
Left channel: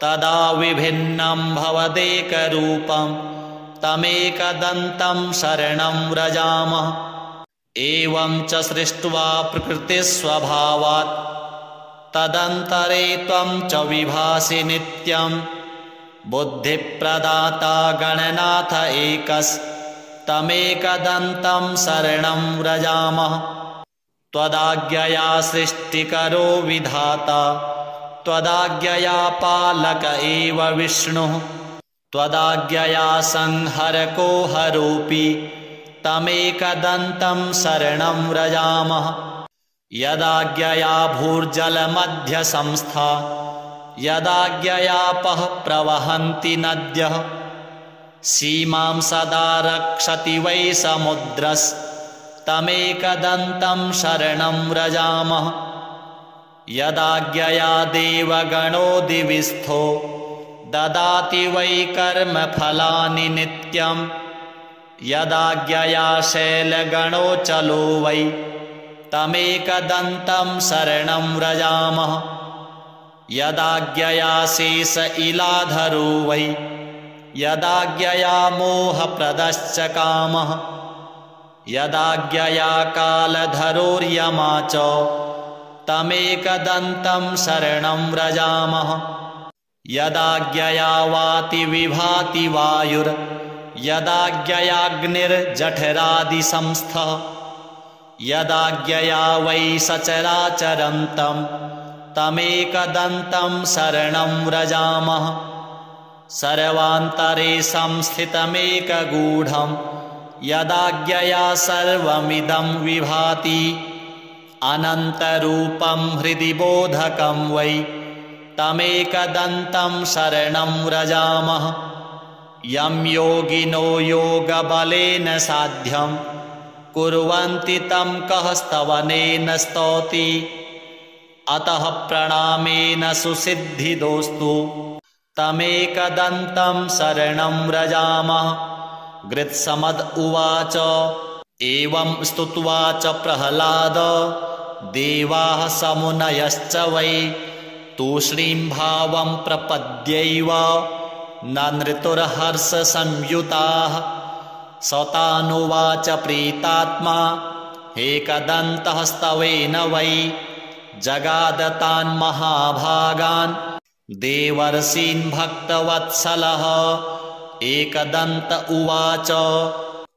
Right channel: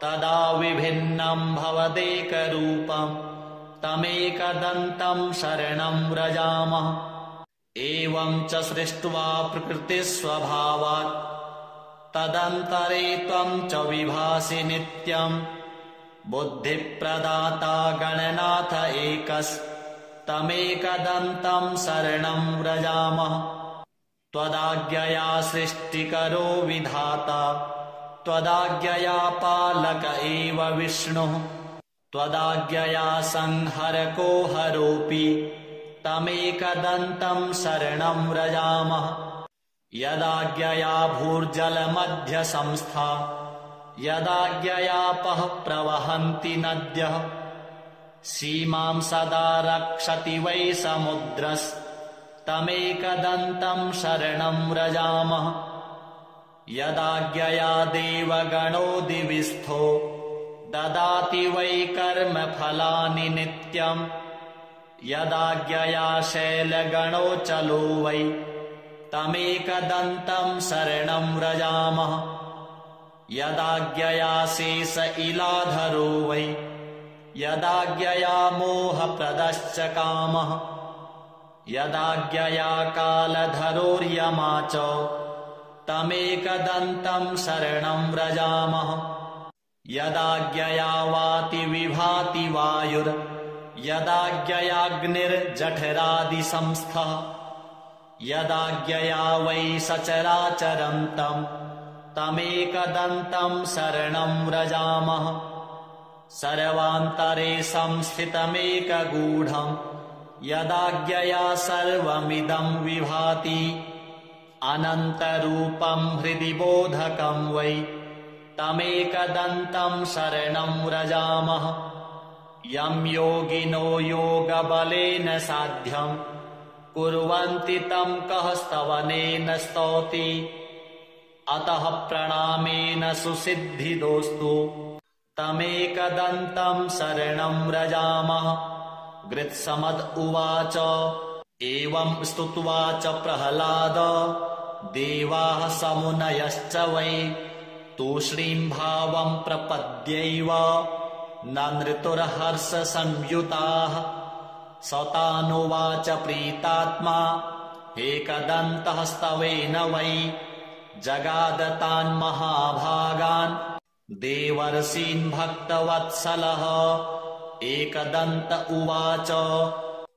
तदा विभिन्नं भवदेकरूपं तमेकदन्तं शरणं व्रजामः। एवं च सृष्ट्वा प्रकृतिस्वभावात् तदन्तरे त्वं च विभासि नित्यं। बुद्धिप्रदाता गणनाथ एकस्तमेकदन्तं शरणं व्रजामः। त्वदाज्ञया सृष्टिकरो विधाता त्वदाज्ञया पालक एव विष्णुः। त्वदाज्ञया संहरको हरोऽपि तमेकदन्तं शरणं व्रजामः। यदाज्ञया भूर्जलमध्यसंस्था यदाज्ञयापः प्रवहन्ति नद्यः। सीमां सदा रक्षति वै समुद्रस् तमेकदन्तं शरणं व्रजामः। यदाज्ञया देवगणो दिविस्थो ददाति वै कर्मफलानि नित्यम्। यदाज्ञया शैलगणो चलो वै तमेकदन्तं शरणं व्रजामः। यदाज्ञया शेष इलाधरो वै यदाज्ञया मोहप्रदश्च कामः। यदाज्ञया कालधरोर्यमा च तमेकदन्तं शरणं व्रजामः। यदाज्ञया वाति विभाति वायुर् यदाज्ञयाग्निर्जठरादिसंस्थः। यदाज्ञया वै सचराचरन्तं तमेकदन्तं शरणं व्रजामः। सर्वान्तरे संस्थितमेकगूढं यदाज्ञया सर्वमिदं विभाति। अनन्तरूपं हृदि बोधकं वै तमेकदन्तं शरणं व्रजामः। यं योगिनो योगबलेन साध्यं कुर्वन्ति तं कः स्तवनेन स्तौति। अतः प्रणामेन सुसिद्धिदोस्तु तमेकदन्तं शरणं व्रजामः। गृत्समद उवाच एवं स्तुत्वा च प्रह्लाद देवाः समुनयश्च वै तूष्णीं भावं प्रपद्यैव नृतुर्हर्षसंयुताः। सतानुवाच प्रीतात्मा एकदन्तः स्तवेन वै जगादतान् महाभागान् देवर्षीन् भक्तवत्सलः। एकदन्त उवाच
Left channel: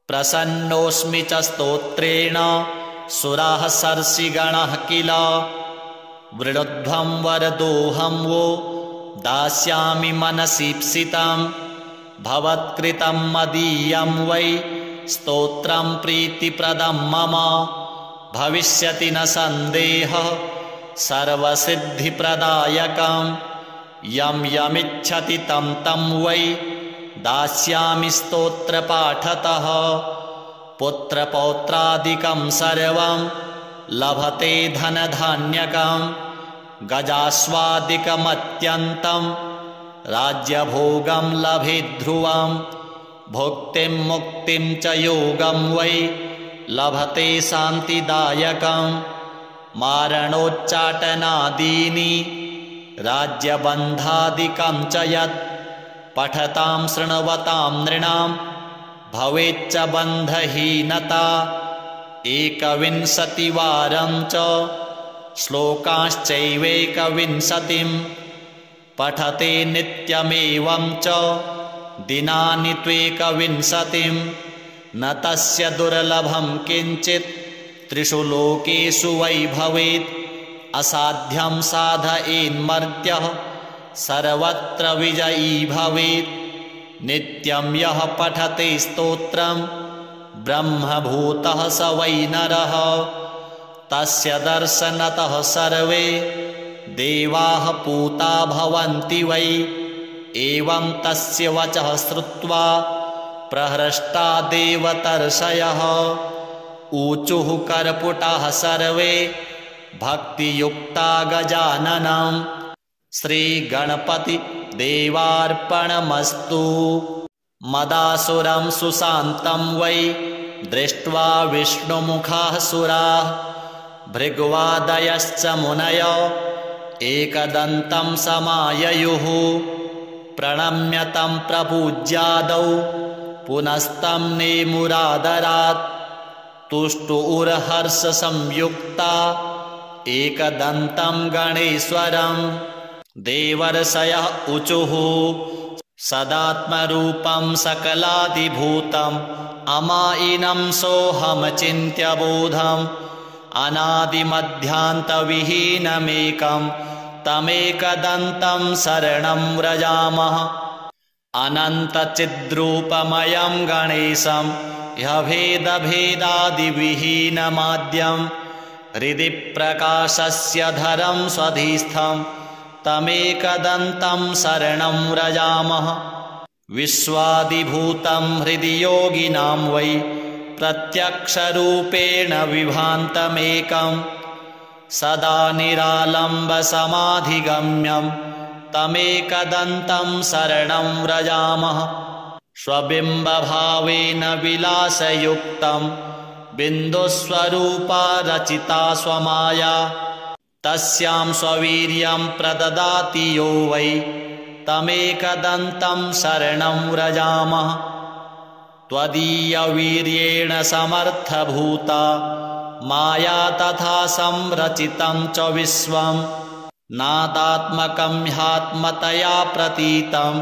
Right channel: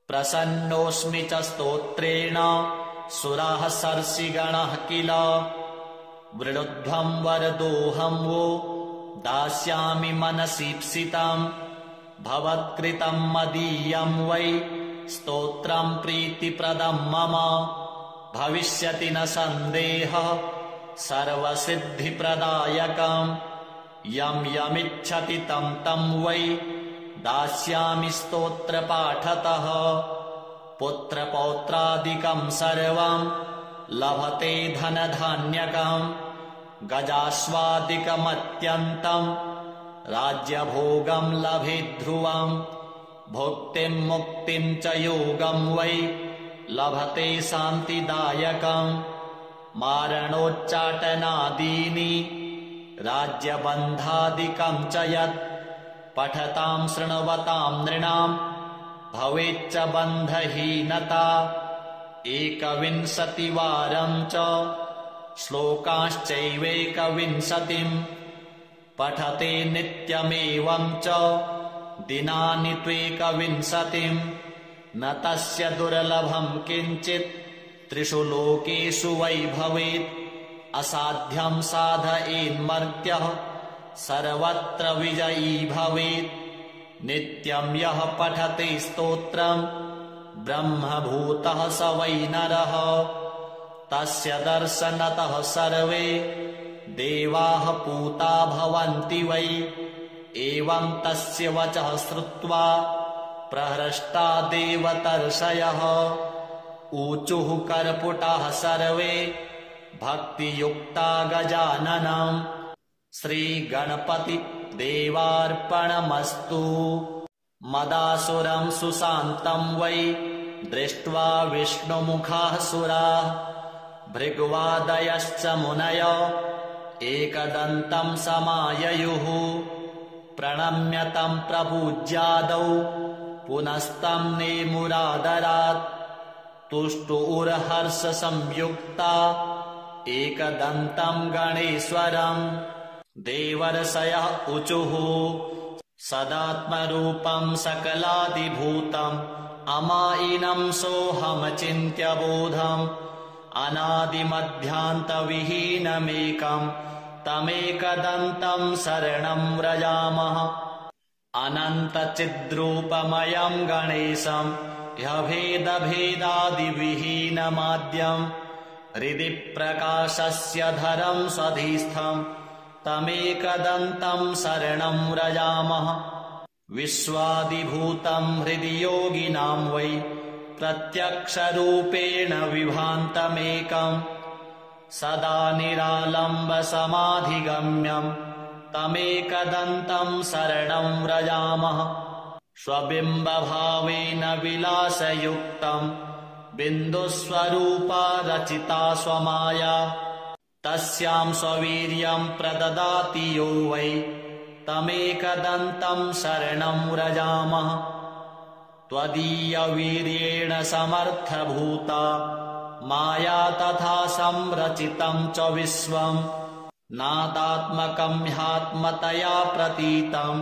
प्रसन्नोऽस्मि च स्तोत्रेण सुराः सर्षिगणः किल। वृणुध्वं वरदोऽहं वो दास्यामि मनसीप्सितं भवत्कृतं मदीयं वै स्तोत्रं प्रीतिप्रदं मम। भविष्यति न सन्देहः सर्वसिद्धिप्रदायकं यं यमिच्छति तं तं वै दास्यामि स्तोत्रपाठतः। पुत्रपौत्रादिकं सर्वं लभते धनधान्यकं गजास्वादिकमत्यन्तं राज्यभोगं लभेद्ध्रुवं। भुक्तिं मुक्तिं च योगं वै लभते शान्तिदायकं। मारणोच्चाटनादीनि राज्यबन्धादिकं च यत् पठतां शृण्वतां नृणां भवेच्च बन्धहीनता। 21वारं च श्लोकाश्चैवेकविंशतिं पठते नित्यमेवं च दिनानि त्वेकविंशतिं। न तस्य दुर्लभं किञ्चित् त्रिषु लोकेषु वै भवेत्। असाध्यं साधयेन्मर्त्यः सर्वत्र विजयी भवेत्। नित्यं यः पठते स्तोत्रं ब्रह्मभूतः स वै नरः। तस्य दर्शनतः सर्वे देवाः पूता भवन्ति वै। एवं तस्य वचः श्रुत्वा प्रहृष्टा देवतर्षयः ऊचुः कर्पुटाः सर्वे भक्तियुक्ता गजाननं। श्रीगणपति देवार्पणमस्तु। मदासुरं सुशान्तं वै दृष्ट्वा विष्णुमुखाः सुराः भृग्वादयश्च मुनयो एकदन्तं समाययुः। प्रणम्य तं प्रपूज्यादौ पुनस्तं नेमुरादरात्। तुष्टुर्हर्षसंयुक्ता एकदन्तं गणेश्वरं। देवर्षयः ऊचुः सदात्मरूपं सकलादिभूतम् अमायिनं सोऽहमचिन्त्य बोधम्। अनादिमध्यान्तविहीनमेकं तमेकदन्तं शरणं व्रजामः। अनन्तचिद्रूपमयं गणेशं ह्यभेदभेदादिविहीनमाद्यं हृदि प्रकाशस्य धरं स्वधिस्थं तमेकदन्तं शरणं व्रजामः। विश्वादिभूतं हृदि योगिनां वै प्रत्यक्षरूपेण विभान्तमेकं सदा निरालम्बसमाधिगम्यं तमेकदन्तं शरणं व्रजामः। स्वबिम्बभावेन विलासयुक्तं बिन्दुस्वरूपा रचिता स्वमाया तस्यां स्ववीर्यं प्रददाति यो वै तमेकदन्तं शरणं व्रजामः। त्वदीयवीर्येण समर्थभूता माया तथा संरचितं च विश्वं नादात्मकं ह्यात्मतया प्रतीतं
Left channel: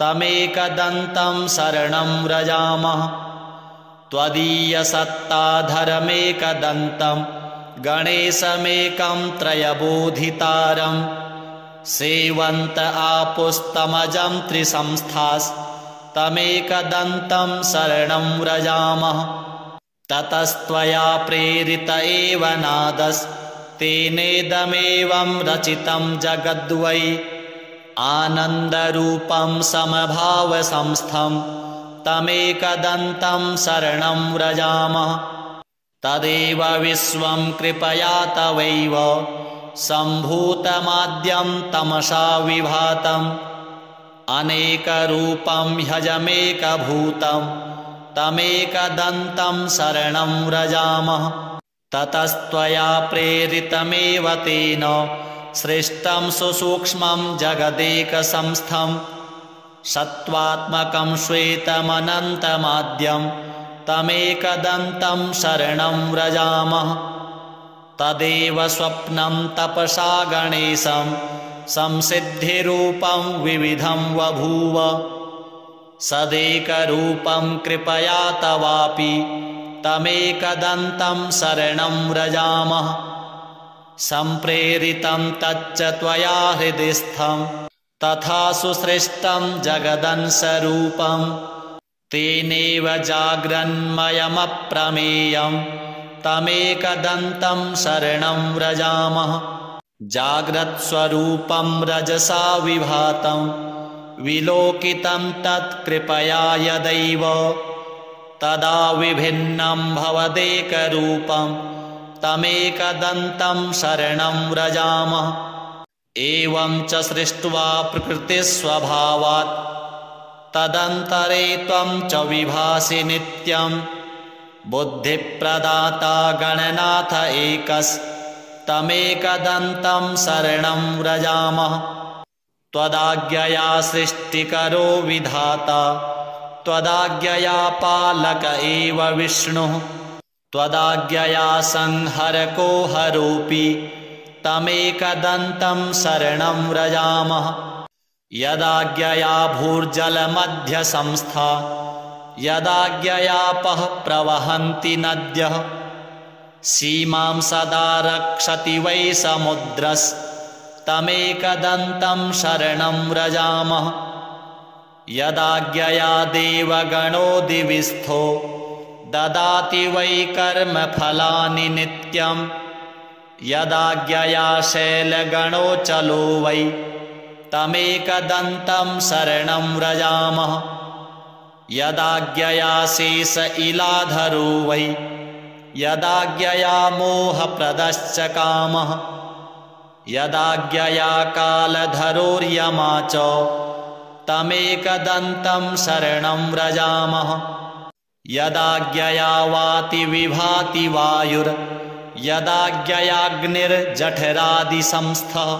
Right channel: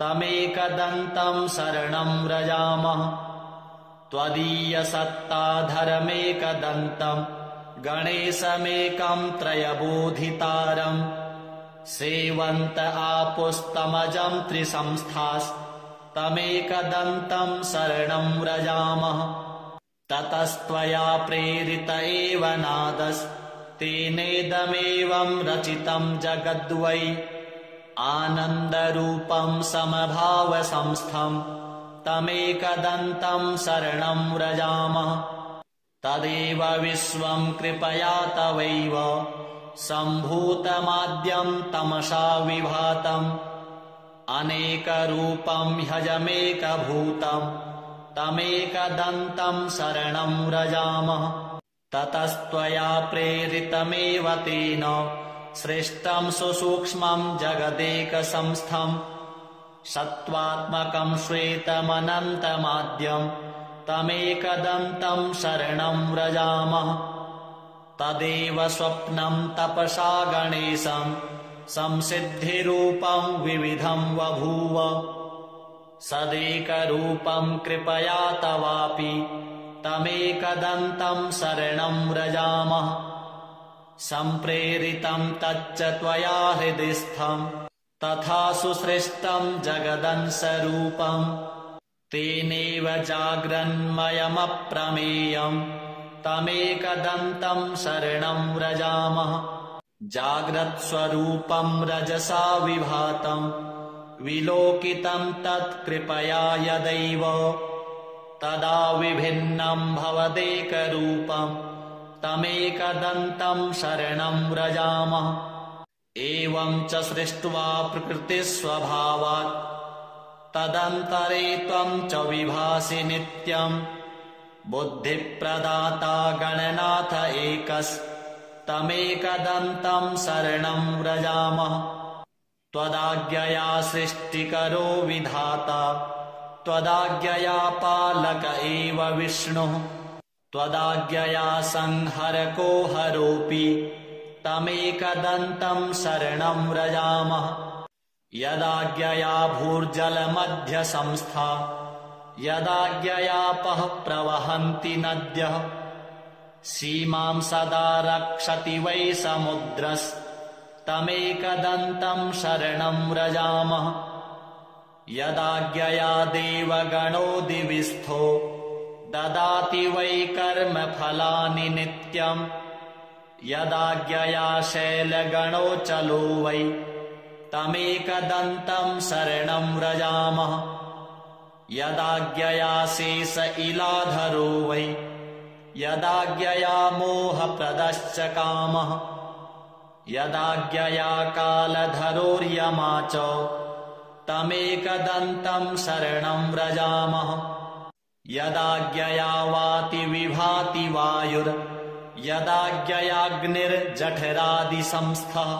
तमेकदन्तं शरणं व्रजामः। त्वदीयसत्ताधरमेकदन्तं गणेशमेकं त्रयबोधितारं सेवन्त आपुस्तमजं त्रिसंस्थास्तमेकदन्तं शरणं व्रजामः। ततस्त्वया प्रेरित एव नादस्तेनेदमेवं रचितं जगद्वै आनन्दरूपं समभावसंस्थं तमेकदन्तं शरणं व्रजामः। तदेव विश्वं कृपया तवैव सम्भूतमाद्यं तमसा विभातम् अनेकरूपं ह्यजमेकभूतं तमेकदन्तं शरणं व्रजामः। ततस्त्वया प्रेरितमेव तेन सृष्टं सुसूक्ष्मं जगदेकसंस्थं सत्त्वात्मकं श्वेतमनन्तमाद्यं तमेकदन्तं शरणं व्रजामः। तदेव स्वप्नं तपसा गणेशं संसिद्धिरूपं विविधं बभूव सदेकरूपं कृपया तवापि तमेकदन्तं शरणं व्रजामः। सम्प्रेरितं तच्च त्वया हृदिस्थं तथा सुसृष्टं जगदंशरूपं तेनेव जाग्रन्मयमप्रमेयं तमेकदन्तं शरणं व्रजामः। जाग्रत्स्वरूपं रजसा विभातं विलोकितं तत्कृपया यदैव तदा विभिन्नं भवदेकरूपं तमेकदन्तं शरणं व्रजामः। एवं च सृष्ट्वा प्रकृतिस्वभावात् तदन्तरे त्वं च विभासि नित्यं बुद्धिप्रदाता गणनाथ एकस्तमेकदन्तं शरणं व्रजामः। त्वदाज्ञया सृष्टिकरो विधाता त्वदाज्ञया पालक एव विष्णुः त्वदाज्ञया संहरको हरोऽपि तमेकदन्तं शरणं व्रजामः। यदाज्ञया भूर्जलमध्यसंस्था यदाज्ञयापः प्रवहन्ति नद्यः सीमां सदा रक्षति वै समुद्रस्तमेकदन्तं शरणं व्रजामः। यदाज्ञया देवगणो दिविस्थो ददाति वै कर्मफलानि नित्यं यदाज्ञया शैलगणो चलो वै तमेकदन्तं शरणं व्रजामः। यदाज्ञया शेष इलाधरो वै यदाज्ञया मोहप्रदश्च कामः यदाज्ञया कालधरोर्यमा च तमेकदन्तं शरणं व्रजामः। यदाज्ञया वाति विभाति वायुर् यदाज्ञयाग्निर्जठरादिसंस्थः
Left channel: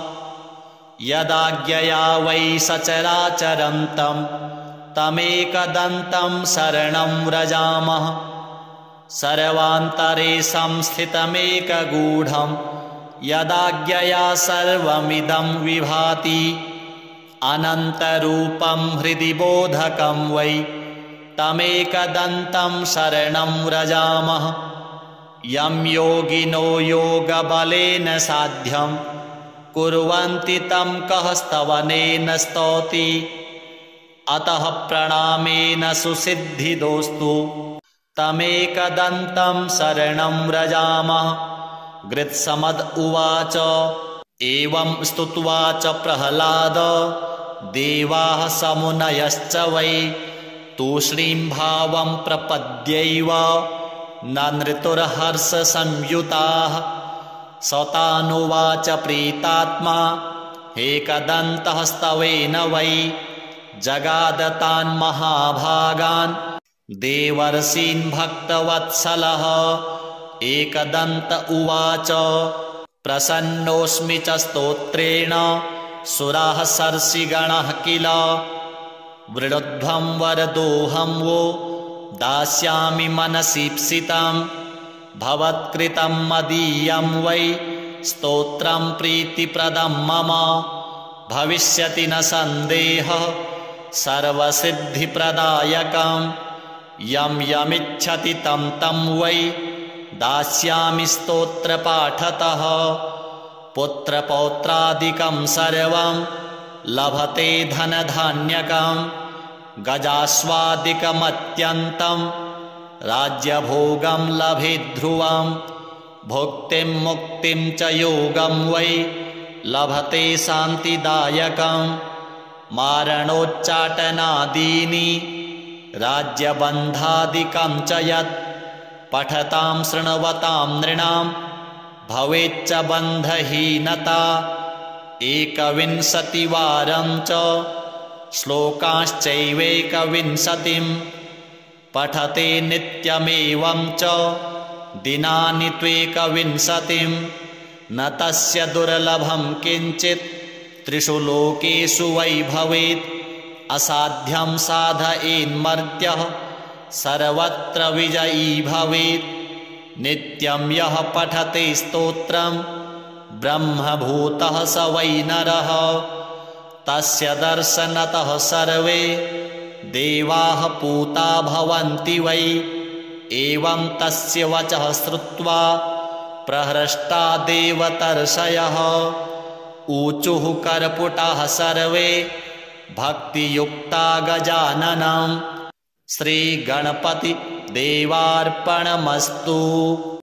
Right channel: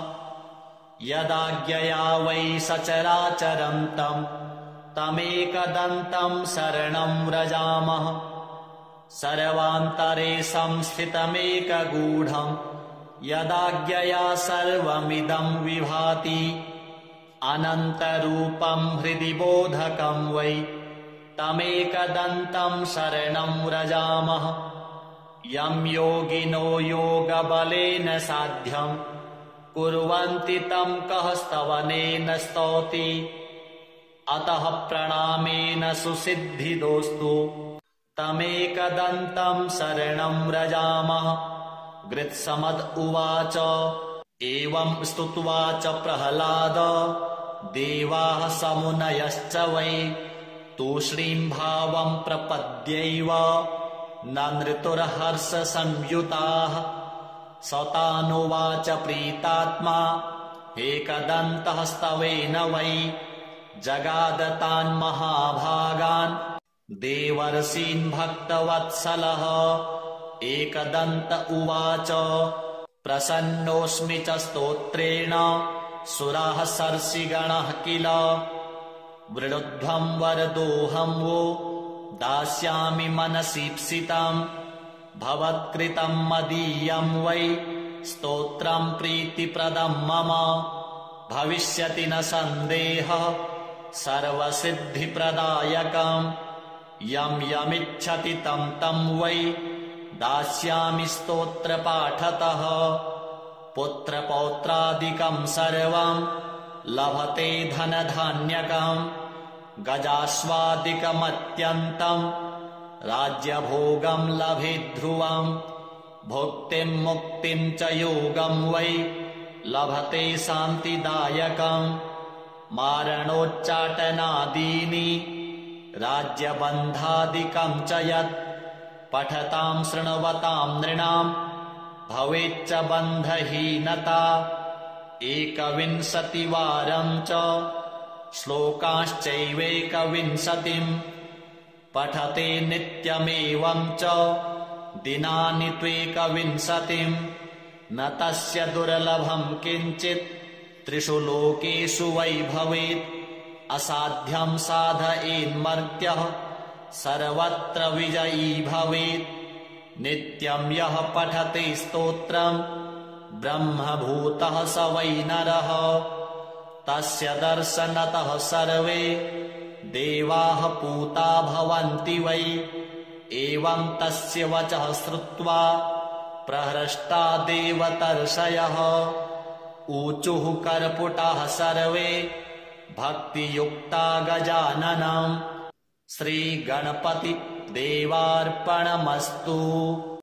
यदाज्ञया वै सचराचरन्तं तमेकदन्तं शरणं व्रजामः। सर्वान्तरे संस्थितमेकगूढं यदाज्ञया सर्वमिदं विभाति अनन्तरूपं हृदि बोधकं वै तमेकदन्तं शरणं व्रजामः। यं योगिनो योगबलेन साध्यं कुर्वन्ति तं कः स्तवनेन स्तौति अतः प्रणामेन सुसिद्धिदोस्तु तमेकदन्तं शरणं व्रजामः। गृत्समद उवाच एवं स्तुत्वा च प्रह्लाद देवाः समुनयश्च वै तूष्णीं भावं प्रपद्यैव न नृतुर्हर्षसंयुताः। सतानुवाच प्रीतात्मा एकदन्तः स्तवेन वै जगादतान् महाभागान् देवर्षीन् भक्तवत्सलः। एकदन्त उवाच प्रसन्नोऽस्मि च स्तोत्रेण सुराः सर्षिगणः किल वृणुध्वं वरदोऽहं वो दास्यामि मनसीप्सितं भवत्कृतं मदीयं वै स्तोत्रं प्रीतिप्रदं मम भविष्यति न सन्देहः सर्वसिद्धिप्रदायकं यं यमिच्छति तं तं वै दास्यामि स्तोत्रपाठतः पुत्रपौत्रादिकं सर्वं लभते धनधान्यकं गजास्वादिकमत्यन्तं राज्यभोगं लभेत् ध्रुवं भुक्तिं मुक्तिं च योगं वै लभते शान्तिदायकं मारणोच्चाटनादीनि राज्यबन्धादिकं च यत् पठतां शृण्वतां नृणां भवेच्च बन्धहीनता 21वारं च श्लोकाश्चैवेकविंशतिं पठते नित्यमेवं च दिनानि त्वेकविंशतिं न तस्य दुर्लभं किञ्चित् त्रिषु लोकेषु वै भवेत् असाध्यं साधयेन्मर्त्यः सर्वत्र विजयी भवेत् नित्यं यः पठते स्तोत्रं ब्रह्मभूतः स वै नरः तस्य दर्शनतः सर्वे देवाः पूता भवन्ति वै एवं तस्य वचः श्रुत्वा प्रहृष्टा देवतर्षयः ऊचुः कर्पुटाः सर्वे भक्तियुक्ता गजाननं श्रीगणपति देवार्पणमस्तु।